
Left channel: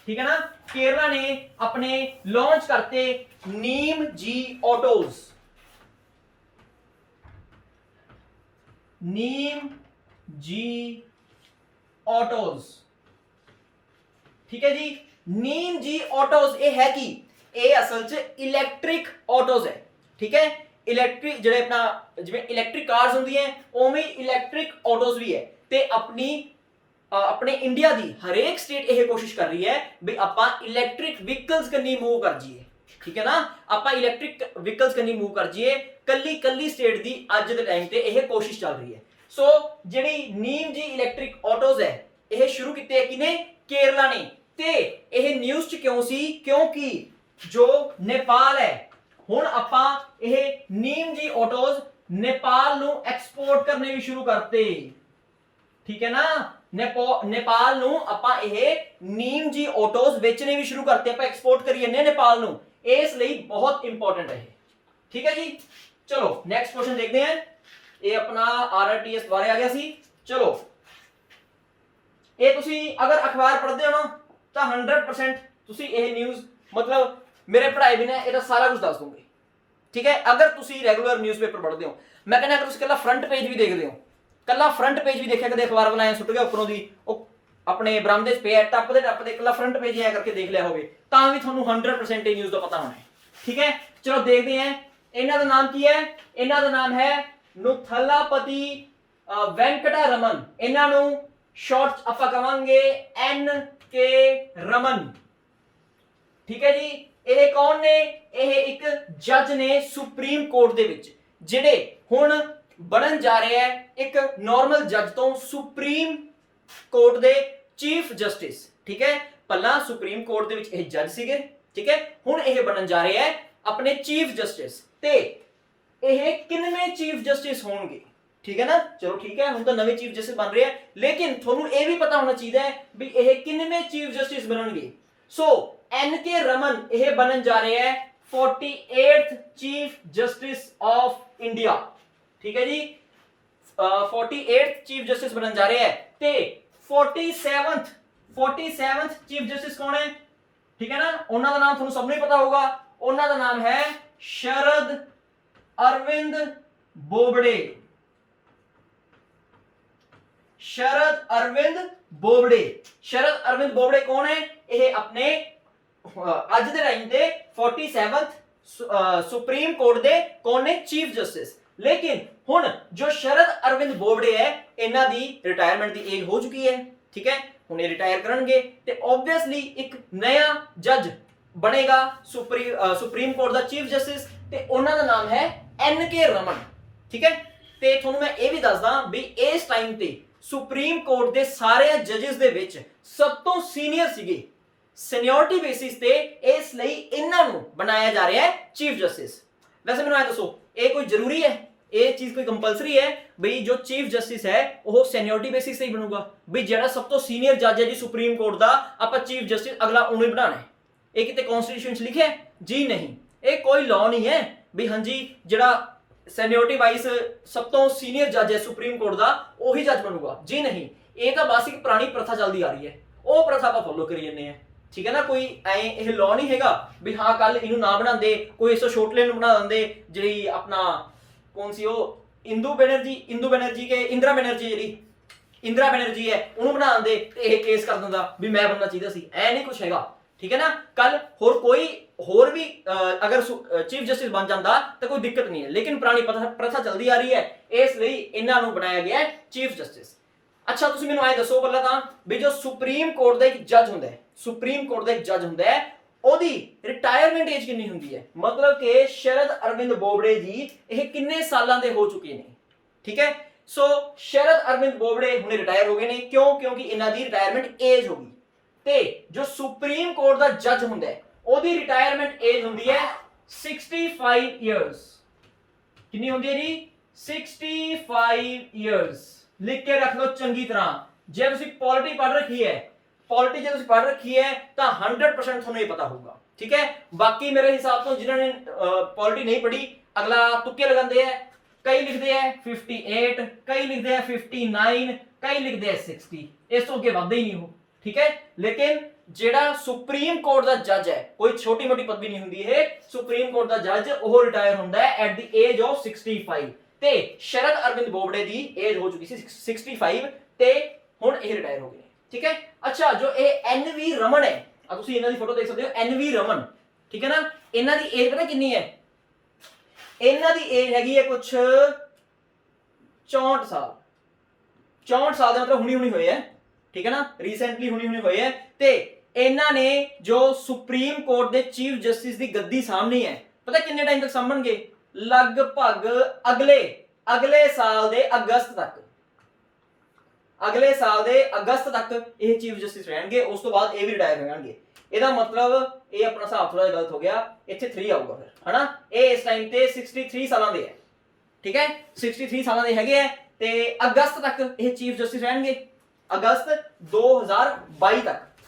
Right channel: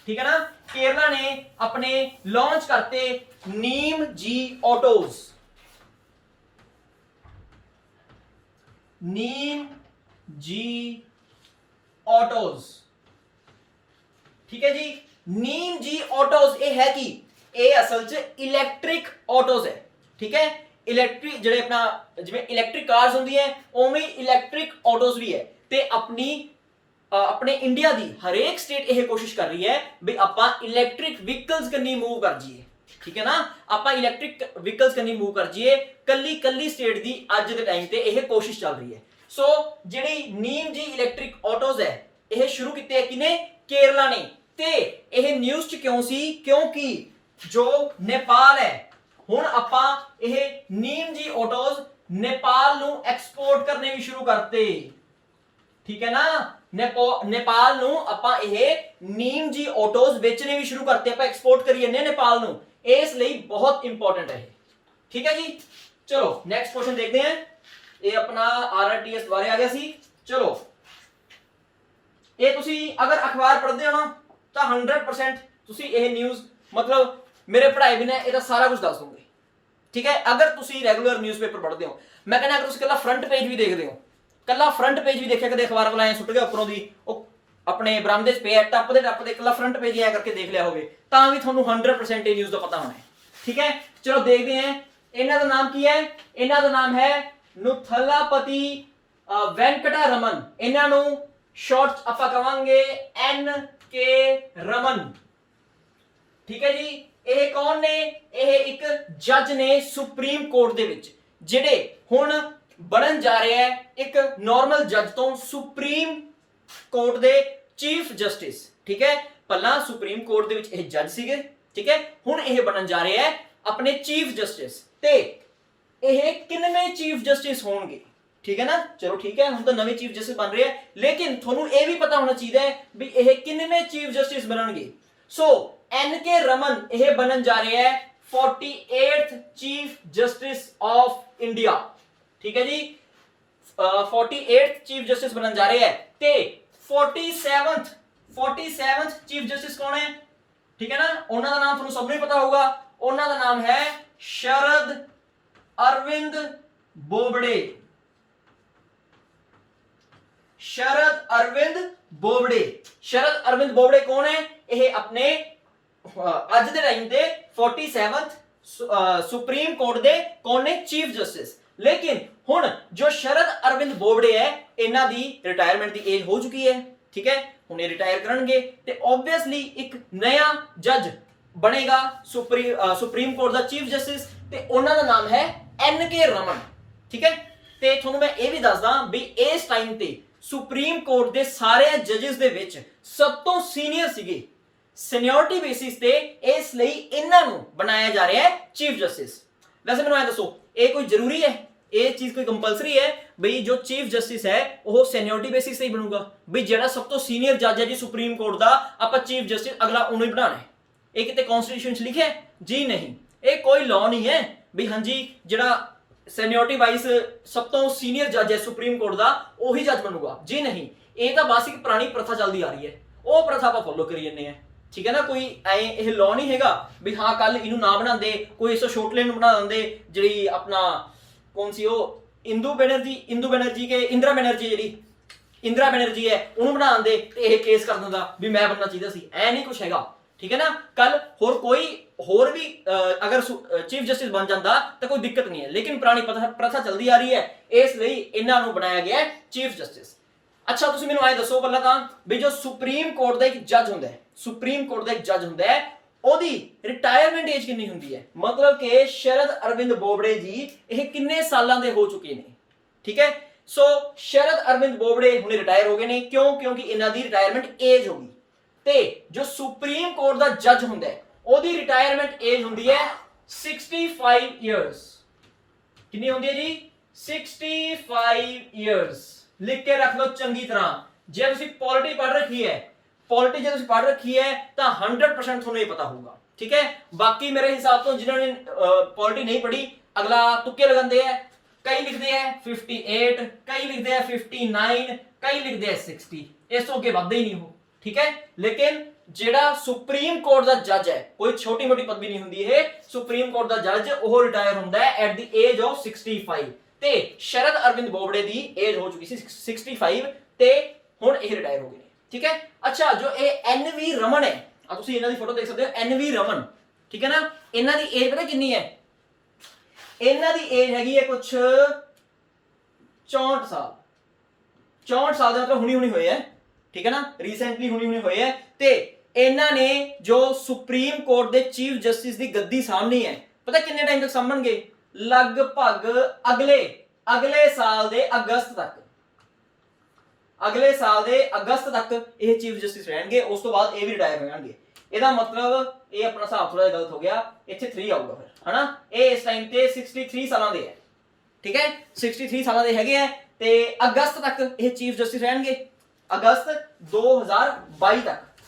ठीक है ना, केरला ने अपने लॉन्च करते नीम जी ऑटोज, नीम जी ऑटोज। ठीक है जी, नीम जी ऑटोज ये है कि ये असल च इलैक्ट्रिक ऑटोज है। ठीक है, इलैक्ट्रिक जो अपना जिवें इलैक्ट्रिक कार्स होंदी है उवें इलैक्ट्रिक ऑटोज भी है ते अपने इंडिया दी हरेक स्टेट यह कोशिश कर रही है भी आपां इलैक्ट्रिक व्हीकल्स कन्नी मूव कर जाइए। ठीक है ना, आपां इलैक्ट्रिक व्हीकल्स कन्नी मूव कर जाइए। कल्ली स्टेट दी अज दे टाइम ते यह कोशिश चल रही है। सो जिहड़ी नीम जी इलैक्ट्रिक ऑटोज है यह शुरू कीते है किने, केरला ने। ते यह न्यूज़ च क्यों सी, क्योंकि जो नेपाल है हुण आपां यह नीम जी ऑटोज नेपाल नूं एक्सपोर्ट करने भी शुरू करते। ठीक है ना, नेपाल नूं आपां यह नीम जी ऑटोज बेचने भी शुरू करते, आपां एक्सपोर्ट करी जन्ने नेपाल नूं, इस लई बहुत इंपॉर्टेंट है। ठीक है जी, चलो नेक्स्ट क्वेश्चन देखते हैं। ये अपना आरआरटीएस बारे आ गया सी। चलो ये तुसी अगर अखबार पढ़ते हो ना तो 100% तुसी यह न्यूज़ मतलब मेरे पढ़ाए बिना ये सारा कुछ दस दूंगे। ठीक है, अगर तुसी रेगुलर न्यूज़पेपर पढ़ते हो, मैं कहना अगर तुसी कल्ला फ्रंट पेज भी देखते हो, कल्ला फ्रंट पेज भी देखिया, कदे अखबार वाला सुट गया उपरों दी अपने बरामदे च पे टप दे कल्ला फ्रंट पेज ऐ करके देख लिया होवे तां भी तुहानू 100% न्यूज़ का पता होना है। ठीक है, चलो देखते हैं इन्हां दा नाम की है। इन्हां दा नाम है नुथलापति वेंकटा रमन। इन्हां नू शॉर्ट आपां कहांगे NK रमन। ठीक है जी, ਇਹ ਕੌਣ ਨੇ? ਇਹ ਇੱਕ ਜੱਜ ਨੇ ਸੁਪਰੀਮ ਕੋਰਟ ਦੇ ਵਿੱਚ, ਜਿਹੜੇ ਹੁਣ ਬਣਨ ਜਾ ਰਿਹਾ ਹੈ ਇੱਕ ਨਾਰਮਲ ਜੱਜ ਤੋਂ ਸੁਪਰੀਮ ਕੋਰਟ ਦੇ ਚੀਫ ਜਸਟਿਸ। ਠੀਕ ਹੈ, ਪਹਿਲਾਂ ਸੁਪਰੀਮ ਕੋਰਟ ਦੇ ਵਿੱਚ ਇਹ ਜੱਜ ਸੀਗੇ। ਠੀਕ ਹੈ, ਹੁਣ ਇਹ ਬਣਨ ਜਾ ਰਿਹਾ ਹੈ ਆਪਣੇ ਚੀਫ ਜਸਟਿਸ। ਤੇ ਇਹ ਕਿੰਨਵੇਂ ਚੀਫ ਜਸਟਿਸ ਹੋਣਗੇ? ठीक है ना, चलो ठीक है, हम तो नवे चीफ जस्टिस बन रहे हैं, लेकिन थोनू ये भी पता होना चाहिए भी यह किन्नवें चीफ जस्टिस बननगे। सो NK रमन यह बनन जा रहे हैं 48th chief justice of India. ठीक है जी, 48th चीफ जस्टिस बनन जा रहे हैं। ते 47th चीफ जस्टिस कौन है? ठीक है ना, उन्होंने नाम थोनू सबने पता होगा। उन्होंने नाम है शरद अरविंद बोबडे। शरद अरविंद बोबडे। शरद अरविंद बोबडे कौन है? यह अपने अज दे टाइम ते 47th सुप्रीम कोर्ट दे कौन ने चीफ जस्टिस। लेकिन हुण जो शरद अरविंद बोबडे है इन्हां दी रिटायरमेंट दी एज हो चुकी है। ठीक है, हुण ये रिटायर करनगे ते ऑब्वियसली एक नया जज बनेगा सुप्रीम कोर्ट दा चीफ जस्टिस ते उन्हां दा नाम है NK रमन। ठीक है, ते तुहानू मैं ये भी दसदा भी इस टाइम ते सुप्रीम कोर्ट दे सारे जजेस दे विच सब तो सीनियर सीगे सीनियरिटी बेसिस ते, इसलिए इन्हां नू बनाया जा रहा है चीफ जस्टिस। वैसे मैनूं ऐ दसो ये कोई जरूरी है, ये चीज़ कोई कंपलसरी है बई जो चीफ जस्टिस है वह सीनियरिटी बेसिस से ही बनूगा? बई जिहड़ा सब तो सीनियर जज है जी सुप्रीम कोर्ट का आपां चीफ जस्टिस अगला उन्होंने ही बनाना है? ये किते कॉन्स्टिट्यूशन च लिखिआ है? जी नहीं, ये कोई लॉ नहीं है भी हाँ जी जिहड़ा सीनियरिटी वाइज सब तो सीनियर जज है सुप्रीम कोर्ट का वही जज बनूगा। जी नहीं, ये तो बस एक पुरानी प्रथा चलती आ रही है, वो प्रथा आप फॉलो करी जन्ने हैं। ठीक है ना, कोई यह लॉ नहीं हैगा भी हाँ कल इनू ना बनाते कोई इस छोटले बना देंगे जी अपना कौन सी वो इंदरा बनर्जी है उन्होंने बना देंगे ये केस कर देंदा भी मैं बनना चाहिए सी। ऐ नहीं कुछ हैगा। ठीक है ना, कल होर भी अगर चीफ जस्टिस बन जाता तो कोई दिक्कत नहीं है, लेकिन पुरानी प्रथा चलती आ रही है इसलिए इन्हों बनाया गया है चीफ जस्टिस। अच्छा तुसीं मैनूं ऐ दसो पहला तां भी जो सुप्रीम कोर्ट का एक जज हुंदा है, सुप्रीम कोर्ट का एक जज हुंदा है ओदी रिटायरमेंट एज कितनी हुंदी है? मतलब कि शरद अरविंद बोबडे जी ये किन्ने सालां दे हो चुके हैं? ठीक है, सो शरद अरविंद बोबडे हुणे रिटायर हो गए ने, क्यों? क्योंकि इन्हां दी रिटायरमेंट एज हो गई। ते जो सुप्रीम कोर्ट का जज हुंदा है ओदी रिटायरमेंट एज हुंदी है 65 ईयर्स कितनी होंदी है जी 65 ईयर्स लिख के रख लो चंगी तरह जे तुसी पॉलिटी पढ़ रखी है पॉलिटी जे तुसी पढ़ रखी है तो 100% ਤੁਹਾਨੂੰ ਇਹ ਪਤਾ ਹੋਊਗਾ ठीक है बाकी मेरे हिसाब तो जिन्होंने पॉलिटी नहीं पढ़ी अगला तुक्के लगाते हैं कई लिखते हैं 58 कई लिखते हैं 59 कई लिखते हैं 60 इस तो अगे बढ़ते ही नहीं हो ठीक है लेकिन जेड़ा सुप्रीम कोर्ट दा जज है कोई छोटी मोटी पदवी नहीं हुंदी है सुप्रीम कोर्ट दा जज ਉਹ रिटायर ਹੁੰਦਾ है एट द एज ऑफ 65 ਤੇ शरद अरविंद बोबड़े दी एज हो चुकी सी 65 ਤੇ ਹੁਣ ਇਹ ਰਿਟਾਇਰ ਹੋ ਗਏ ਨੇ ठीक है अच्छा जो ਇਹ एनवी रमन है ਆ ਤੁਸੀਂ ਇਹਨਾਂ ਦੀ ਫੋਟੋ ਦੇਖ ਸਕਦੇ ਹੋ ਐਨਵੀ ਰਮਨ ਠੀਕ ਹੈ ਨਾ ਇਹਨਾਂ ਦੀ ਏਜ ਪਤਾ ਕਿੰਨੀ ਹੈ ਇਹਨਾਂ ਦੀ ਏਜ ਹੈਗੀ ਹੈ ਕੁਝ 64 ਸਾਲ 64 ਸਾਲ ਦੇ ਮਤਲਬ ਹੁਣੀ ਹੋਏ ਹੈ ਠੀਕ ਹੈ ਨਾ ਰੀਸੈਂਟਲੀ ਹੁਣੀ ਹੋਏ ਹੈ ਤੇ ਇਹਨਾਂ ਨੇ ਜੋ ਸੁਪਰੀਮ ਕੋਰਟ ਦੇ ਚੀਫ ਜਸਟਿਸ ਦੀ ਗੱਦੀ ਸਾਹਮਣੀ ਹੈ ਪਤਾ ਕਿੰਨੇ ਟਾਈਮ ਤੱਕ ਸਾਂਭਣਗੇ ਲਗਭਗ ਅਗਲੇ ਸਾਲ ਦੇ ਅਗਸਤ ਤੱਕ अगले साल दे अगस्त तक ये चीफ जस्टिस रहणगे उस तो बाद ये भी रिटायर हो जाएंगे ਇਹਦਾ ਮਤਲਬ ਇਹ ਆਪਣਾ ਹਿਸਾਬ ਥੋੜਾ ਜਿਹਾ ਗਲਤ ਹੋ ਗਿਆ ਇੱਥੇ 3 ਆਊਗਾ ਫਿਰ ਹਨਾ ਇਹ ਇਸ ਟਾਈਮ ਤੇ 63 ਸਾਲਾਂ ਦੇ ਹੈ ਠੀਕ ਹੈ 63 ਸਾਲਾਂ ਦੇ ਹੈਗੇ ਆ ਤੇ ਅਗਸਤ ਤੱਕ ਇਹ ਚੀਫ ਜਸਟਿਸ ਰਹਿਣਗੇ ਅਗਸਤ 2022 ਤੱਕ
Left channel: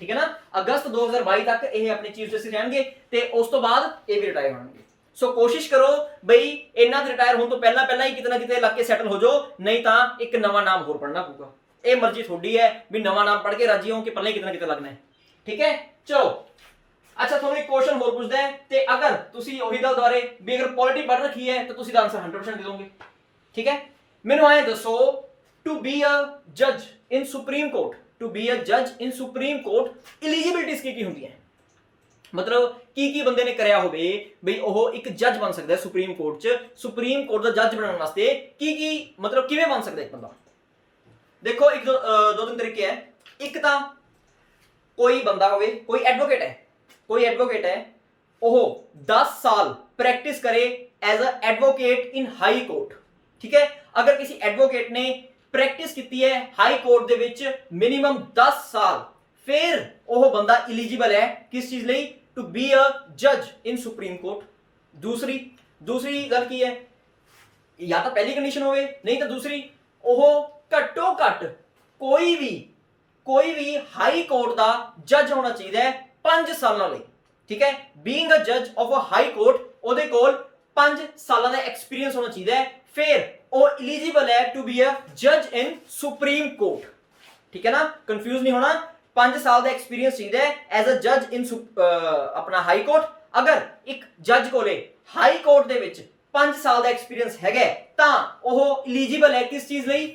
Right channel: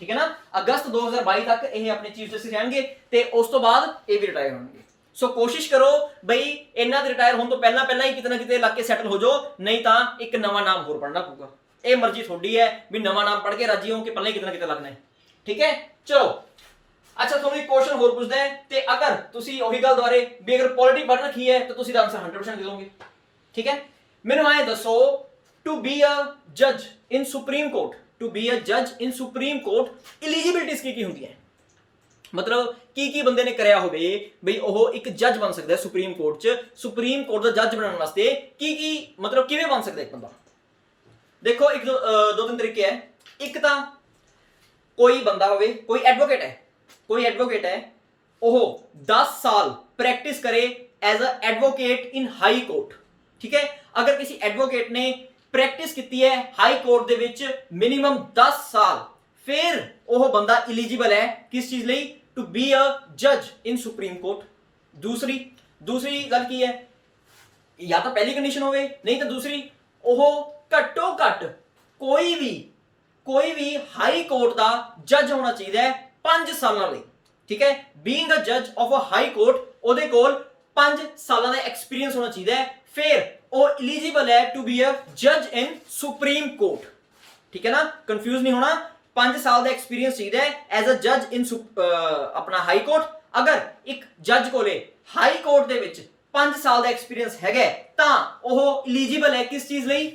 ਠੀਕ ਹੈ ਨਾ ਅਗਸਤ 2022 ਤੱਕ ਇਹ ਆਪਣੇ ਚੀਫ ਜਸਟਿਸ ਰਹਿਣਗੇ ਤੇ ਉਸ ਤੋਂ ਬਾਅਦ ਇਹ ਵੀ ਰਿਟਾਇਰ ਹੋਣਗੇ ਸੋ ਕੋਸ਼ਿਸ਼ ਕਰੋ ਬਈ ਇਹਨਾਂ ਦੇ ਰਿਟਾਇਰ ਹੋਣ ਤੋਂ ਪਹਿਲਾਂ ਹੀ ਕਿਤੇ ਨਾ ਕਿਤੇ ਲੱਗ ਕੇ ਸੈਟਲ ਹੋ ਜਾਓ ਨਹੀਂ ਤਾਂ ਇੱਕ ਨਵਾਂ ਨਾਮ ਹੋਰ ਪੜਨਾ ਪਊਗਾ ਇਹ ਮਰਜ਼ੀ ਤੁਹਾਡੀ ਹੈ ਵੀ ਨਵਾਂ ਨਾਮ ਪੜ੍ਹ ਕੇ ਰਾਜੀ ਹੋ ਕਿ ਪਹਿਲਾਂ ਹੀ ਕਿਤੇ ਨਾ ਕਿਤੇ ਲੱਗਣਾ ਹੈ ਠੀਕ ਹੈ ਚਲੋ ਅੱਛਾ ਤੁਹਾਨੂੰ ਇੱਕ ਕੁਐਸਚਨ ਹੋਰ ਪੁੱਛਦਾ ਹੈ ਤੇ ਅਗਰ ਤੁਸੀਂ ਉਹੀ ਗੱਲ ਦੁਆਰੇ ਵੀ ਅਗਰ ਪੋਲਿਟੀ ਪੜ੍ਹ ਰੱਖੀ ਹੈ ਤਾਂ ਤੁਸੀਂ ਦਾ ਆਨਸਰ 100% ਦੇ ਦੋਗੇ ਠੀਕ ਹੈ ਮੈਨੂੰ ਆਏ ਦੱਸੋ ਟੂ ਬੀ ਅ ਜੱਜ ਇਨ supreme court to be a ਜੱਜ ਇਨ ਸੁਪਰੀਮ ਕੋਰਟ ਐਲੀਜੀਬਿਲਟੀਜ਼ ਕੀ ਹੁੰਦੀਆਂ मतलब की बंदे ने कराया होवे बई ओह एक जज बन सकता है सुप्रीम कोर्ट च सुप्रीम कोर्ट दा जज बनने वास्ते की मतलब किवें बन सकता है एक बंदा देखो एक दो तीन तरीके है एक तां कोई बंदा होवे कोई एडवोकेट है ओह 10 साल प्रैक्टिस करे as a advocate in high court ठीक है अगर किसी एडवोकेट ने प्रैक्टिस की है हाई कोर्ट दे विच मिनिमम 10 साल फिर ओह बंदा एलिजिबल है किस चीज लई टू बी अ जज इन सुप्रीम कोर्ट दूसरी गल की है या तो पहली कंडीशन होवे नहीं तो दूसरी ओह घट्टो घट कोई भी हाई कोर्ट दा जज होना चाहिए 5 सालां लई ठीक है बीइंग अ जज ऑफ अ हाई कोर्ट ओदे कोल 5 सालां दा एक्सपीरियंस होना चाहिए फिर ओ एलिजिबल है टू बी अ जज इन सुप्रीम कोर्ट ठीक है ना कंफ्यूज नहीं होना 5 साल का एक्सपीरियंस चाहिए एज अ जज इन अपना हाई कोर्ट अगर एक जज कोले हाई कोर्ट दे विच 5 साल का एक्सपीरियंस है तां ओह एलिजिबल है किस चीज लई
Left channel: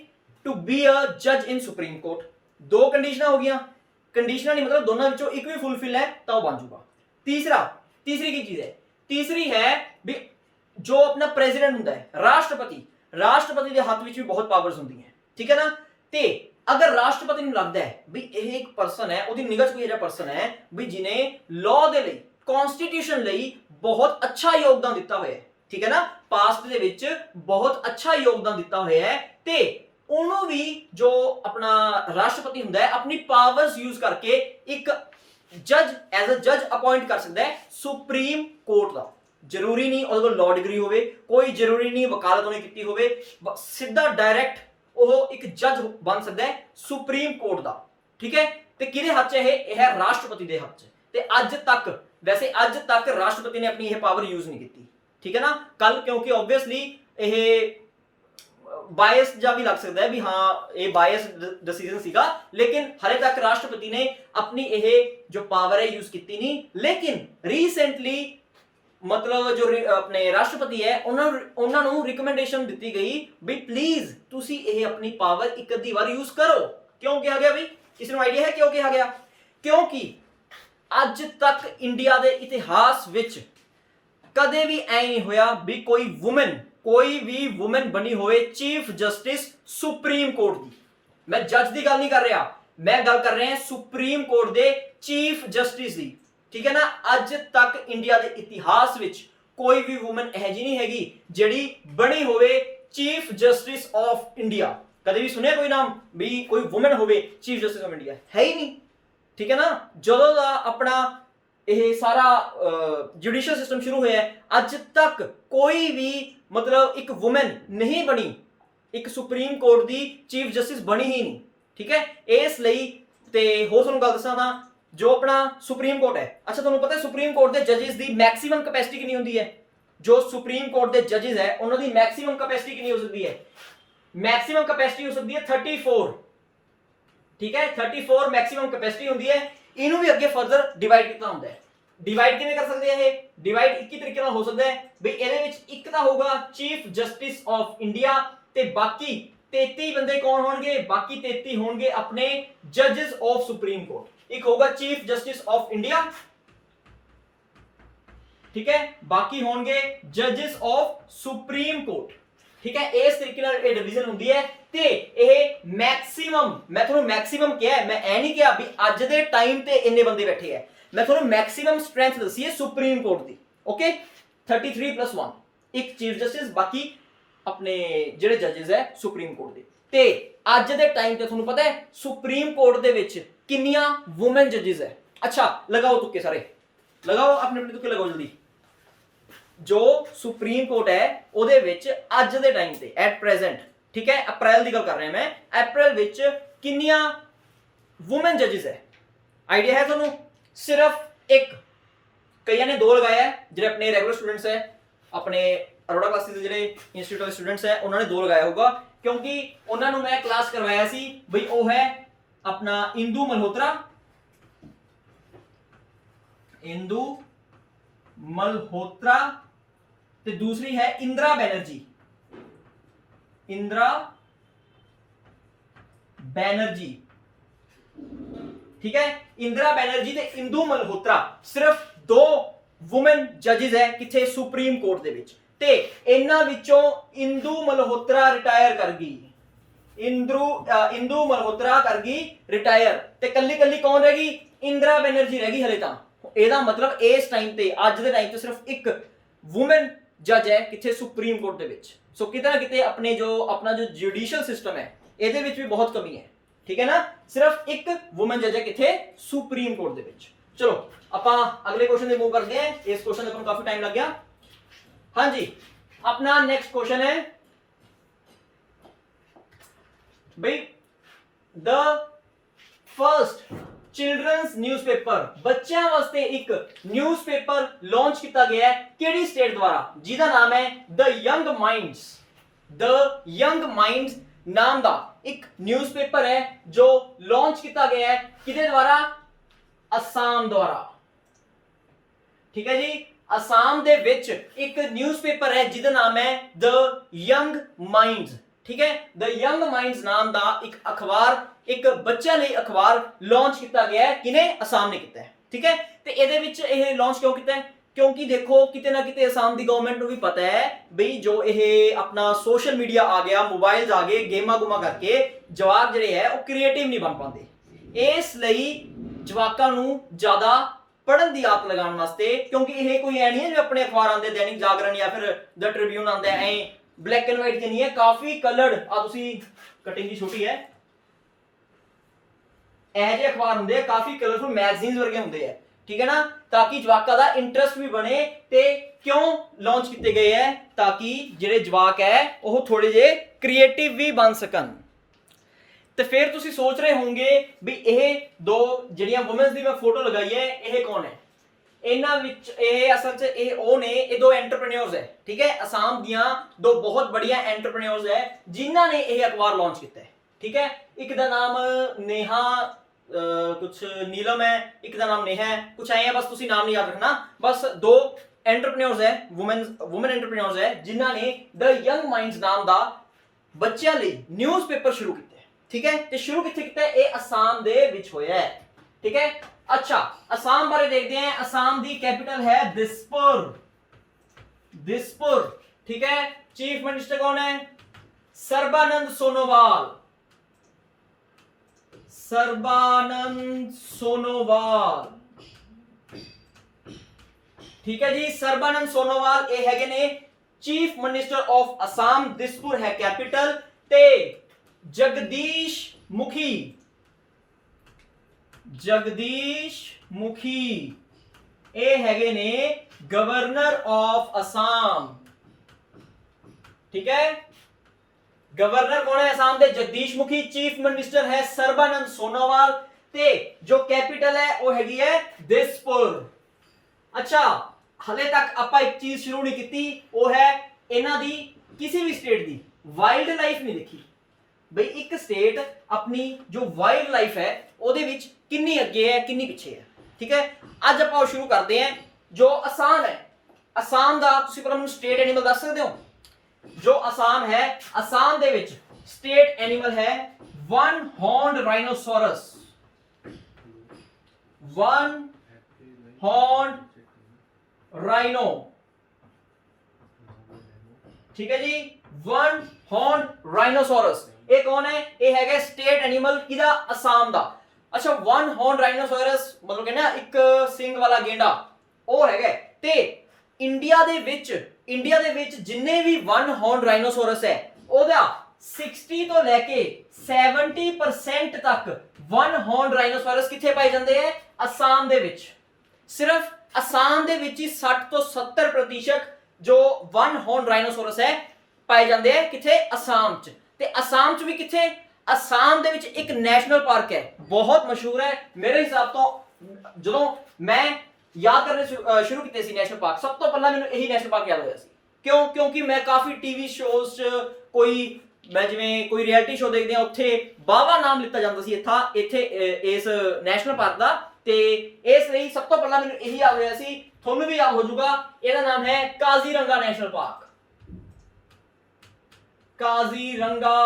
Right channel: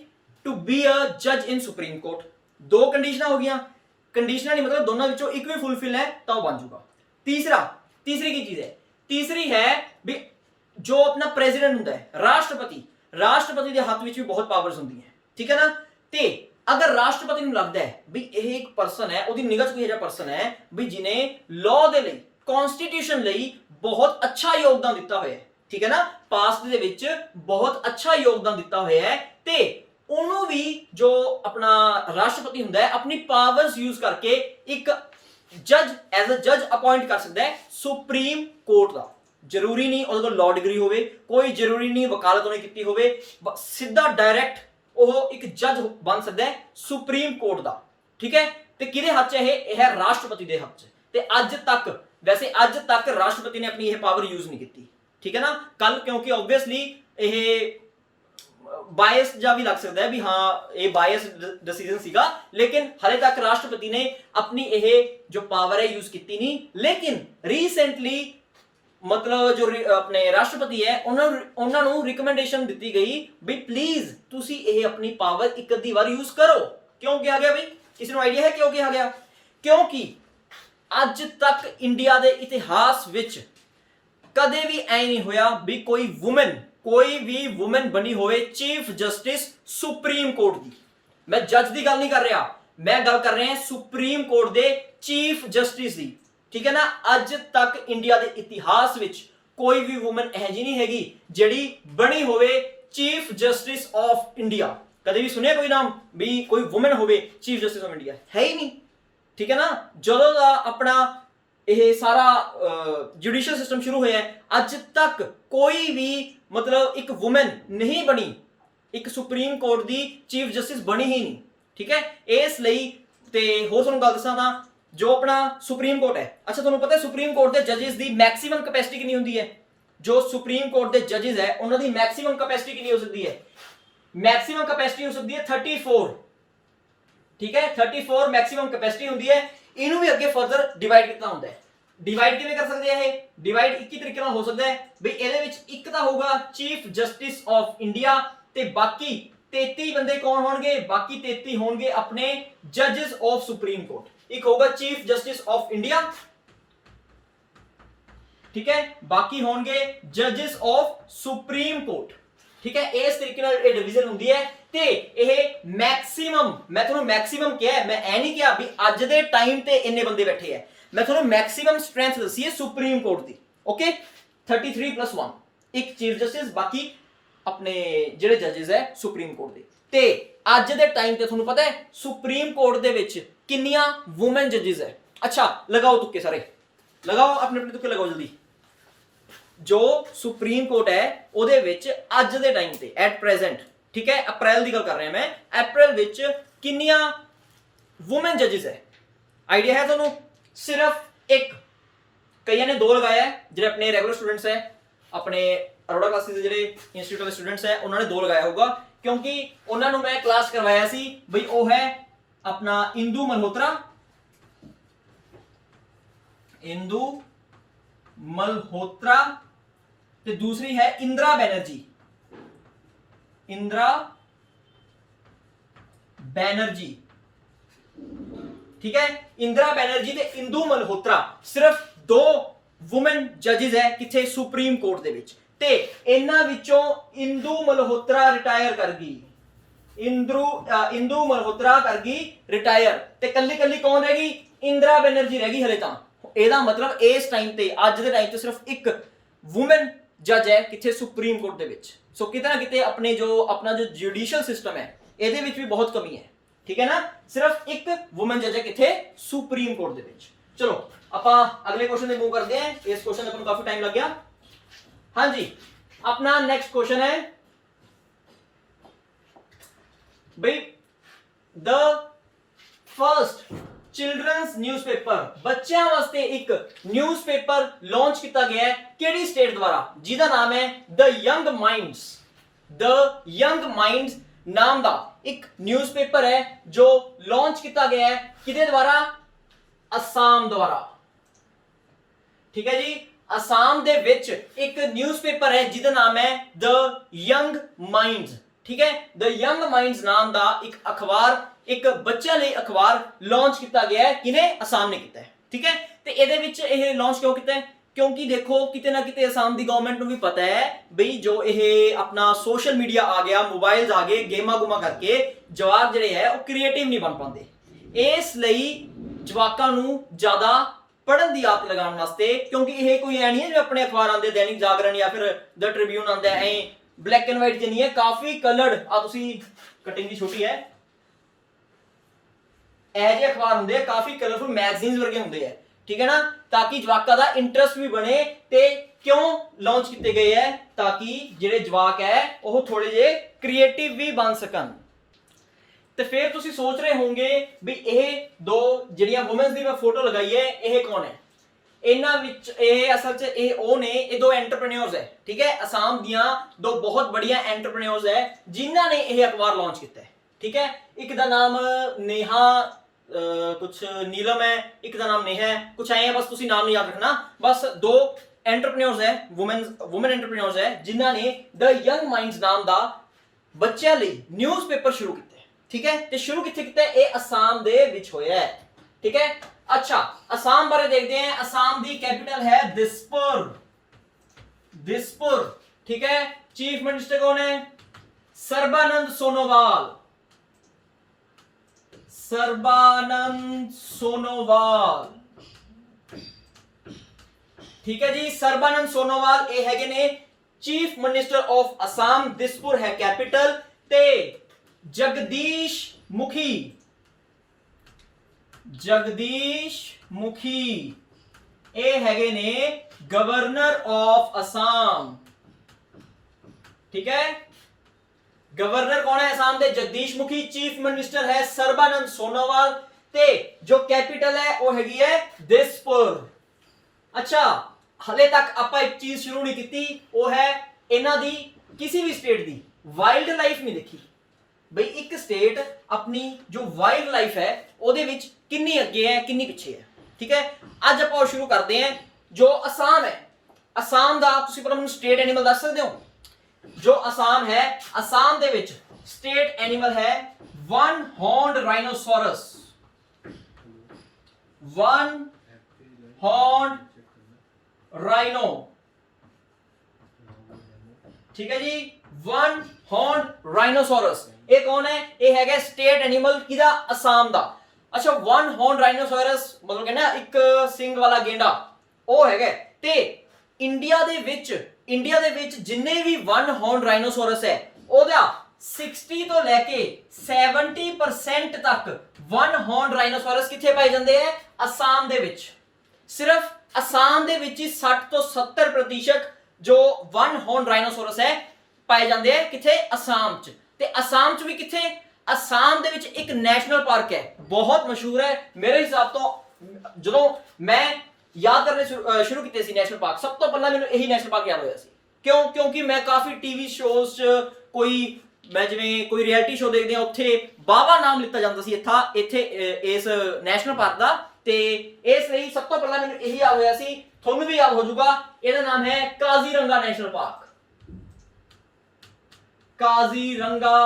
टू बी अ जज इन सुप्रीम कोर्ट दो कंडीशनां हो गईयां कंडीशनां नहीं मतलब दोनों विचों एक भी फुलफिल है तां बन जाऊगा तीसरी की चीज है तीसरी है भी जो अपना प्रेसिडेंट हुंदा है राष्ट्रपति दे हाथ विच भी बहुत पावर्स हुंदी है ठीक है ना ते अगर राष्ट्रपति ਨੂੰ ਲੱਗਦਾ ਹੈ ਵੀ ਇਹ ਇੱਕ ਪਰਸਨ ਹੈ ਉਹਦੀ ਨਿਗਾਹ 'ਚ ਕੋਈ ਐਜਾ ਪਰਸਨ ਹੈ ਵੀ ਜਿਨੇ ਲਾਅ ਦੇ ਲਈ ਕਨਸਟੀਟਿਊਸ਼ਨ ਲਈ ਬਹੁਤ ਅੱਛਾ ਯੋਗਦਾਨ ਦਿੱਤਾ ਹੋਇਆ ਹੈ ਠੀਕ ਹੈ ਨਾ ਪਾਸਟ ਦੇ ਵਿੱਚ ਬਹੁਤ ਅੱਛਾ ਯੋਗਦਾਨ ਦਿੱਤਾ ਹੋਇਆ ਹੈ ਤੇ ਉਹਨੂੰ ਵੀ ਜੋ ਆਪਣਾ ਰਾਸ਼ਟਰਪਤੀ ਹੁੰਦਾ ਹੈ ਆਪਣੀ ਪਾਵਰਸ ਯੂਜ਼ ਕਰਕੇ ਇੱਕ ਜੱਜ ਐਜ਼ ਅ ਜੱਜ ਅਪਾਇੰਟ ਕਰ ਸਕਦਾ ਹੈ ਸੁਪਰੀਮ ਕੋਰਟ ਦਾ ਜ਼ਰੂਰੀ ਨਹੀਂ ਉਹਦੇ ਕੋਲ ਲਾਅ ਡਿਗਰੀ ਹੋਵੇ ਕੋਈ ਜ਼ਰੂਰੀ ਨਹੀਂ ਵਕਾਲਤ ਉਹਨੇ ਕੀਤੀ ਹੋਵੇ ਸਿੱਧਾ ਡਾਇਰੈਕਟ ਉਹ ਇੱਕ ਜੱਜ ਬਣ ਸਕਦਾ ਹੈ ਸੁਪਰੀਮ ਕੋਰਟ ਦਾ ਠੀਕ ਹੈ ਤੇ ਕਿਹਦੇ ਹੱਥ 'ਚ ਇਹ ਹੈ ਰਾਸ਼ਟਰਪਤੀ ਦੇ ਹੱਥ 'ਚ ਤੇ ਅੱਜ ਤੱਕ ਰਾਸ਼ਟਰਪਤੀ ਨੇ ਆਪਣੀ ਇਹ ਪਾਵਰ ਯੂਜ਼ ਨਹੀਂ ਕੀਤੀ ਠੀਕ ਹੈ ਨਾ ਕੱਲ ਕਿਉਂਕਿ ਆਬਵੀਅਸਲੀ ਇਹ ਬਾਇਸ ਜਾਂ ਵੀ ਲੱਗ ਸਕਦਾ ਹੈ ਵੀ ਹਾਂ ਇਹ ਬਾਇਸ ਡਿਸੀਜਨ ਸੀਗਾ ਲੇਕਿਨ ਹਲੇ ਤੱਕ ਰਾਸ਼ਟਰਪਤੀ ਨੇ ਆਪਣੀ ਇਹ ਜੋ ਪਾਵਰ ਹੈ ਯੂਜ਼ ਕੀਤੀ ਨਹੀਂ ਲੇਕਿਨ ਰੀਸੈਂਟਲੀ मतलब जो अपने राष्ट्रपति है उन्होंने रिकमेंडेशन दी गई भी प्लीज तुसी ये अपनी पावर एक अद्धी बार यूज करो क्यों कहा गया भाई किसी को आइडिया है क्यों कहा गया क्योंकि अज तक इंडिया के इतिहास विच कदे भी ऐ नहीं होया भी कोई भी वुमेन बनी होए चीफ जस्टिस सुप्रीम कोर्ट की मैं जज की गल नहीं कर रहा मैं गल कर रहा सुप्रीम कोर्ट के चीफ जस्टिस की ठीक है ना अज तक इंडिया के इतिहास विच कोई भी वुमन यह जी नहीं हैगी जिहड़ी बनी होवे चीफ जस्टिस ऑफ इंडिया कदे भी सुनिया कोई नाम भी कोई वुमन होवे चीफ जस्टिस ऑफ इंडिया है ही नहीं ठीक है ना जदों दा अपना ਇਹ ਸਾਰਾ ਜੁਡੀਸ਼ੀਅਲ ਸਿਸਟਮ ਸ਼ੁਰੂ ਹੋਇਆ ਹੈ, ਅੱਜ ਤੱਕ ਕੋਈ ਵੀ ਮਤਲਬ ਇੱਕ ਵੂਮਨ ਨਹੀਂ ਬਣੀ, ਇੱਕ ਸੁਪਰੀਮ ਕੋਰਟ ਦੀ ਚੀਫ ਜਸਟਿਸ ਬਣੀ ਹੀ ਨਹੀਂ। ਠੀਕ ਹੈ, ਇਸ ਲਈ ਤੇ ਹੋਰ ਤੁਹਾਨੂੰ ਗੱਲ ਦੱਸਾਂ ਤਾਂ ਜੋ ਆਪਣਾ ਸੁਪਰੀਮ ਕੋਰਟ ਹੈ, ਅੱਛਾ ਤੁਹਾਨੂੰ ਪਤਾ ਹੈ ਸੁਪਰੀਮ ਕੋਰਟ ਦੇ ਜੱਜਿਸ ਦੀ ਮੈਕਸਿਮਮ ਕੈਪੈਸਿਟੀ ਕਿੰਨੀ ਹੁੰਦੀ ਹੈ? ਜੋ ਸੁਪਰੀਮ ਕੋਰਟ ਦੇ ਜੱਜਿਸ ਹੈ ਉਹਨਾਂ ਦੀ ਮੈਕਸਿਮਮ ਕੈਪੈਸਿਟੀ ਕਿੰਨੀ ਹੋ ਸਕਦੀ ਹੈ? ਮੈਕਸਿਮਮ ਕੈਪੈਸਿਟੀ ਹੋ ਸਕਦੀ ਹੈ 34। ਠੀਕ ਹੈ, 34 ਮੈਕਸਿਮਮ ਕੈਪੈਸਿਟੀ ਹੁੰਦੀ ਹੈ। ਇਹਨੂੰ ਵੀ ਅੱਗੇ ਫਰਦਰ ਡਿਵਾਈਡ ਕੀਤਾ ਹੁੰਦਾ ਹੈ। ਡਿਵਾਈਡ ਕਿਵੇਂ ਕਰ ਸਕਦੇ ਆ? ਇਹ ਡਿਵਾਈਡ 21 ਤਰੀਕੇ ਨਾਲ ਹੋ ਸਕਦਾ ਹੈ ਬਈ ਇਹਦੇ ਵਿੱਚ ਇੱਕ ਤਾਂ ਹੋਊਗਾ ਚੀਫ ਜਸਟਿਸ ਆਫ ਇੰਡੀਆ ਤੇ ਬਾਕੀ 33 ਬੰਦੇ ਕੌਣ ਹੋਣਗੇ? ਬਾਕੀ 33 ਹੋਣਗੇ ਆਪਣੇ ਜੱਜਿਸ ਆਫ ਸੁਪਰੀਮ ਕੋਰਟ। ਇੱਕ ਹੋਊਗਾ ਚੀਫ ਜਸਟਿਸ ਆਫ ਇੰਡੀਆ, ਠੀਕ ਹੈ, ਬਾਕੀ ਹੋਣਗੇ ਜੱਜਿਸ ਆਫ ਸੁਪਰੀਮ ਕੋਰਟ। ਠੀਕ ਹੈ, ਇਸ ਤਰੀਕੇ ਨਾਲ ਇਹ ਡਿਵੀਜ਼ਨ ਹੁੰਦੀ ਹੈ ਤੇ ਇਹ ਮੈਕਸਿਮਮ, ਮੈਂ ਤੁਹਾਨੂੰ ਮੈਕਸਿਮਮ ਕਿਹਾ ਹੈ, ਮੈਂ ਇਹ ਨਹੀਂ ਕਿਹਾ ਵੀ ਅੱਜ ਦੇ ਟਾਈਮ ਤੇ ਇੰਨੇ ਬੰਦੇ ਬੈਠੇ ਹੈ, ਮੈਂ ਤੁਹਾਨੂੰ ਮੈਕਸਿਮਮ ਸਟਰੈਂਥ ਦੱਸੀ ਹੈ ਸੁਪਰੀਮ ਕੋਰਟ ਦੀ। ਓਕੇ, 33+1 ਇੱਕ ਚੀਫ ਜਸਟਿਸ, ਬਾਕੀ ਆਪਣੇ ਜਿਹੜੇ ਜੱਜਿਸ ਹੈ ਸੁਪਰੀਮ ਕੋਰਟ ਦੇ। ਤੇ ਅੱਜ ਦੇ ਟਾਈਮ ਤੇ ਤੁਹਾਨੂੰ ਪਤਾ ਹੈ ਸੁਪਰੀਮ ਕੋਰਟ ਦੇ ਵਿੱਚ ਕਿੰਨੀਆਂ ਵੂਮਨ ਜੱਜਿਸ ਹੈ? ਅੱਛਾ ਲਗਾਓ ਤੁੱਕੇ ਸਾਰੇ, ਲਗਾਓ ਆਪਣੇ ਆਪਣੇ ਤੁੱਕੇ ਲਗਾਓ ਜਲਦੀ। ਜੋ ਸੁਪਰੀਮ ਕੋਰਟ ਹੈ ਉਹਦੇ ਵਿੱਚ ਅੱਜ ਦੇ ਟਾਈਮ ਤੇ ਐਟ ਪ੍ਰੈਜ਼ੈਂਟ, ਠੀਕ ਹੈ, ਅਪ੍ਰੈਲ ਦੀ ਗੱਲ ਕਰ ਰਿਹਾ ਮੈਂ, ਅਪ੍ਰੈਲ ਵਿੱਚ ਕਿੰਨੀਆਂ ਵੂਮਨ ਜੱਜਿਸ ਹੈ? ਆਈਡੀਆ ਹੈ ਤੁਹਾਨੂੰ? ਸਿਰਫ ਇੱਕ, ਕਈਆਂ ਨੇ 2 ਲਗਾਇਆ ਹੈ, ਜਿਹੜੇ ਆਪਣੇ ਰੈਗੂਲਰ ਸਟੂਡੈਂਟਸ ਹੈ, ਆਪਣੇ ਅਰੋੜਾ ਕਲਾਸਿਸ ਦੇ ਜਿਹੜੇ ਇੰਸਟੀਚਿਊਟ ਦੇ ਸਟੂਡੈਂਟਸ ਹੈ ਉਹਨਾਂ ਨੇ 2 ਲਗਾਇਆ ਹੋਊਗਾ, ਕਿਉਂਕਿ ਉਹਨਾਂ ਨੂੰ ਮੈਂ ਕਲਾਸ ਕਰਵਾਇਆ ਸੀ ਬਈ ਉਹ ਹੈ ਆਪਣਾ ਇੰਦੂ ਮਲਹੋਤਰਾ, ਇੰਦੂ ਮਲਹੋਤਰਾ ਤੇ ਦੂਸਰੀ ਹੈ ਇੰਦਰਾ ਬੈਨਰਜੀ, ਇੰਦਰਾ ਬੈਨਰਜੀ। ਠੀਕ ਹੈ, ਇੰਦਰਾ ਬੈਨਰਜੀ ਤੇ ਇੰਦੂ ਮਲਹੋਤਰਾ, ਸਿਰਫ 2 ਵੂਮਨ ਜੱਜਿਸ ਹੈ ਕਿੱਥੇ? ਸੁਪਰੀਮ ਕੋਰਟ ਦੇ ਵਿੱਚ। ਤੇ ਇਹਨਾਂ ਵਿੱਚੋਂ ਇੰਦੂ ਮਲਹੋਤਰਾ ਰਿਟਾਇਰ ਕਰ ਗਈ, ਇੰਦੂ ਮਲਹੋਤਰਾ ਕਰ ਗਈ ਰਿਟਾਇਰ, ਤੇ ਕੱਲੀ ਕੱਲੀ ਕੌਣ ਰਹਿ ਗਈ? ਇੰਦਰਾ ਬੈਨਰਜੀ ਰਹਿ ਗਈ ਹਲੇ ਤਾਂ। ਇਹਦਾ ਮਤਲਬ ਇਸ ਟਾਈਮ ਤੇ, ਅੱਜ ਦੇ ਟਾਈਮ ਤੇ ਸਿਰਫ ਇੱਕ ਵੂਮਨ ਜੱਜ ਹੈ ਕਿੱਥੇ? ਸੁਪਰੀਮ ਕੋਰਟ ਦੇ ਵਿੱਚ। ਸੋ ਕਿਤੇ ਨਾ ਕਿਤੇ ਆਪਣੇ ਜੋ ਆਪਣਾ ਜੋ ਜੁਡੀਸ਼ੀਅਲ ਸਿਸਟਮ ਹੈ ਇਹਦੇ ਵਿੱਚ ਵੀ ਬਹੁਤ ਕਮੀ ਹੈ। ਠੀਕ ਹੈ ਨਾ, ਸਿਰਫ ਇੱਕ ਵੂਮਨ ਜੱਜ ਹੈ ਕਿੱਥੇ? ਸੁਪਰੀਮ ਕੋਰਟ ਦੇ ਵਿੱਚ। ਚਲੋ ਆਪਾਂ ਅਗਲੇ ਕੁਐਸਚਨ ਤੇ ਮੂਵ ਕਰਦੇ ਹਾਂ, ਇਸ ਕੁਐਸਚਨ ਤੇ ਆਪਾਂ ਨੂੰ ਕਾਫੀ ਟਾਈਮ ਲੱਗ ਗਿਆ। ਹਾਂਜੀ, ਆਪਣਾ ਨੈਕਸਟ ਕੁਐਸਚਨ ਹੈ ਬਈ ਦ ਫਰਸਟ ਚਿਲड्रंस ਨਿਊਜ਼ਪੇਪਰ, ਬੱਚਿਆਂ ਵਾਸਤੇ ਇੱਕ ਨਿਊਜ਼ਪੇਪਰ ਲਾਂਚ ਕੀਤਾ ਗਿਆ ਹੈ ਕਿਹੜੀ ਸਟੇਟ ਦੁਆਰਾ? ਜਿਹਦਾ ਨਾਮ ਹੈ ਦ ਯੰਗ ਮਾਈਂਡਸ। ਦ ਯੰਗ ਮਾਈਂਡਸ ਨਾਮ ਦਾ ਇੱਕ ਨਿਊਜ਼ਪੇਪਰ ਹੈ ਜੋ ਲਾਂਚ ਕੀਤਾ ਗਿਆ ਹੈ ਕਿਹਦੇ ਦੁਆਰਾ? ਅਸਾਮ ਦੁਆਰਾ। ਠੀਕ ਹੈ ਜੀ, ਅਸਾਮ ਦੇ ਵਿੱਚ ਇੱਕ ਨਿਊਜ਼ਪੇਪਰ ਹੈ ਜਿਹਦਾ ਨਾਮ ਹੈ ਦ ਯੰਗ ਮਾਈਂਡਸ। ਠੀਕ ਹੈ, ਦ ਯੰਗ ਮਾਈਂਡਸ ਨਾਮ ਦਾ ਇੱਕ ਅਖਬਾਰ, ਇੱਕ ਬੱਚਿਆਂ ਲਈ ਅਖਬਾਰ ਲਾਂਚ ਕੀਤਾ ਗਿਆ ਹੈ। ਕਿਨੇ? ਅਸਾਮ ਨੇ ਕੀਤਾ ਹੈ। ਠੀਕ ਹੈ, ਤੇ ਇਹਦੇ ਵਿੱਚ ਇਹ ਲਾਂਚ ਕਿਉਂ ਕੀਤਾ ਹੈ? ਕਿਉਂਕਿ ਦੇਖੋ ਕਿਤੇ ਨਾ ਕਿਤੇ ਅਸਾਮ ਦੀ ਗਵਰਨਮੈਂਟ ਨੂੰ ਵੀ ਪਤਾ ਹੈ ਬਈ ਜੋ ਇਹ ਆਪਣਾ ਸੋਸ਼ਲ ਮੀਡੀਆ ਆ ਗਿਆ, ਮੋਬਾਈਲਸ ਆ ਗਏ, ਗੇਮਾਂ ਗੁਮਾ ਕਰਕੇ ਜਵਾਕ ਜਿਹੜੇ ਹੈ ਉਹ ਕ੍ਰੀਏਟਿਵ ਨਹੀਂ ਬਣ ਪਾਉਂਦੇ। ਇਸ ਲਈ ਜਵਾਕਾਂ ਨੂੰ ਜ਼ਿਆਦਾ ਪੜ੍ਹਨ ਦੀ ਆਦਤ ਲਗਾਉਣ ਵਾਸਤੇ, ਕਿਉਂਕਿ ਇਹ ਕੋਈ ਐ ਨਹੀਂ ਹੈ ਜਿਵੇਂ ਆਪਣੇ ਅਖਬਾਰ ਆਉਂਦੇ ਦੈਨਿਕ ਜਾਗਰਣ ਜਾਂ ਫਿਰ ਦ ਟ੍ਰਿਬਿਊਨ ਆਉਂਦਾ ਐ ਬਲੈਕ ਐਂਡ ਵਾਈਟ ਚ ਨਹੀਂ ਹੈ, ਕਾਫੀ ਕਲਰਡ। ਆ ਤੁਸੀਂ ਕਟਿੰਗ ਦੀ ਛੋਟੀ ਹੈ, ਇਹ ਜਿਹੇ ਅਖਬਾਰ ਹੁੰਦੇ ਆ, ਕਾਫੀ ਕਲਰਫੁਲ ਮੈਗਜ਼ੀਨਸ ਵਰਗੇ ਹੁੰਦੇ ਆ। ਠੀਕ ਹੈ ਨਾ, ਤਾਂ ਕਿ ਜਵਾਕਾਂ ਦਾ ਇੰਟਰਸਟ ਵੀ ਬਣੇ। ਤੇ ਕਿਉਂ ਲਾਂਚ ਕੀਤੇ ਗਏ ਹੈ? ਤਾਂ ਕਿ ਜਿਹੜੇ ਜਵਾਕ ਹੈ ਉਹ ਥੋੜੇ ਜਿਹੇ ਕ੍ਰੀਏਟਿਵ ਵੀ ਬਣ ਸਕਣ। ਤੇ ਫਿਰ ਤੁਸੀਂ ਸੋਚ ਰਹੇ ਹੋਵੋਗੇ ਵੀ ਇਹ 2 ਜਿਹੜੀਆਂ ਵੂਮਨਸ ਦੀ ਮੈਂ ਫੋਟੋ ਲਗਾਈ ਹੈ ਇਹ ਕੌਣ ਹੈ? ਇਹਨਾਂ ਵਿੱਚ ਇਹ ਅਸਲ 'ਚ ਇਹ ਉਹ ਨੇ, ਇਹ 2 ਐਂਟਰਪ੍ਰੈਨਿਓਰਸ ਹੈ। ਠੀਕ ਹੈ, ਅਸਾਮ ਦੀਆਂ 2 ਬਹੁਤ ਬੜੀਆਂ ਐਂਟਰਪ੍ਰੈਨਿਓਰਸ ਹੈ ਜਿਨ੍ਹਾਂ ਨੇ ਇਹ ਅਖਬਾਰ ਲਾਂਚ ਕੀਤਾ ਹੈ। ਠੀਕ ਹੈ, ਇੱਕ ਦਾ ਨਾਮ ਨੇਹਾ ਕੁछ नीलम है, एक का नाम नेहा है, कुछ आए हैं, बस तुसी नाम नहीं याद रखना। बस 2 एंटरप्रेन्योर्स है, वुमेन एंटरप्रेन्योर्स है जिन्हां ने द यंग माइंड्स नाम दा बच्चों ਲਈ ਨਿਊਜ਼ਪੇਪਰ ਸ਼ੁਰੂ ਕੀਤਾ ਹੈ। ਠੀਕ ਹੈ, ਤੇ ਸ਼ੁਰੂ ਕਿੱਥੇ ਕੀਤਾ ਹੈ? ਇਹ ਅਸਾਮ ਦੇ ਵਿੱਚ ਹੋਇਆ ਹੈ। ਠੀਕ ਹੈ, ਅੱਛਾ ਅਸਾਮ ਬਾਰੇ ਦੇਖਦੇ ਹਾਂ। ਅਸਾਮ ਦੀ ਕੈਪੀਟਲ ਹੈ ਦਿਸਪੁਰ, ਦਿਸਪੁਰ। ਠੀਕ ਹੈ, ਚੀਫ ਮਿनिस्टर ਕੌਣ ਹੈ? ਸਰਬਾਨੰਦ ਸੋਨੋਵਾਲ, ਸਰਬਾਨੰਦ ਸੋਨੋਵਾਲ। ਠੀਕ ਹੈ ਜੀ, ਸਰਬਾਨੰਦ ਸੋਨੋਵਾਲ ਇਹ ਹੈਗੇ ਨੇ ਚੀਫ ਮਿनिस्टर ਆਫ ਅਸਾਮ। ਦਿਸਪੁਰ ਹੈ ਕੈਪੀਟਲ। ਤੇ ਜਗਦੀਸ਼ ਮੁਖੀ, ਜਗਦੀਸ਼ ਮੁਖੀ ਇਹ ਹੈਗੇ ਨੇ ਗਵਰਨਰ ਆਫ ਅਸਾਮ। ਠੀਕ ਹੈ, गवर्नर कौन है असम के? जगदीश मुखी। चीफ मिनिस्टर है सर्बानंद सोनोवाल ते जो कैपिटल है वो हैगी है दिसपुर। अच्छा, हले तक आपां एक चीज शुरू नहीं की, वो है इन्हां दी किसी भी स्टेट दी वाइल्ड लाइफ नहीं देखी बई एक स्टेट अपनी जो वाइल्ड लाइफ है ਉਹਦੇ ਵਿੱਚ किन्नी अगे है किन्नी पिछे है। ठीक है, ਅੱਜ ਆਪਾਂ शुरू करते हैं जो असम है। असम ਦਾ ਤੁਸੀਂ ਪਹਿਲਾਂ ਮੈਨੂੰ स्टेट एनिमल दस सकते हो? जो असम है, असम दे विच स्टेट एनिमल है one horned rhinoceros. One horned rhino. ठीक है जी, वन हॉर्न्ड राइनोसोरस। ये कौन है? ये है स्टेट एनिमल किदा? असम दा। अच्छा, वन हॉर्न्ड राइनोसोरस मतलब कि ना एक सिंग वाला गेंडा वो है। ते इंडिया दे विच जिन्ने भी वन हॉर्न राइनोसोरस है ओदा 60 तो लेके 70% तक वन हॉर्न राइनोसोरस किथे पाए जाते हैं? असम दे विच। सिर्फ असम दे विच ही 60 तो 70% जो वन हॉर्न राइनोसोरस है पाए जाते हैं किथे? असम च। ते असम च भी किथे? असम दे विच एक नेशनल पार्क है, बहुत मशहूर है मेरे हिसाब तो। जो मैं याद करने शुरू किए सी नेशनल पार्क, सब तो पहला मैंने यही नेशनल पार्क याद होया सी। क्यों? क्योंकि मैं काफ़ी टीवी शोज़ च कोई मैं जिवें कोई रियलिटी शो देखते हैं उत्थे बावा नाम लिता जाता सी इत्थे इस नेशनल पार्क का। ते इसलिए सब तो पहला मैंने यही याद होया सी, थोनू भी याद हो जाऊगा। इसका नाम है Kaziranga national park. Kaziranga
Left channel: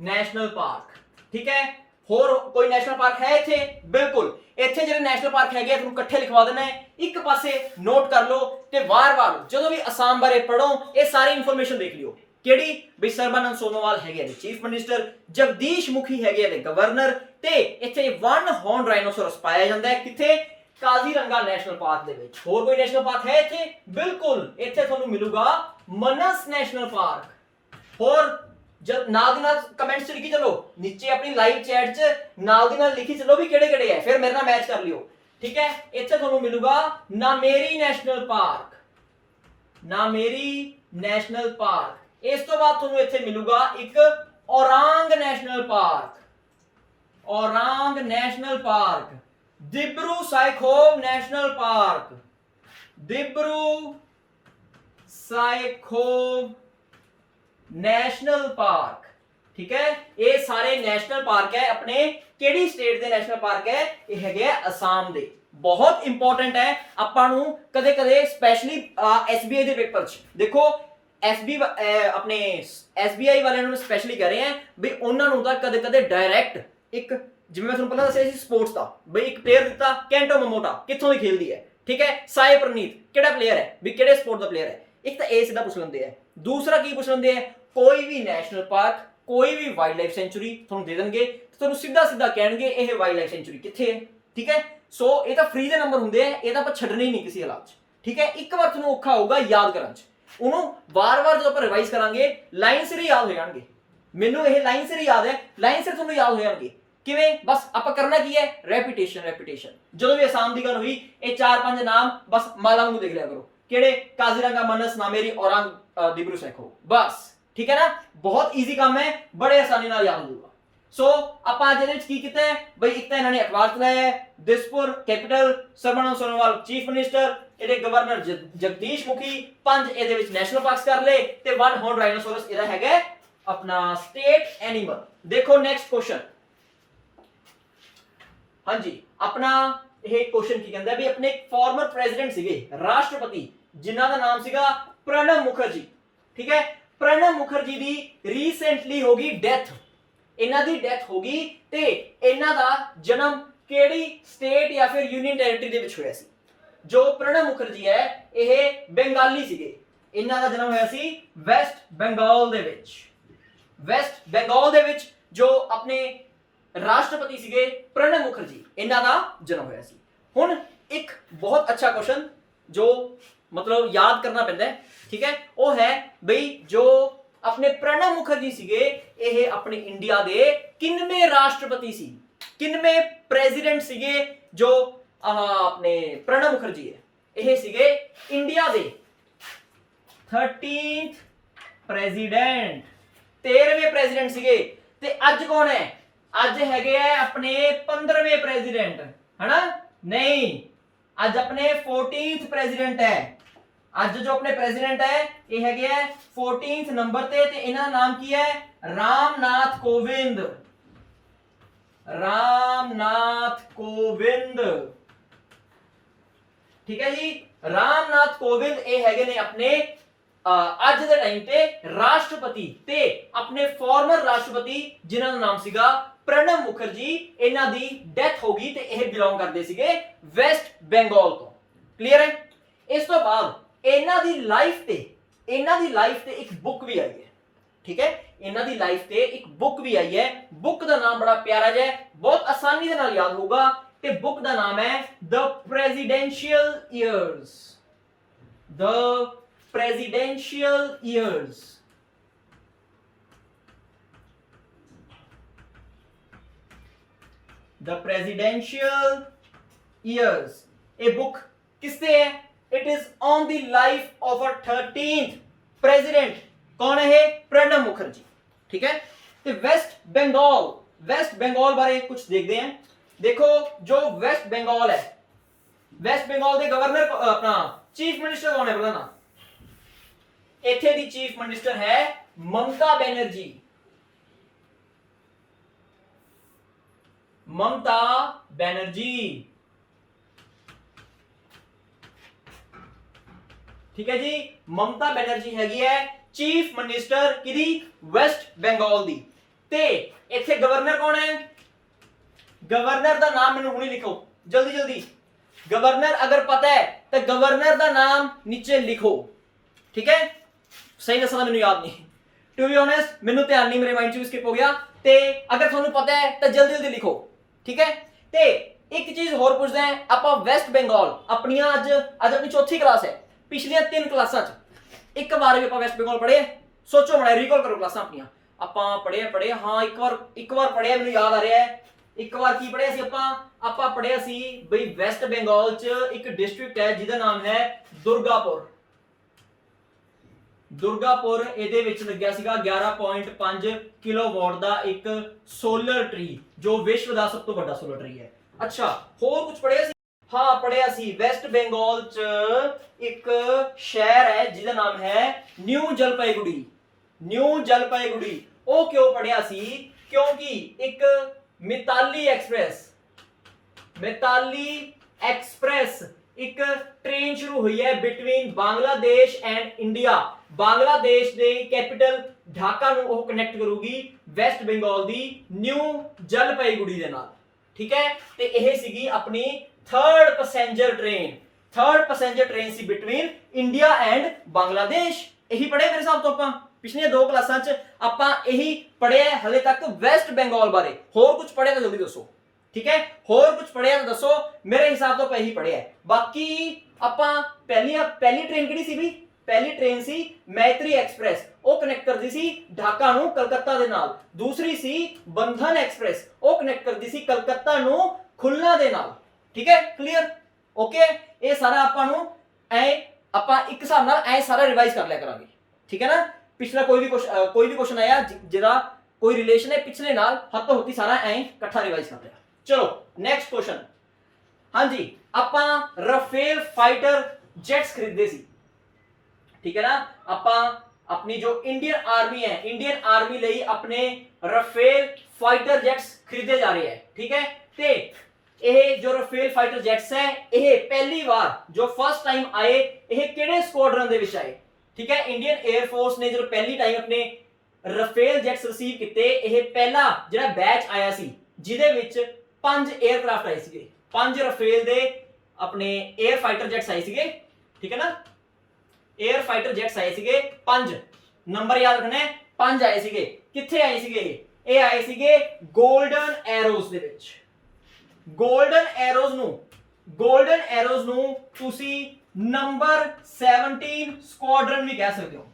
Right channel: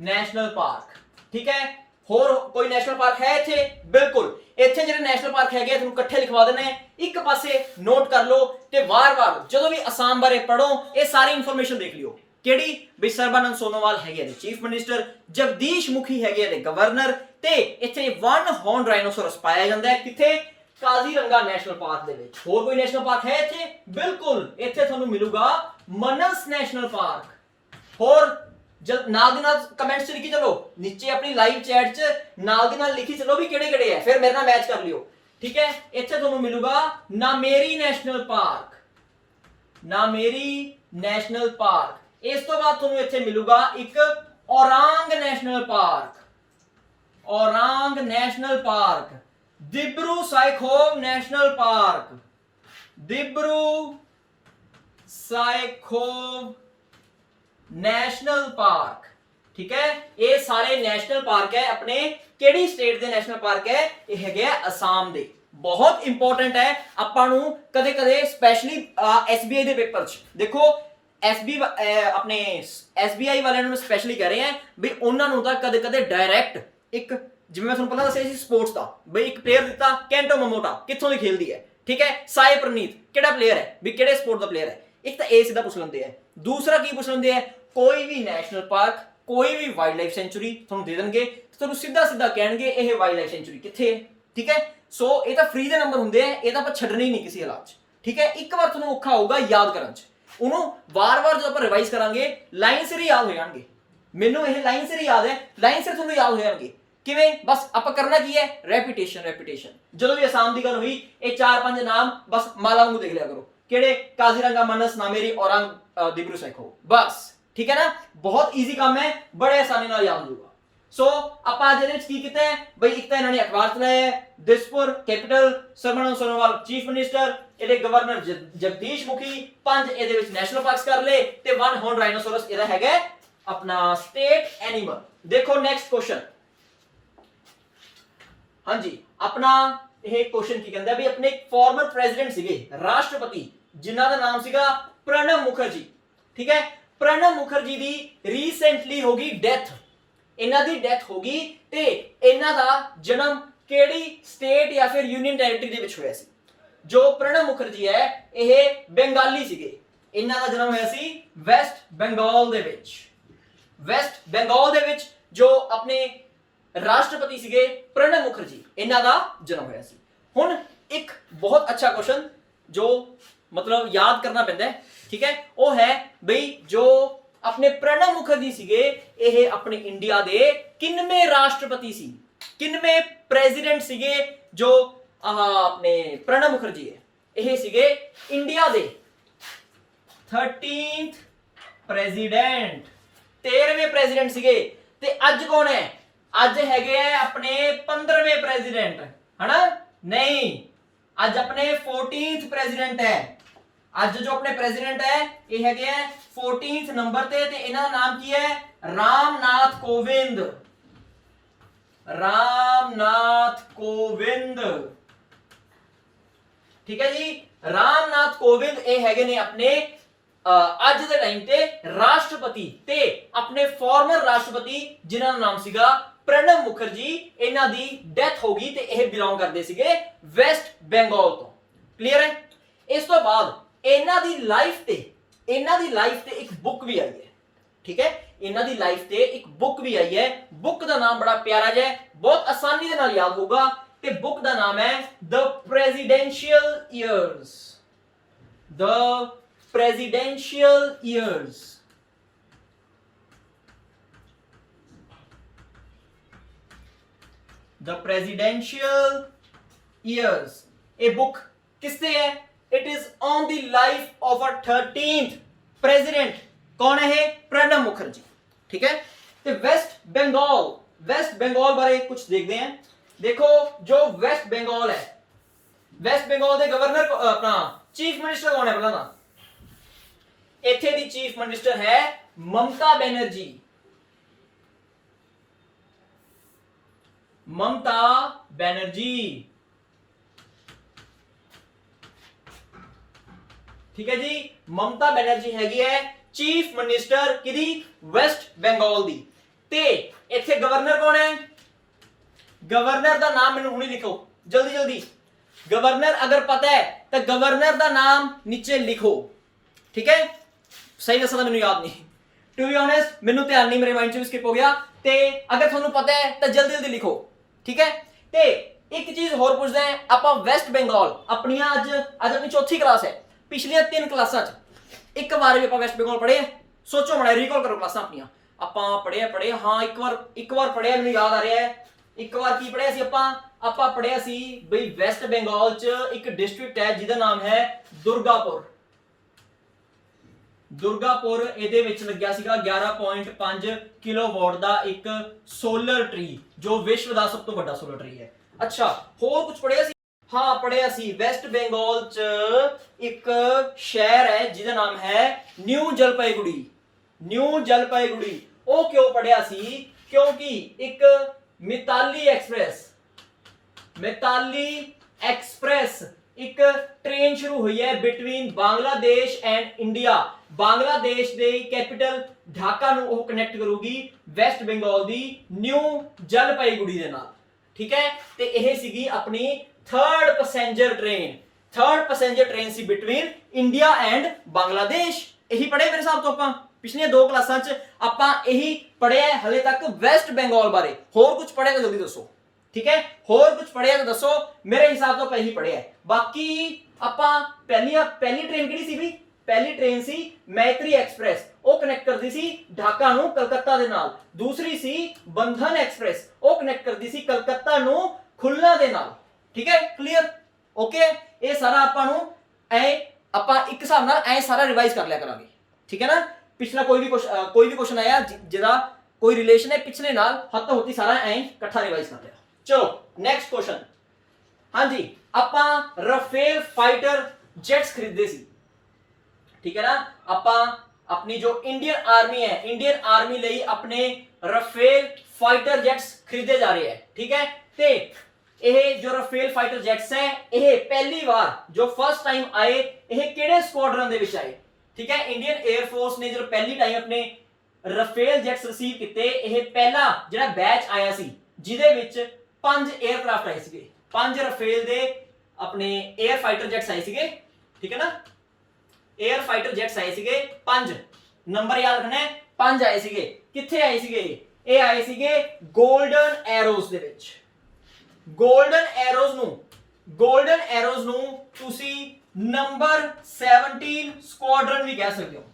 national park. ठीक है, होर कोई नेशनल पार्क है इत्थे? बिल्कुल, इत्थे जिहड़े नेशनल पार्क है तुहानूं इकट्ठे लिखवा देने, एक पासे नोट कर लो ते वार-वार जदों भी असम बारे पढ़ो ये सारी इंफॉर्मेशन देख लियो। केड़ी? बई सर्बानंद सोनोवाल हैगे ने चीफ मिनिस्टर, जगदीश मुखी हैगे ने गवर्नर, ते इत्थे वन हॉर्न राइनोसोरस पाया जाता है किथे? काजीरंगा नेशनल पार्क दे विच। होर कोई नेशनल पार्क है इत्थे? बिल्कुल, इत्थे तुहानूं मिलूगा मनस नेशनल पार्क। होर जब नाल दी नाल कमेंट्स च लिखी चलो, नीचे अपनी लाइव चैट च नाल दी नाल लिखी चलो भी केड़े-केड़े है, फिर मेरे नाल मैच कर लियो। ठीक है, इत्थे तुहानूं मिलूगा Nameri national park. Nameri national park. इस तो बाद तुहानूं इत्थे मिलूगा एक Orang national park. Orang national park. Dibru Saikhowa national park. Dibru Saikhowa national park. ठीक है, ये सारे नेशनल पार्क है अपने केड़ी स्टेट दे नेशनल पार्क है? ये हैगे असम दे। बहुत इंपॉर्टेंट है आपां नूं कदे कदे स्पेशली एसबीआई दे पेपर च देखो अपने एसबीआई वाले नूं स्पेशली कह रहे हैं भी उन्हां नूं तां कदे कदे डायरैक्ट एक जिवें मैं तुहानूं पहला दस्सिया सी स्पोर्ट्स दा बई एक प्लेयर दिता कैंटो मोमोटा कित्थों दी खेलदी है। ठीक है, साई प्रनीत केड़ा प्लेयर है भी केड़े स्पोर्ट दा प्लेयर है? एक तो ए सीधा पूछ लेंदे हैं, दूसरा की पूछ लेंदे हैं कोई भी नेशनल पार्क कोई भी वाइल्ड लाइफ सेंचुरी तुहानूं दे देणगे ते तुहानूं सीधा सीधा कहणगे ये वाइल्ड लाइफ सेंचुरी कित्थे है। ठीक है, सो ये तो फ्री दे नंबर हुंदे हैं, ये तो आपां छड्डणे ही नहीं किसी हालात च। ठीक है, एक बार तुहानूं औखा होगा याद करन च, उहनूं वार-वार जदों आपां रिवाइज करांगे लाइन सिर ही याद हो जाणगे। मैनूं ये लाइन सिर ही याद है, लाइन सिर तुहानूं याद हो जाणगे। किवें? बस आपां करना की है? रेपिटेशन। रेपिटेशन। जदों भी असम दी गल होई ये 4-5 नाम बस माला वांगू देख लिया करो, केड़े? काजीरंगा, मनस, नामेरी, औरंग, दिब्रू साइखोव, बस। ठीक है ना, बहुत इजी काम है, बड़े आसानी नाल याद होगा। सो आपां अज इहदे विच की कीता है बई एक तां इन्हां ने अखबार चलाया है, Dispur capital, Sarbananda Sonowal chief minister, इहदे गवर्नर जगदीश मुखी, 5 इहदे विच नेशनल पार्क्स कर ले ते वन हॉर्न राइनोसोरस इहदा हैगा अपना स्टेट एनिमल। देखो नेक्स्ट क्वेश्चन। हाँ जी, अपना यह क्वेश्चन की कहता है भी अपने फॉर्मर प्रेसिडेंट सीगे राष्ट्रपति जिन्हां दा नाम सीगा प्रणब मुखर्जी। ठीक है, प्रणब मुखर्जी दी रीसेंटली होगी डेथ। इन्हां दी डेथ होगी ते इन्हां दा जन्म केड़ी स्टेट या फिर यूनियन टेरिटरी दे विच होया सी? जो प्रणब मुखर्जी है यह बंगाली सीगे, इन्हां दा जन्म होया सी वेस्ट बंगाल दे विच। वेस्ट बंगाल दे विच जो अपने राष्ट्रपति सीगे प्रणब मुखर्जी, इन्हां दा जन्म होया सी। हुण एक बहुत अच्छा क्वेश्चन जो मतलब याद करना पैंदा है, ठीक है, वो है बई जो अपने प्रणब मुखर्जी सीगे यह अपने इंडिया दे किनवें राष्ट्रपति सी? ਕਿੰਨਵੇਂ ਪ੍ਰੈਜ਼ੀਡੈਂਟ ਸੀਗੇ ਜੋ ਆਪਣੇ ਪ੍ਰਣਬ ਮੁਖਰਜੀ ਹੈ, ਇਹ ਸੀਗੇ ਇੰਡੀਆ ਦੇ 13th ਪ੍ਰੈਜ਼ੀਡੈਂਟ, 13ਵੇਂ ਪ੍ਰੈਜ਼ੀਡੈਂਟ ਸੀਗੇ। ਤੇ ਅੱਜ ਕੌਣ ਹੈ? ਅੱਜ ਹੈਗੇ ਆ ਆਪਣੇ 15ਵੇਂ ਪ੍ਰੈਜ਼ੀਡੈਂਟ, ਹਨਾ? ਨਹੀਂ, ਅੱਜ ਆਪਣੇ 14th ਪ੍ਰੈਜ਼ੀਡੈਂਟ ਹੈ। ਅੱਜ ਜੋ ਆਪਣੇ ਪ੍ਰੈਜ਼ੀਡੈਂਟ ਹੈ ਇਹ ਹੈਗੇ ਆ 14th ਨੰਬਰ ਤੇ ਇਹਨਾਂ ਦਾ ਨਾਮ ਕੀ ਹੈ? ਰਾਮਨਾਥ ਕੋਵਿੰਦ। ਰਾਮਨਾਥ ਕੋਵਿੰਦ, ਠੀਕ ਹੈ ਜੀ। ਰਾਮਨਾਥ ਕੋਵਿੰਦ ਇਹ ਹੈਗੇ ਨੇ ਆਪਣੇ ਅੱਜ ਦੇ ਟਾਈਮ ਤੇ ਰਾਸ਼ਟਰਪਤੀ, ਤੇ ਆਪਣੇ ਫਾਰਮਰ ਰਾਸ਼ਟਰਪਤੀ ਜਿਨ੍ਹਾਂ ਦਾ ਨਾਮ ਸੀਗਾ ਪ੍ਰਣਬ ਮੁਖਰਜੀ, ਇਹਨਾਂ ਦੀ ਡੈਥ ਹੋ ਗਈ ਤੇ ਇਹ ਬਿਲੋਂਗ ਕਰਦੇ ਸੀਗੇ ਵੈਸਟ ਬੰਗਾਲ ਤੋਂ। ਕਲੀਅਰ ਹੈ? ਇਸ ਤੋਂ ਬਾਅਦ ਇਹਨਾਂ ਦੀ ਲਾਈਫ ਤੇ ਇੱਕ ਬੁੱਕ ਵੀ ਆਈ ਹੈ, ਠੀਕ ਹੈ? ਇਹਨਾਂ ਦੀ ਲਾਈਫ ਤੇ ਇੱਕ ਬੁੱਕ ਵੀ ਆਈ ਹੈ। ਬੁੱਕ ਦਾ ਨਾਮ ਬੜਾ ਪਿਆਰਾ ਜਿਹਾ ਹੈ, ਬਹੁਤ ਆਸਾਨੀ ਦੇ ਨਾਲ ਯਾਦ ਹੋਊਗਾ, ਤੇ ਬੁੱਕ ਦਾ ਨਾਮ ਹੈ the presidential years. The presidential years. The presidential years. ਇਹ ਬੁੱਕ ਕਿਸ ਤੇ ਹੈ? It is on the life of a 13th president. ਕੌਣ ਹੈ ਇਹ? ਪ੍ਰਣਬ ਮੁਖਰਜੀ, ਠੀਕ ਹੈ? ਤੇ ਵੈਸਟ ਬੰਗਾਲ ਬਾਰੇ ਕੁਝ ਦੇਖਦੇ ਹਾਂ। ਦੇਖੋ ਜੋ ਵੈਸਟ ਬੰਗਾਲ ਹੈ, ਵੈਸਟ ਬੰਗਾਲ ਦੇ ਗਵਰਨਰ ਆਪਣਾ ਚੀਫ ਮਿਨਿਸਟਰ ਕੌਣ ਹੈ ਪਹਿਲਾਂ ਤਾਂ? ਇੱਥੇ ਦੀ ਚੀਫ ਮਿਨਿਸਟਰ ਹੈ ਮਮਤਾ ਬੈਨਰਜੀ। ਮਮਤਾ ਬੈਨਰਜੀ, ਠੀਕ ਹੈ ਜੀ। ਮਮਤਾ ਬੈਨਰਜੀ ਹੈਗੀ ਹੈ ਚੀਫ ਮਿਨਿਸਟਰ ਕਿਹਦੀ? ਵੈਸਟ ਬੰਗਾਲ ਦੀ। ਤੇ ਇੱਥੇ ਗਵਰਨਰ ਕੌਣ ਹੈ? ਗਵਰਨਰ ਦਾ ਨਾਮ ਮੈਨੂੰ ਹੁਣੇ ਲਿਖੋ ਜਲਦੀ ਜਲਦੀ। ਗਵਰਨਰ ਅਗਰ ਪਤਾ ਹੈ ਤਾਂ ਗਵਰਨਰ ਦਾ ਨਾਮ ਨੀਚੇ ਲਿਖੋ, ਠੀਕ ਹੈ? ਸਹੀ ਦੱਸਾਂ ਤਾਂ ਮੈਨੂੰ ਯਾਦ ਨਹੀਂ, ਟੂ ਬੀ ਓਨੈਸਟ ਮੈਨੂੰ ਧਿਆਨ ਨਹੀਂ, ਮੇਰੇ ਮਾਈਂਡ ਚੋਂ ਸਕਿਪ ਹੋ ਗਿਆ। ਤੇ ਅਗਰ ਤੁਹਾਨੂੰ ਪਤਾ ਹੈ ਤਾਂ ਜਲਦੀ ਜਲਦੀ ਲਿਖੋ, ਠੀਕ ਹੈ? ਤੇ ਇੱਕ ਚੀਜ਼ ਹੋਰ ਪੁੱਛਦਾ ਹੈ ਆਪਾਂ, ਵੈਸਟ ਬੰਗਾਲ ਆਪਣੀਆਂ ਅੱਜ ਆਪਣੀ ਚੌਥੀ ਕਲਾਸ ਹੈ। ਪਿਛਲੀਆਂ 3 ਕਲਾਸਾਂ 'ਚ ਇੱਕ ਵਾਰ ਵੀ ਆਪਾਂ ਵੈਸਟ ਬੰਗਾਲ ਪੜ੍ਹੇ? ਸੋਚੋ ਮੜਾ, ਰੀਕਾਲ ਕਰੋ ਕਲਾਸਾਂ ਆਪਣੀਆਂ। ਆਪਾਂ ਪੜ੍ਹੇ ਹਾਂ, ਇੱਕ ਵਾਰ ਪੜ੍ਹਿਆ, ਮੈਨੂੰ ਯਾਦ ਆ ਰਿਹਾ ਹੈ। ਇੱਕ ਵਾਰ ਕੀ ਪੜ੍ਹਿਆ ਸੀ ਆਪਾਂ ਪੜ੍ਹਿਆ ਸੀ ਬਈ ਵੈਸਟ ਬੰਗਾਲ 'ਚ ਇੱਕ ਡਿਸਟ੍ਰਿਕਟ ਹੈ ਜਿਹਦਾ ਨਾਮ ਹੈ ਦੁਰਗਾਪੁਰ। ਦੁਰਗਾਪੁਰ, ਇਹਦੇ ਵਿੱਚ ਲੱਗਿਆ ਸੀਗਾ 11.5 ਕਿਲੋਵਾਟ ਦਾ ਇੱਕ ਸੋਲਰ ਟਰੀ, ਜੋ ਵਿਸ਼ਵ ਦਾ ਸਭ ਤੋਂ ਵੱਡਾ ਸੋਲਰ ਟਰੀ ਹੈ। ਅੱਛਾ, ਹੋਰ ਕੁਝ ਪੜ੍ਹਿਆ ਸੀ? ਹਾਂ ਪੜ੍ਹਿਆ ਸੀ, ਵੈਸਟ ਬੰਗਾਲ 'ਚ ਇੱਕ ਸ਼ਹਿਰ ਹੈ ਜਿਹਦਾ ਨਾਮ ਹੈ ਨਿਊ ਜਲਪਾਈਗੁੜੀ। ਨਿਊ ਜਲਪਾਈਗੁੜੀ। ਉਹ ਕਿਉਂ ਪੜ੍ਹਿਆ ਸੀ? ਕਿਉਂਕਿ ਇੱਕ ਮਿਤਾਲੀ ਐਕਸਪ੍ਰੈਸ ਇੱਕ ਟ੍ਰੇਨ ਸ਼ੁਰੂ ਹੋਈ ਹੈ between Bangladesh and India. Bangladesh ਦੇ ਕੈਪੀਟਲ ਢਾਕਾ ਨੂੰ ਉਹ ਕਨੈਕਟ ਕਰੂਗੀ ਵੈਸਟ ਬੰਗਾਲ ਦੀ ਨਿਊ ਜਲਪਾਈਗੁੜੀ ਦੇ ਨਾਲ, ਠੀਕ ਹੈ? ਤੇ ਇਹ ਸੀਗੀ ਆਪਣੀ third passenger train C between India and Bangladesh. ਇਹੀ ਪੜ੍ਹੇ ਮੇਰੇ ਹਿਸਾਬ ਤੋਂ ਆਪਾਂ ਪਿਛਲੀਆਂ 2 ਕਲਾਸਾਂ 'ਚ ਆਪਾਂ ਇਹੀ ਪੜ੍ਹਿਆ ਹਲੇ ਤੱਕ ਵੈਸਟ ਬੰਗਾਲ ਬਾਰੇ। ਹੋਰ ਕੁਝ ਪੜ੍ਹਿਆ ਤਾਂ ਜਲਦੀ ਦੱਸੋ, ਠੀਕ ਹੈ? ਹੋਰ ਕੁਝ ਪੜ੍ਹਿਆ ਤਾਂ ਦੱਸੋ। ਮੇਰੇ ਹਿਸਾਬ ਤੋਂ ਆਪਾਂ ਇਹੀ ਪੜ੍ਹਿਆ। ਬਾਕੀ ਆਪਾਂ ਪਹਿਲੀ ਟ੍ਰੇਨ ਕਿਹੜੀ ਸੀ ਵੀ? ਪਹਿਲੀ ਟ੍ਰੇਨ ਸੀ ਮੈਤਰੀ ਐਕਸਪ੍ਰੈਸ, ਉਹ ਕਨੈਕਟ ਕਰਦੀ ਸੀ ਢਾਕਾ ਨੂੰ ਕਲਕੱਤਾ ਦੇ ਨਾਲ। ਦੂਸਰੀ ਸੀ ਬੰਧਨ ਐਕਸਪ੍ਰੈਸ, ਉਹ ਕਨੈਕਟ ਕਰਦੀ ਸੀ ਕਲਕੱਤਾ ਨੂੰ ਖੁਲਨਾ ਦੇ ਨਾਲ, ਠੀਕ ਹੈ? ਕਲੀਅਰ? ਓਕੇ, ਇਹ ਸਾਰਾ ਆਪਾਂ ਨੂੰ ਆਪਾਂ ਇੱਕ ਹਿਸਾਬ ਨਾਲ ਸਾਰਾ ਰਿਵਾਈਜ਼ ਕਰ ਲਿਆ ਕਰਾਂਗੇ, ਠੀਕ ਹੈ ਨਾ? ਪਿਛਲਾ ਕੋਈ ਵੀ ਕੁਐਸਚਨ ਆਇਆ ਜਿਹਦਾ ਕੋਈ ਰਿਲੇਸ਼ਨ ਹੈ ਪਿਛਲੇ ਨਾਲ, ਹੱਥੋਂ ਹੱਥੀ ਸਾਰਾ ਇਕੱਠਾ ਰਿਵਾਈਜ਼ ਕਰ ਲਿਆ। ਚਲੋ ਨੈਕਸਟ ਕੁਐਸਚਨ। ਹਾਂਜੀ, ਆਪਾਂ ਰਾਫੇਲ ਫਾਈਟਰ ਜੈਟਸ ਖਰੀਦੇ ਸੀ, ਠੀਕ ਹੈ ਨਾ? ਆਪਾਂ ਆਪਣੀ ਜੋ ਇੰਡੀਅਨ ਆਰਮੀ ਹੈ, ਇੰਡੀਅਨ ਆਰਮੀ ਲਈ ਆਪਣੇ ਰਾਫੇਲ ਫਾਈਟਰ ਜੈਟਸ ਖਰੀਦੇ ਜਾ ਰਹੇ ਹੈ, ਠੀਕ ਹੈ? ਤੇ ਇਹ ਜੋ ਰਾਫੇਲ ਫਾਈਟਰ ਜੈਟਸ ਹੈ, ਇਹ ਪਹਿਲੀ ਵਾਰ ਜੋ ਫਸਟ ਟਾਈਮ ਆਏ, ਇਹ ਕਿਹੜੇ ਸਕੁਆਡਰਨ ਦੇ ਵਿੱਚ ਆਏ? ਠੀਕ ਹੈ, ਇੰਡੀਅਨ 에ਅਰ ਫੋਰਸ ਨੇ ਜਦੋਂ ਪਹਿਲੀ ਟਾਈਮ ਆਪਣੇ ਰਾਫੇਲ ਜੈਟਸ ਰਿਸੀਵ ਕੀਤੇ, ਇਹ ਪਹਿਲਾ ਜਿਹੜਾ ਬੈਚ ਆਇਆ ਸੀ ਜਿਹਦੇ ਵਿੱਚ 5 에ਅਰਕ੍ਰਾਫਟ ਆਏ ਸੀਗੇ, 5 ਰਾਫੇਲ ਦੇ ਆਪਣੇ 에ਅਰ ਫਾਈਟਰ ਜੈਟਸ ਆਏ ਸੀਗੇ, ਠੀਕ ਹੈ ਨਾ? 에ਅਰ ਫਾਈਟਰ ਜੈਟਸ ਆਏ ਸੀਗੇ 5, ਨੰਬਰ ਯਾਦ ਰੱਖਣਾ ਹੈ, 5 ਆਏ ਸੀਗੇ। ਕਿੱਥੇ ਆਏ ਸੀਗੇ ਇਹ ਆਏ ਸੀਗੇ 골ਡਨ ਐਰੋਜ਼ ਦੇ ਵਿੱਚ। 골ਡਨ ਐਰੋਜ਼ ਨੂੰ ਤੁਸੀਂ ਨੰਬਰ 17 ਸਕੁਆਡਰਨ ਵੀ ਕਹਿ ਸਕਦੇ ਹੋ,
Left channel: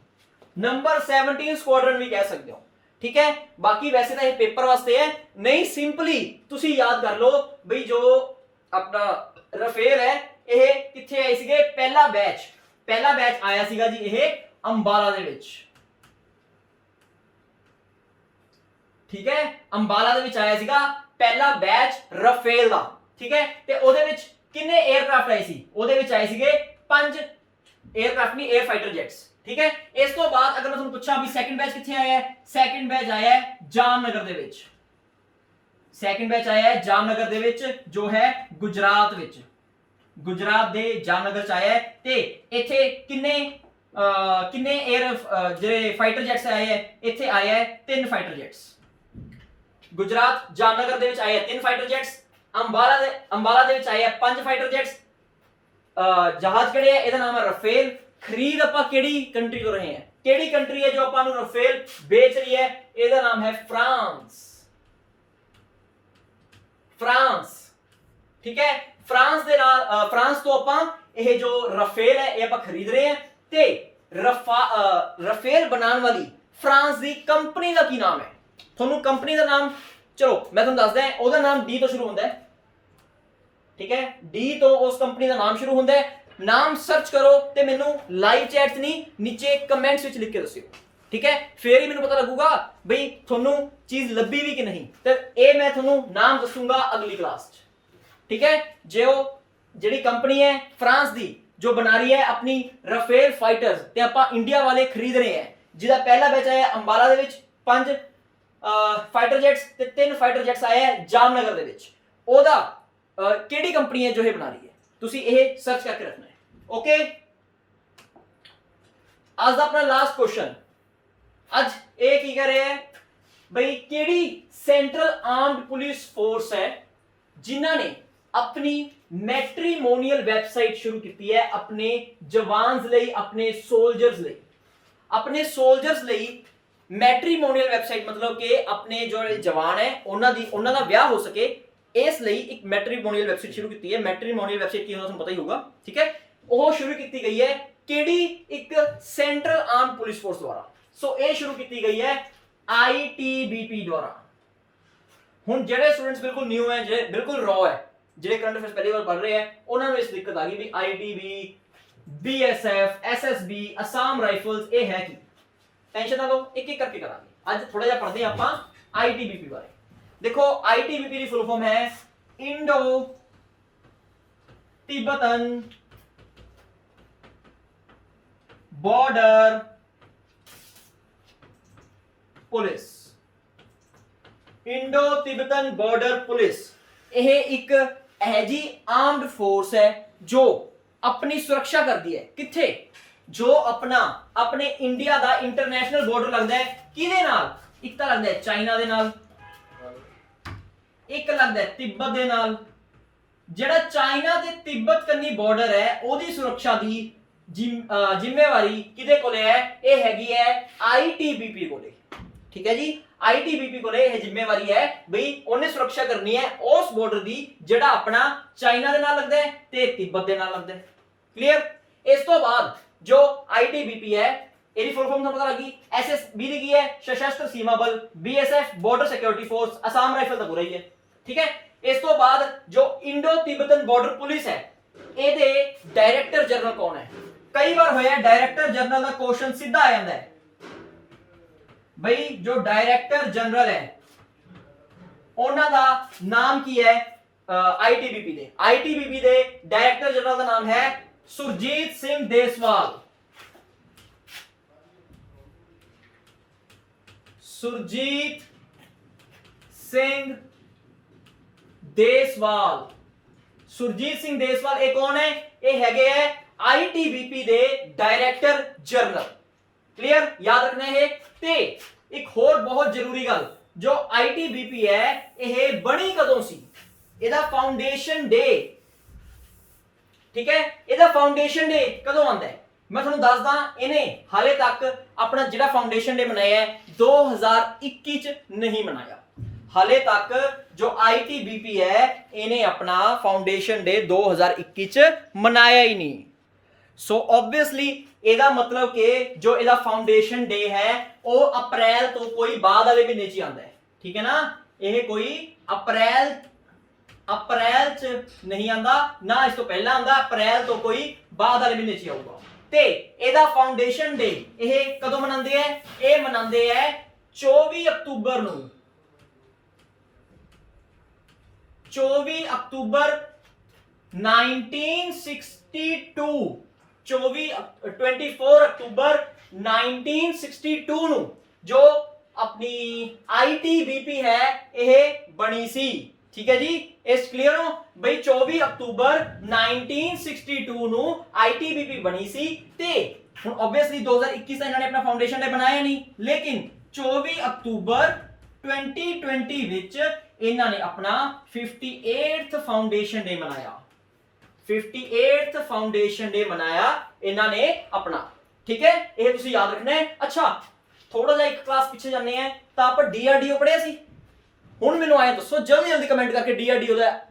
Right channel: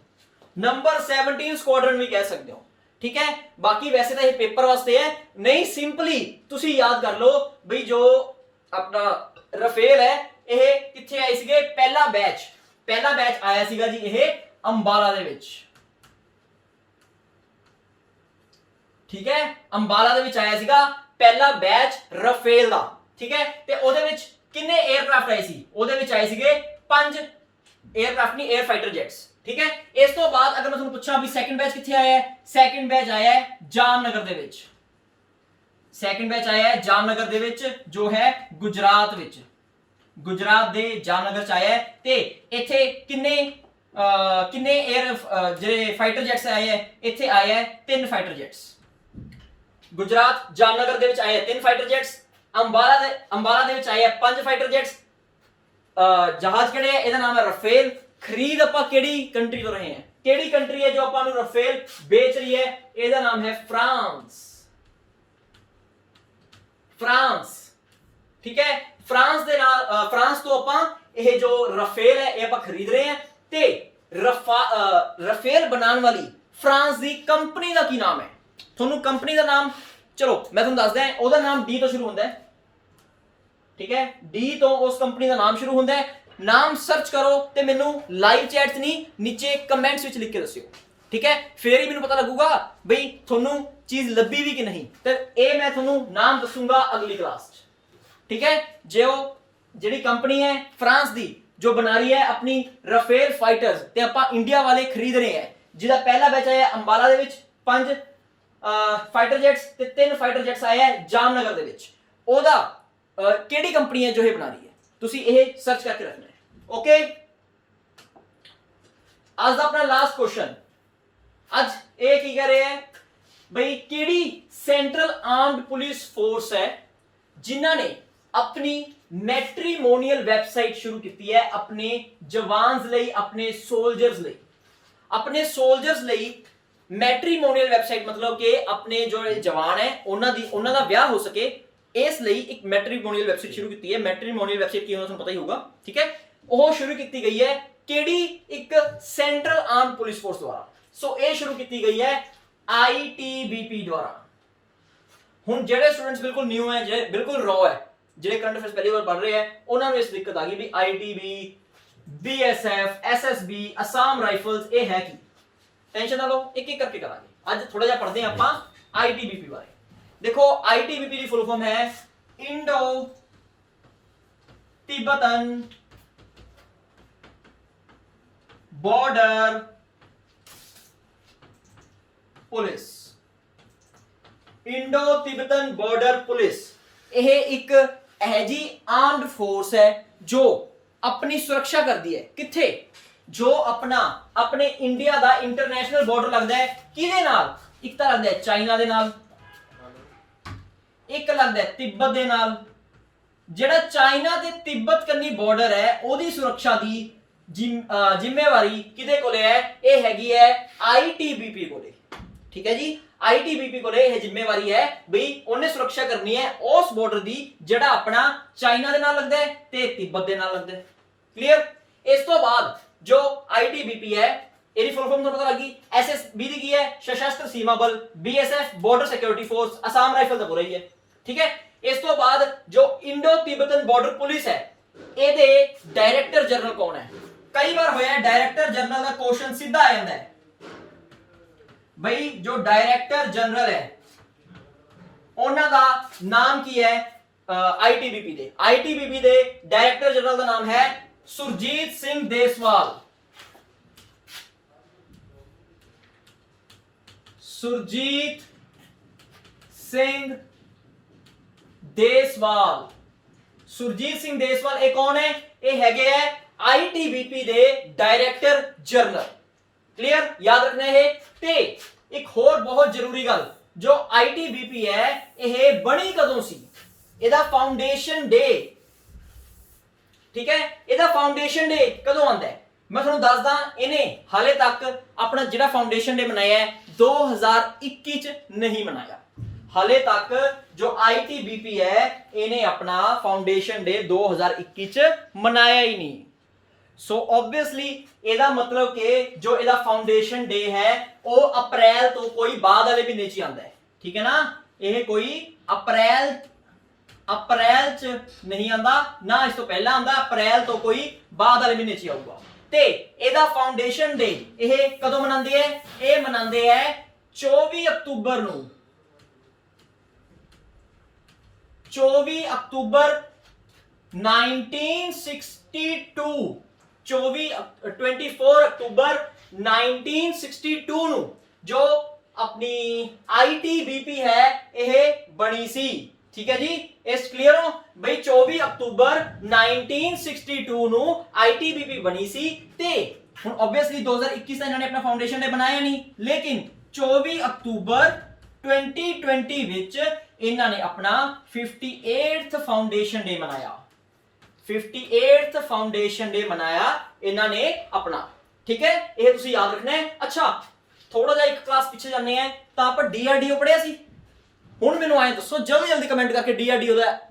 ਨੰਬਰ 17 ਸਕੁਆਡਰਨ ਵੀ ਕਹਿ ਸਕਦੇ ਹੋ, ठीक है। बाकी वैसे तो ये पेपर वास्ते है, नहीं सिंपली तुसी याद कर लो बई जो अपना रफेल है ये किथे आए सीगे, पहला बैच आया सीगा जी ये अंबाला दे विच, ठीक है। अंबाला दे विच आया सीगा पहला बैच रफेल दा, ठीक है। ते ओदे विच किन्ने एयरक्राफ्ट आए सी, ओदे विच आए सीगे 5 एयरक्राफ्ट नहीं एयर फाइटर जेट्स, ठीक है। इस तो बाद अगर मैं तुहानू पूछां भी सैकंड बैच किथे आया है, सैकंड बैच आया है जामनगर दे विच, सैकंड बैच आया है जामनगर दे विच जो है गुजरात विच, गुजरात दे जामनगर च आया है। ते इथे किन्ने एयर जे फाइटर जेट्स आए है, इथे आया है 3 फाइटर जेट्स। गुजरात जामनगर दे विच आए है 3 फाइटर जेट्स, अंबाला दे विच आए है 5 फाइटर जेट्स। जहाज किहड़े है, इहदा नाम है रफेल। खरीद आपां किहड़ी कंट्री तो रहे हैं, किहड़ी कंट्री है जो आपां नू रफेल बेच रही है, इहदा नाम है फ्रांस, फ्रांस, ठीक है। फ्रांस दे नाल फ्रांस तो आपां ये जो रफेल है ये आपां खरीद रहे हैं। ते रफेल बनाने वाली फ्रांस दी कंपनी दा की नाम है, थोनू कंपनी दा नाम चलो मैं तुहानू दस दियां, ओहदा नाम डी तो शुरू होंदा है, ठीक है। डी तो उस कंपनी का नाम शुरू होंदा है। नाम सर्च करो ते मैनू लाइव चैट च नहीं नीचे कमेंट्स विच लिख के दस्सियो, ठीक है। फिर ही मैनू पता लगूगा बई थोनू चीज लभी भी कि नहीं। ते ए मैं थोनू नाम दसूंगा अगली क्लास च, ठीक है। जो जिहड़ी कंपनी है फ्रांस दी जो बना रही है अपनी रफेल फाइटर्स ते आपां इंडिया वाले खरीद रहे हैं, जिहदा पहला बैच आया अंबाला दे विच 5 फाइटर जेट्स ते 3 फाइटर जेट्स आए हैं जामनगर दे विच। ओदा केड़ी कंपनी है जो ये बना रही है, तुसी ये सर्च करके रखना है, ओके। आज दा अपना लास्ट क्वेश्चन, आज ये की कह रहे हैं भाई केड़ी सेंट्रल आर्म्ड पुलिस फोर्स है जिन्हां ने अपनी मैट्रीमोनियल वेबसाइट शुरू की है अपने जवान्स लई, अपने सोल्जर्स लई, अपने सोल्जर्स लई मैट्रीमोनियल वेबसाइट मतलब कि अपने जो जवान है उन्हां दा ब्याह हो सके, इस ਲਈ एक मैट्रीमोनियल वेबसाइट शुरू की है। मैट्रीमोनियल वेबसाइट की होना ਤੁਹਾਨੂੰ पता ही होगा, ठीक है। ਉਹ शुरू की गई है ਕਿਹੜੀ एक सेंट्रल आर्म पुलिस फोर्स द्वारा। सो ये शुरू की गई है ITBP द्वारा। ਹੁਣ ਜਿਹੜੇ स्टूडेंट्स बिल्कुल न्यू है, ਜਿਹੜੇ बिल्कुल रॉ है, ਜਿਹੜੇ करंट अफेयर्स पहली बार पढ़ रहे हैं, ਉਹਨਾਂ ਨੂੰ ਇਸ ਦਿੱਕਤ आ गई भी ITB, BSF, SSB, Assam rifles ये है की। टेंशन ना लो, एक एक करके करांगे। आज थोड़ा जिहा पढ़ते हैं ਆਪਾਂ ITBP बारे। देखो ITBP की फुल फॉर्म है Indo Tibetan border police, Indo Tibetan border police. यह एक ऐजी आर्म्ड फोर्स है जो अपनी सुरक्षा करती है किथे, जो अपने इंडिया का इंटरनेशनल बॉर्डर लगता है किहदे नाल, एक तो लगता है चाइना दे नाल, एक लगता है तिब्बत दे नाल। जेड़ा चाइना ते तिब्बत कन्नी बॉर्डर है ओदी सुरक्षा दी जिम्मेवारी किदे कोले है, ये हैगी है ITBP कोले, ठीक है जी। ITBP कोले यह जिम्मेवारी है भाई उन्हें सुरक्षा करनी है उस बॉर्डर दी जेड़ा अपना चाइना दे नाल लगदा है ते तिब्बत दे नाल लगदा है, क्लियर। इस तो बाद जो ITBP है एरी फुल फॉर्म पता लगी, SSB दी की है सशस्त्र सीमा बल, BSF border security force, Assam rifle तो पूरा ही है, ठीक है। इस तो बाद जो इंडो तिब्बतन बॉर्डर पुलिस है एदे डायरेक्टर जनरल कौन है। कई बार होया डायरेक्टर जनरल का क्वेश्चन सीधा आ जाता है भाई, जो डायरेक्टर जनरल है उन्हां दा नाम की है ITBP दे डायरेक्टर जनरल का नाम है सुरजीत सिंह देसवाल, सुरजीत सिंह देसवाल। सुरजीत सिंह देसवाल ये कौन है, ये हैगे है ITBP दे डायरेक्टर जनरल, क्लियर याद रखना है। ते एक होर बहुत जरूरी गल, जो ITBP है यह बनी कदों सी, ਇਹਦਾ फाउंडेशन डे, ठीक है। ਇਹਦਾ फाउंडेशन डे कदों आंदा है मैं ਤੁਹਾਨੂੰ ਦੱਸਦਾ, ਇਹਨੇ ਹਾਲੇ तक अपना ਜਿਹੜਾ फाउंडेशन डे मनाया है 2021 च नहीं मनाया। हाले तक जो ITBP है इन्हें अपना फाउंडेशन डे 2021 च मनाया ही नहीं। सो ऑब्वियसली ਇਹਦਾ मतलब कि जो ਇਹਦਾ फाउंडेशन डे है ਉਹ ਅਪ੍ਰੈਲ ਤੋਂ ਕੋਈ ਬਾਅਦ ਵਾਲੇ ਮਹੀਨੇ 'ਚ ਹੀ ਆਉਂਦਾ ਹੈ, ਠੀਕ ਹੈ ਨਾ। ਇਹ ਕੋਈ ਅਪ੍ਰੈਲ 'ਚ ਨਹੀਂ ਆਂਦਾ, ਨਾ ਇਸ ਤੋਂ ਪਹਿਲਾਂ ਆਂਦਾ, ਅਪ੍ਰੈਲ ਤੋਂ ਕੋਈ ਬਾਅਦ ਵਾਲੇ ਮਹੀਨੇ 'ਚ ਹੀ ਆਊਗਾ। ਤੇ ਇਹਦਾ ਫਾਊਂਡੇਸ਼ਨ ਡੇ ਇਹ ਕਦੋਂ ਮਨਾਉਂਦੇ ਐ? ਇਹ ਮਨਾਉਂਦੇ ਐ 24 ਅਕਤੂਬਰ ਨੂੰ। 24 ਅਕਤੂਬਰ 1962 24 ਅਕਤੂਬਰ 1962 ਨੂੰ ਜੋ ਆਪਣੀ ITBP ਹੈ ਇਹ ਬਣੀ ਸੀ, ਠੀਕ ਹੈ ਜੀ। ਇਸ ਕਲੀਅਰ ਹੋ ਬਈ 24 ਅਕਤੂਬਰ 1962 ਨੂੰ ITBP ਬਣੀ ਸੀ। ਤੇ ਹੁਣ ਆਬਵੀਅਸਲੀ 2021 ਦਾ ਇਹਨਾਂ ਨੇ ਆਪਣਾ ਫਾਊਂਡੇਸ਼ਨ ਡੇ ਬਣਾਇਆ ਨਹੀਂ, ਲੇਕਿਨ 24 ਅਕਤੂਬਰ 2020 ਵਿੱਚ ਇਹਨਾਂ ਨੇ ਆਪਣਾ 58th ਫਾਊਂਡੇਸ਼ਨ ਡੇ ਮਨਾਇਆ। 58th ਫਾਊਂਡੇਸ਼ਨ ਡੇ ਮਨਾਇਆ ਇਹਨਾਂ ਨੇ ਆਪਣਾ, ਠੀਕ ਹੈ। ਇਹ ਤੁਸੀਂ ਯਾਦ ਰੱਖਣਾ ਹੈ। ਅੱਛਾ ਥੋੜਾ ਜਿਹਾ ਇੱਕ ਕਲਾਸ ਪਿੱਛੇ ਜਾਂਦੇ ਆ ਤਾਂ ਆਪਾਂ DRDO ਪੜਿਆ ਸੀ। ਹੁਣ ਮੈਨੂੰ ਆਏ ਦੱਸੋ ਜਲਦੀ ਜਲਦੀ ਕਮੈਂਟ ਕਰਕੇ DRDO ਦਾ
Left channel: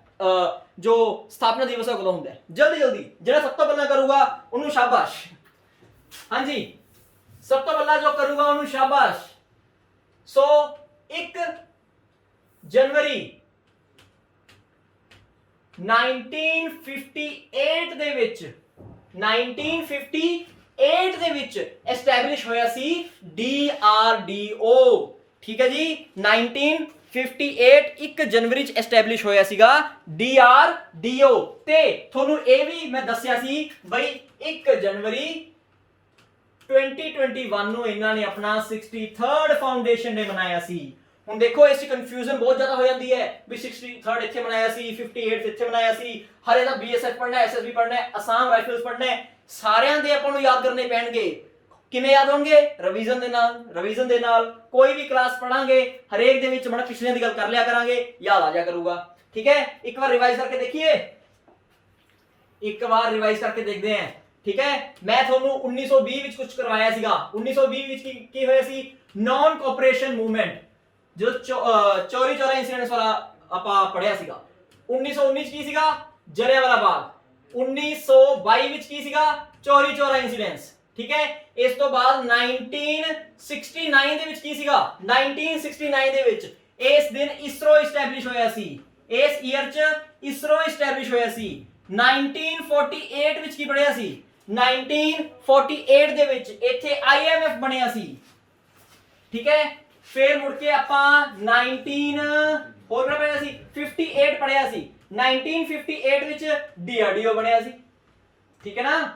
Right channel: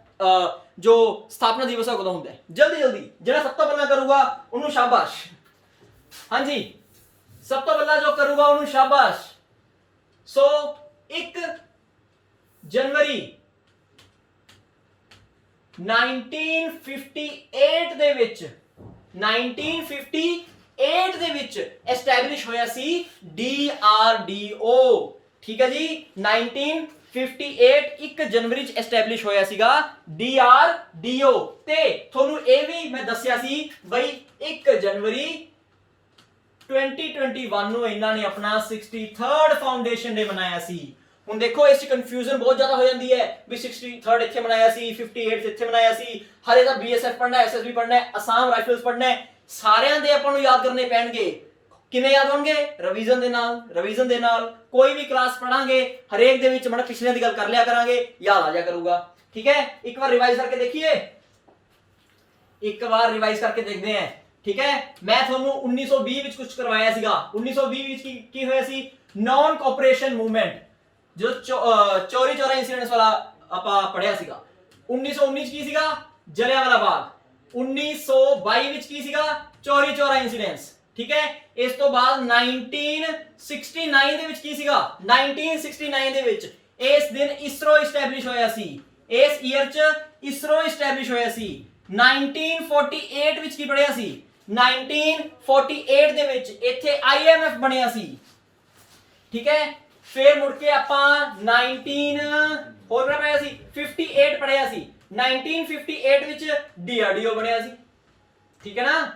ਜੋ ਸਥਾਪਨਾ ਦਿਵਸ ਹੈ ਕਦੋਂ ਹੁੰਦਾ ਹੈ? ਜਲਦੀ ਜਲਦੀ ਜਿਹੜਾ ਸਭ ਤੋਂ ਪਹਿਲਾਂ ਕਰੂਗਾ ਉਹਨੂੰ ਸ਼ਾਬਾਸ਼। ਹਾਂਜੀ ਸਭ ਤੋਂ ਪਹਿਲਾਂ ਜੋ ਕਰੂਗਾ ਉਹਨੂੰ ਸ਼ਾਬਾਸ਼। ਸੋ 1 ਜਨਵਰੀ 1958 ਦੇ ਵਿੱਚ 1958 ਦੇ ਵਿੱਚ ਐਸਟੈਬਲਿਸ਼ ਹੋਇਆ ਸੀ DRDO, ਠੀਕ ਹੈ ਜੀ। 1958 1 ਜਨਵਰੀ ਚ ਐਸਟੈਬਲਿਸ਼ ਹੋਇਆ ਸੀਗਾ DRDO। ਤੇ ਤੁਹਾਨੂੰ ਇਹ ਵੀ ਮੈਂ ਦੱਸਿਆ ਸੀ ਬਈ 1 ਜਨਵਰੀ 2021 ਨੂੰ ਇਹਨਾਂ ਨੇ ਆਪਣਾ 63rd ਫਾਊਂਡੇਸ਼ਨ ਡੇ ਮਨਾਇਆ ਸੀ। ਹੁਣ ਦੇਖੋ ਇਸ ਚ ਕਨਫਿਊਜ਼ਨ ਬਹੁਤ ਜ਼ਿਆਦਾ ਹੋ ਜਾਂਦੀ ਹੈ ਵੀ 63rd ਇੱਥੇ ਮਨਾਇਆ ਸੀ, 58th ਇੱਥੇ ਮਨਾਇਆ ਸੀ, ਹਰੇ ਦਾ BSF ਪੜ੍ਹਨਾ ਹੈ, SSB ਪੜ੍ਹਨਾ ਹੈ, ਅਸਾਮ ਰਾਈਫਲਸ ਪੜ੍ਹਨਾ ਹੈ। ਸਾਰਿਆਂ ਦੇ ਆਪਾਂ ਨੂੰ ਯਾਦ ਕਰਨੇ ਪੈਣਗੇ। ਕਿਵੇਂ ਯਾਦ ਹੋਣਗੇ? ਰਿਵੀਜ਼ਨ ਦੇ ਨਾਲ। ਰਿਵੀਜ਼ਨ ਦੇ ਨਾਲ ਕੋਈ ਵੀ ਕਲਾਸ ਪੜਾਂਗੇ ਹਰੇਕ ਦੇ ਵਿੱਚ ਮਤਲਬ ਪਿਛਲੇ ਦੀ ਗੱਲ ਕਰ ਲਿਆ ਕਰਾਂਗੇ, ਯਾਦ ਆ ਜਾਇਆ ਕਰੂਗਾ, ਠੀਕ ਹੈ। ਇੱਕ ਵਾਰ ਰਿਵਾਈਜ਼ ਕਰਕੇ ਦੇਖੀਏ, ਇੱਕ ਵਾਰ ਰਿਵਾਈਜ਼ ਕਰਕੇ ਦੇਖਦੇ ਹਾਂ, ਠੀਕ ਹੈ। ਮੈਂ ਤੁਹਾਨੂੰ 1920 ਵਿੱਚ ਕੁਝ ਕਰਵਾਇਆ ਸੀਗਾ। 1920 ਵਿੱਚ ਕੀ ਹੋਇਆ ਸੀ? ਨॉन ਕੋਆਪਰੇਸ਼ਨ ਮੂਵਮੈਂਟ, ਜੋ ਚੋਰੀ ਇਨਸੀਡੈਂਟਸ ਵਾਲਾ ਆਪਾਂ ਪੜਿਆ ਸੀਗਾ। 1919 ਚ ਕੀ ਸੀਗਾ? ਜਲਿਆਂਵਾਲਾ ਬਾਗ। 1922 ਵਿੱਚ ਕੀ ਸੀਗਾ? ਚੋਰੀ ਇਨਸੀਡੈਂਟਸ, ਠੀਕ ਹੈ। ਇਸ ਤੋਂ ਬਾਅਦ 1969 ਦੇ ਵਿੱਚ ਕੀ ਸੀਗਾ? 1969 ਦੇ ਵਿੱਚ ਇਸ ਦਿਨ ਇਸਰੋ ਇਸਟੈਬਲਿਸ਼ ਹੋਇਆ ਸੀ। ਇਸ ਈਅਰ ਚ ਇਸਰੋ ਇਸਟੈਬਲਿਸ਼ ਹੋਇਆ ਸੀ। 1948 ਵਿੱਚ ਕੀ ਬਣਿਆ ਸੀ? 1948 ਦੇ ਵਿੱਚ ਇੱਥੇ IMF ਬਣਿਆ ਸੀ, ਠੀਕ ਹੈ। ਫਿਰ ਮੁੜ ਕੇ ਆਪਾਂ 58 ਪੜਿਆ ਸੀ। 1958 ਵਿੱਚ DRDO ਬਣਿਆ ਸੀ, ਠੀਕ ਹੈ ਨਾ।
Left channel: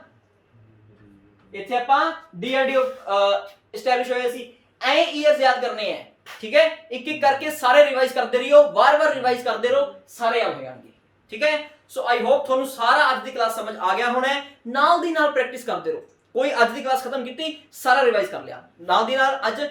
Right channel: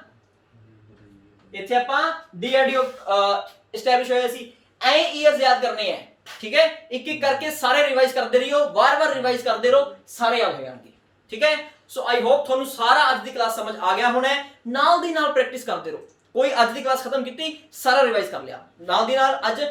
ਇੱਥੇ ਆਪਾਂ DRDO ਐਸਟੈਬਲਿਸ਼ ਹੋਇਆ ਸੀ। ਐ ਈਅਰਸ ਯਾਦ ਕਰਨੇ ਹੈ, ਠੀਕ ਹੈ। ਇੱਕ ਇੱਕ ਕਰਕੇ ਸਾਰੇ ਰਿਵਾਈਜ਼ ਕਰਦੇ ਰਹੀਓ, ਵਾਰ-ਵਾਰ ਰਿਵਾਈਜ਼ ਕਰਦੇ ਰਹੋ, ਸਾਰੇ ਯਾਦ ਹੋ ਜਾਣਗੇ, ਠੀਕ ਹੈ। ਸੋ ਆਈ ਹੋਪ ਤੁਹਾਨੂੰ ਸਾਰਾ ਅੱਜ ਦੀ ਕਲਾਸ ਸਮਝ ਆ ਗਿਆ ਹੋਣਾ ਹੈ। ਨਾਲ ਦੀ ਨਾਲ ਪ੍ਰੈਕਟਿਸ ਕਰਦੇ ਰਹੋ। ਕੋਈ ਅੱਜ ਦੀ ਕਲਾਸ ਖਤਮ ਕੀਤੀ, ਸਾਰਾ ਰਿਵਾਈਜ਼ ਕਰ ਲਿਆ, ਨਾਲ ਦੀ ਨਾਲ ਅੱਜ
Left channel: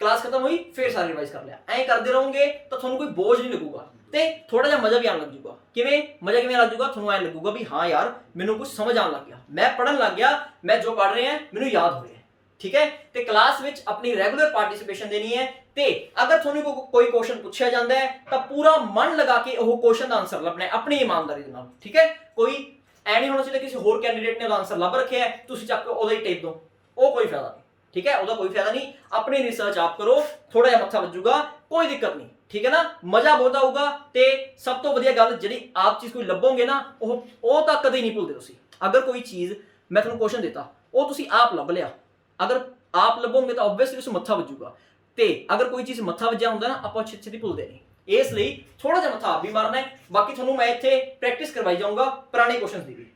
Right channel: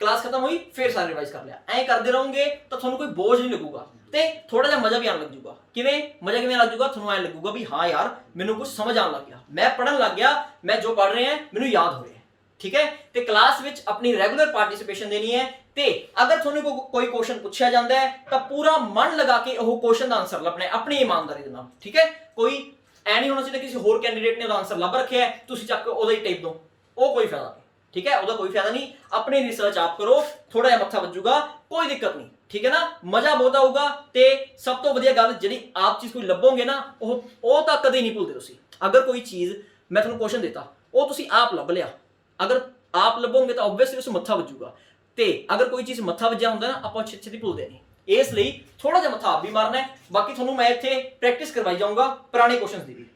ਕਲਾਸ ਖਤਮ ਹੋਈ ਫਿਰ ਸਾਰਾ ਰਿਵਾਈਜ਼ ਕਰ ਲਿਆ। ਐਂ ਕਰਦੇ ਰਹੋਗੇ ਤਾਂ ਤੁਹਾਨੂੰ ਕੋਈ ਬੋਝ ਨਹੀਂ ਲੱਗੂਗਾ ਤੇ ਥੋੜਾ ਜਿਹਾ ਮਜ਼ਾ ਵੀ ਆਉਣ ਲੱਗ ਜੂਗਾ। ਕਿਵੇਂ ਮਜ਼ਾ ਕਿਵੇਂ ਲੱਗ ਜੂਗਾ? ਤੁਹਾਨੂੰ ਐਂ ਲੱਗੂਗਾ ਵੀ ਹਾਂ ਯਾਰ ਮੈਨੂੰ ਕੁਝ ਸਮਝ ਆਉਣ ਲੱਗ ਗਿਆ, ਮੈਂ ਪੜਨ ਲੱਗ ਗਿਆ, ਮੈਂ ਜੋ ਪੜ ਰਿਹਾ ਮੈਨੂੰ ਯਾਦ ਹੋ ਰਿਹਾ, ਠੀਕ ਹੈ। ਤੇ ਕਲਾਸ ਵਿੱਚ ਆਪਣੀ ਰੈਗੂਲਰ ਪਾਰਟਿਸਿਪੇਸ਼ਨ ਦੇਣੀ ਹੈ। ਤੇ ਅਗਰ ਤੁਹਾਨੂੰ ਕੋਈ ਕੁਐਸਚਨ ਪੁੱਛਿਆ ਜਾਂਦਾ ਹੈ ਤਾਂ ਪੂਰਾ ਮਨ ਲਗਾ ਕੇ ਉਹ ਕੁਐਸਚਨ ਦਾ ਆਨਸਰ ਲੱਭਣਾ ਹੈ ਆਪਣੀ ਇਮਾਨਦਾਰੀ ਦੇ ਨਾਲ, ਠੀਕ ਹੈ। ਕੋਈ ਐ ਨਹੀਂ ਹੋਣਾ ਚਾਹੀਦਾ ਕਿਸੇ ਹੋਰ ਕੈਂਡੀਡੇਟ ਨੇ ਉਹਦਾ ਆਨਸਰ ਲੱਭ ਰੱਖਿਆ ਹੈ ਤੁਸੀਂ ਚੱਕ ਕੇ ਉਹਦਾ ਹੀ ਟੇਪ ਦਿਓ, ਉਹ ਕੋਈ ਫਾਇਦਾ ਨਹੀਂ, ਠੀਕ ਹੈ। ਉਹਦਾ ਕੋਈ ਫਾਇਦਾ ਨਹੀਂ। ਆਪਣੀ ਰਿਸਰਚ ਆਪ ਕਰੋ, ਥੋੜਾ ਜਿਹਾ ਮੱਥਾ ਵੱਜੂਗਾ, ਕੋਈ ਦਿੱਕਤ ਨਹੀਂ, ਠੀਕ ਹੈ ਨਾ। ਮਜ਼ਾ ਬਹੁਤ ਆਊਗਾ। ਤੇ ਸਭ ਤੋਂ ਵਧੀਆ ਗੱਲ ਜਿਹੜੀ ਆਪ ਚੀਜ਼ ਕੋਈ ਲੱਭੋਗੇ ਨਾ ਉਹ ਤਾਂ ਕਦੇ ਨਹੀਂ ਭੁੱਲਦੇ ਤੁਸੀਂ। ਅਗਰ ਕੋਈ ਚੀਜ਼ ਮੈਂ ਤੁਹਾਨੂੰ ਕੁਐਸਚਨ ਦਿੱਤਾ ਉਹ ਤੁਸੀਂ ਆਪ ਲੱਭ ਲਿਆ, ਅਗਰ ਆਪ ਲੱਭੋਗੇ ਤਾਂ ਆਬਵੀਅਸਲੀ ਉਸ ਮੱਥਾ ਵੱਜੂਗਾ। ਤੇ ਅਗਰ ਕੋਈ ਚੀਜ਼ ਮੱਥਾ ਵੱਜਿਆ ਹੁੰਦਾ ਨਾ ਆਪਾਂ ਛੇਤੀ ਭੁੱਲਦੇ ਨਹੀਂ। ਇਸ ਲਈ ਥੋੜਾ ਜਿਹਾ ਮੱਥਾ ਆਪ ਵੀ ਮਾਰਨਾ ਹੈ। ਬਾਕੀ ਤੁਹਾਨੂੰ ਮੈਂ ਇੱਥੇ ਪ੍ਰੈਕਟਿਸ ਕਰਵਾਈ ਜਾਊਂਗਾ ਪੁਰਾਣੇ ਕੁਐਸਚਨਸ ਦੀ ਵੀ,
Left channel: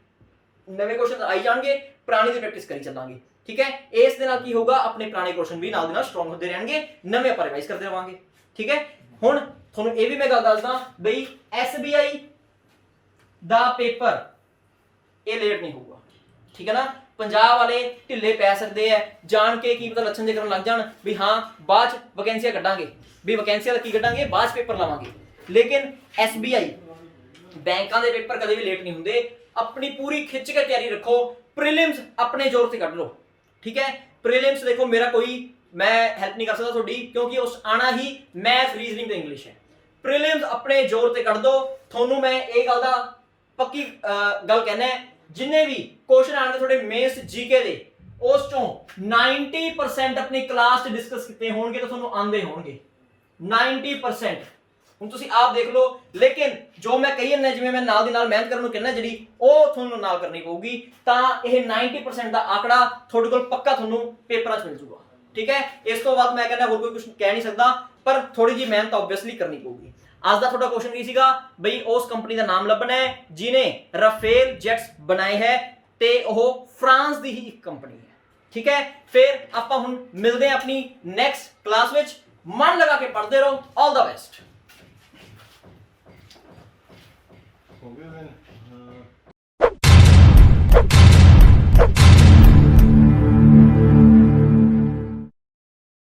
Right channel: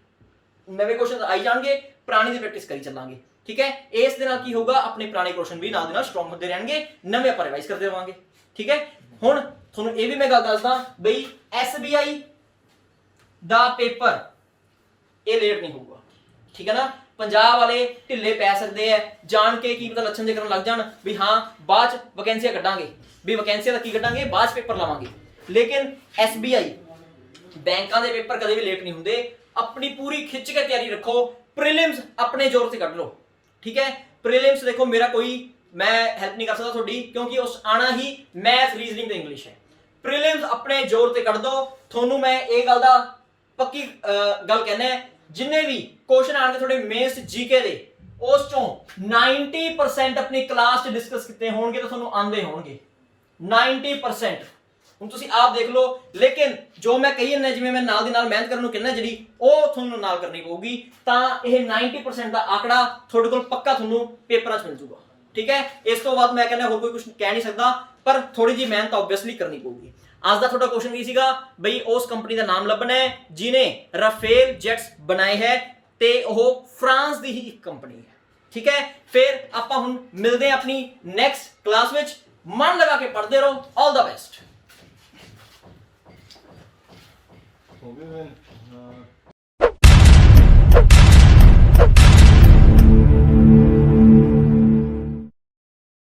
ਨਵੇਂ ਕੁਐਸਚਨ ਆਈ ਜਾਣਗੇ, ਪੁਰਾਣੀ ਦੀ ਪ੍ਰੈਕਟਿਸ ਕਰੀ ਚੱਲਾਂਗੇ, ਠੀਕ ਹੈ। ਇਸ ਦੇ ਨਾਲ ਕੀ ਹੋਊਗਾ? ਆਪਣੇ ਪੁਰਾਣੇ ਕੁਐਸਚਨ ਵੀ ਨਾਲ ਦੇ ਨਾਲ ਸਟਰੋਂਗ ਹੁੰਦੇ ਰਹਿਣਗੇ, ਨਵੇਂ ਆਪਾਂ ਰਿਵਾਈਜ਼ ਕਰਦੇ ਰਵਾਂਗੇ, ਠੀਕ ਹੈ। ਹੁਣ ਤੁਹਾਨੂੰ ਇਹ ਵੀ ਮੈਂ ਗੱਲ ਦੱਸਦਾ ਬਈ SBI ਦਾ ਪੇਪਰ ਇਹ ਲੇਟ ਨਹੀਂ ਹੋਊਗਾ, ਠੀਕ ਹੈ ਨਾ। ਪੰਜਾਬ ਵਾਲੇ ਢਿੱਲੇ ਪੈ ਸਕਦੇ ਆ, ਜਾਣ ਕੇ ਕੀ ਪਤਾ ਲੱਛਣ ਜੇ ਕਰਨ ਲੱਗ ਜਾਣ ਵੀ ਹਾਂ ਬਾਅਦ ਚ ਵੈਕੈਂਸੀਆਂ ਕੱਢਾਂਗੇ, ਵੀ ਵੈਕੈਂਸੀਆਂ ਦਾ ਕੀ ਕੱਢਾਂਗੇ, ਬਾਅਦ ਚ ਪੇਪਰ ਲਾਵਾਂਗੇ। ਲੇਕਿਨ SBI ਬੈਂਕਾਂ ਦੇ ਪੇਪਰ ਕਦੇ ਵੀ ਲੇਟ ਨਹੀਂ ਹੁੰਦੇ। ਆਪਣੀ ਪੂਰੀ ਖਿੱਚ ਕੇ ਤਿਆਰੀ ਰੱਖੋ। ਪ੍ਰੀਲਿਮਸ ਆਪਣੇ ਜ਼ੋਰ ਤੇ ਕੱਢ ਲਓ, ਠੀਕ ਹੈ। ਪ੍ਰੀਲਿਮਸ ਦੇਖੋ ਮੇਰਾ ਕੋਈ ਮੈਂ ਹੈਲਪ ਨਹੀਂ ਕਰ ਸਕਦਾ ਤੁਹਾਡੀ, ਕਿਉਂਕਿ ਉਸ ਆਣਾ ਹੀ ਮੈਥ, ਰੀਜ਼ਨਿੰਗ ਤੇ ਇੰਗਲਿਸ਼ ਹੈ। ਪ੍ਰੀਲਿਮਸ ਆਪਣੇ ਜ਼ੋਰ ਤੇ ਕੱਢ ਦੋ। ਤੁਹਾਨੂੰ ਮੈਂ ਇਹ ਗੱਲ ਦਾ ਪੱਕੀ ਗੱਲ ਕਹਿਣਾ ਹੈ, ਜਿੰਨੇ ਵੀ ਕੁਐਸਚਨ ਆਣਗੇ ਤੁਹਾਡੇ ਮੇਨਸ GK ਦੇ ਉਸ ਚੋਂ 90% ਆਪਣੀ ਕਲਾਸ 'ਚ ਡਿਸਕਸ ਕੀਤੇ ਹੋਣਗੇ ਤਾਂ ਤੁਹਾਨੂੰ ਆਂਦੇ ਹੋਣਗੇ 90%। ਹੁਣ ਤੁਸੀਂ ਆਪ ਦੇਖ ਲਓ, ਲੇਕਿਨ ਜੋ ਮੈਂ ਕਹੀ ਜਾਂਦਾ ਜਿਵੇਂ ਮੈਂ ਨਾਲ ਦੀ ਨਾਲ ਮਿਹਨਤ ਕਰਨ ਨੂੰ ਕਹਿੰਦਾ ਜਿਹੜੀ ਉਹ ਤੁਹਾਨੂੰ ਨਾਲ ਕਰਨੀ ਪਊਗੀ, ਤਾਂ ਇਹ 90% ਦਾ ਆંકੜਾ ਤੁਹਾਡੇ ਕੋਲ ਪੱਕਾ ਤੁਹਾਨੂੰ ਪੇਪਰਾਂ 'ਚ ਮਿਲ ਜੂਗਾ। ਠੀਕ ਹੈ, ਇਸ ਤੋਂ ਬਾਅਦ ਮੈਂ ਕਹਿੰਦਾ ਹੋਰ ਕੋਈ ਕੁਝ ਕਹਿ ਨਹੀਂ ਸਕਦਾ, ਪਰ ਥੋੜੀ ਜਿਹੀ ਮਿਹਨਤ ਆਬਵੀਅਸਲੀ ਕਰਨੀ ਪਊਗੀ। ਅੱਜ ਦਾ ਤੁਹਾਡਾ ਕੁਐਸਚਨ ਕੀ ਸੀਗਾ ਬਈ, ਉਸ ਕੰਪਨੀ ਦਾ ਨਾਮ ਲੱਭਣਾ ਹੈ ਜਿਨੇ ਰਾਫੇਲ ਜੈਟਸ ਬਣਾਏ ਹੈ ਤੇ ਉਹ ਫਰਾਂਸ ਦੀ ਹੀ ਇੱਕ ਕੰਪਨੀ ਹੈ। ਠੀਕ ਹੈ, ਫਿਰ ਆਪਾਂ ਹੁਣ ਮਿਲਦੇ ਹਾਂ ਆਪਣੀ ਨੈਕਸਟ ਕਲਾਸ ਵਿੱਚ। ਮਨ ਲਗਾ ਕੇ ਪੜ੍ਹਦੇ ਰਹੋ। ਆਲ ਦਾ ਬੈਸਟ। ਹੋ ਗਏ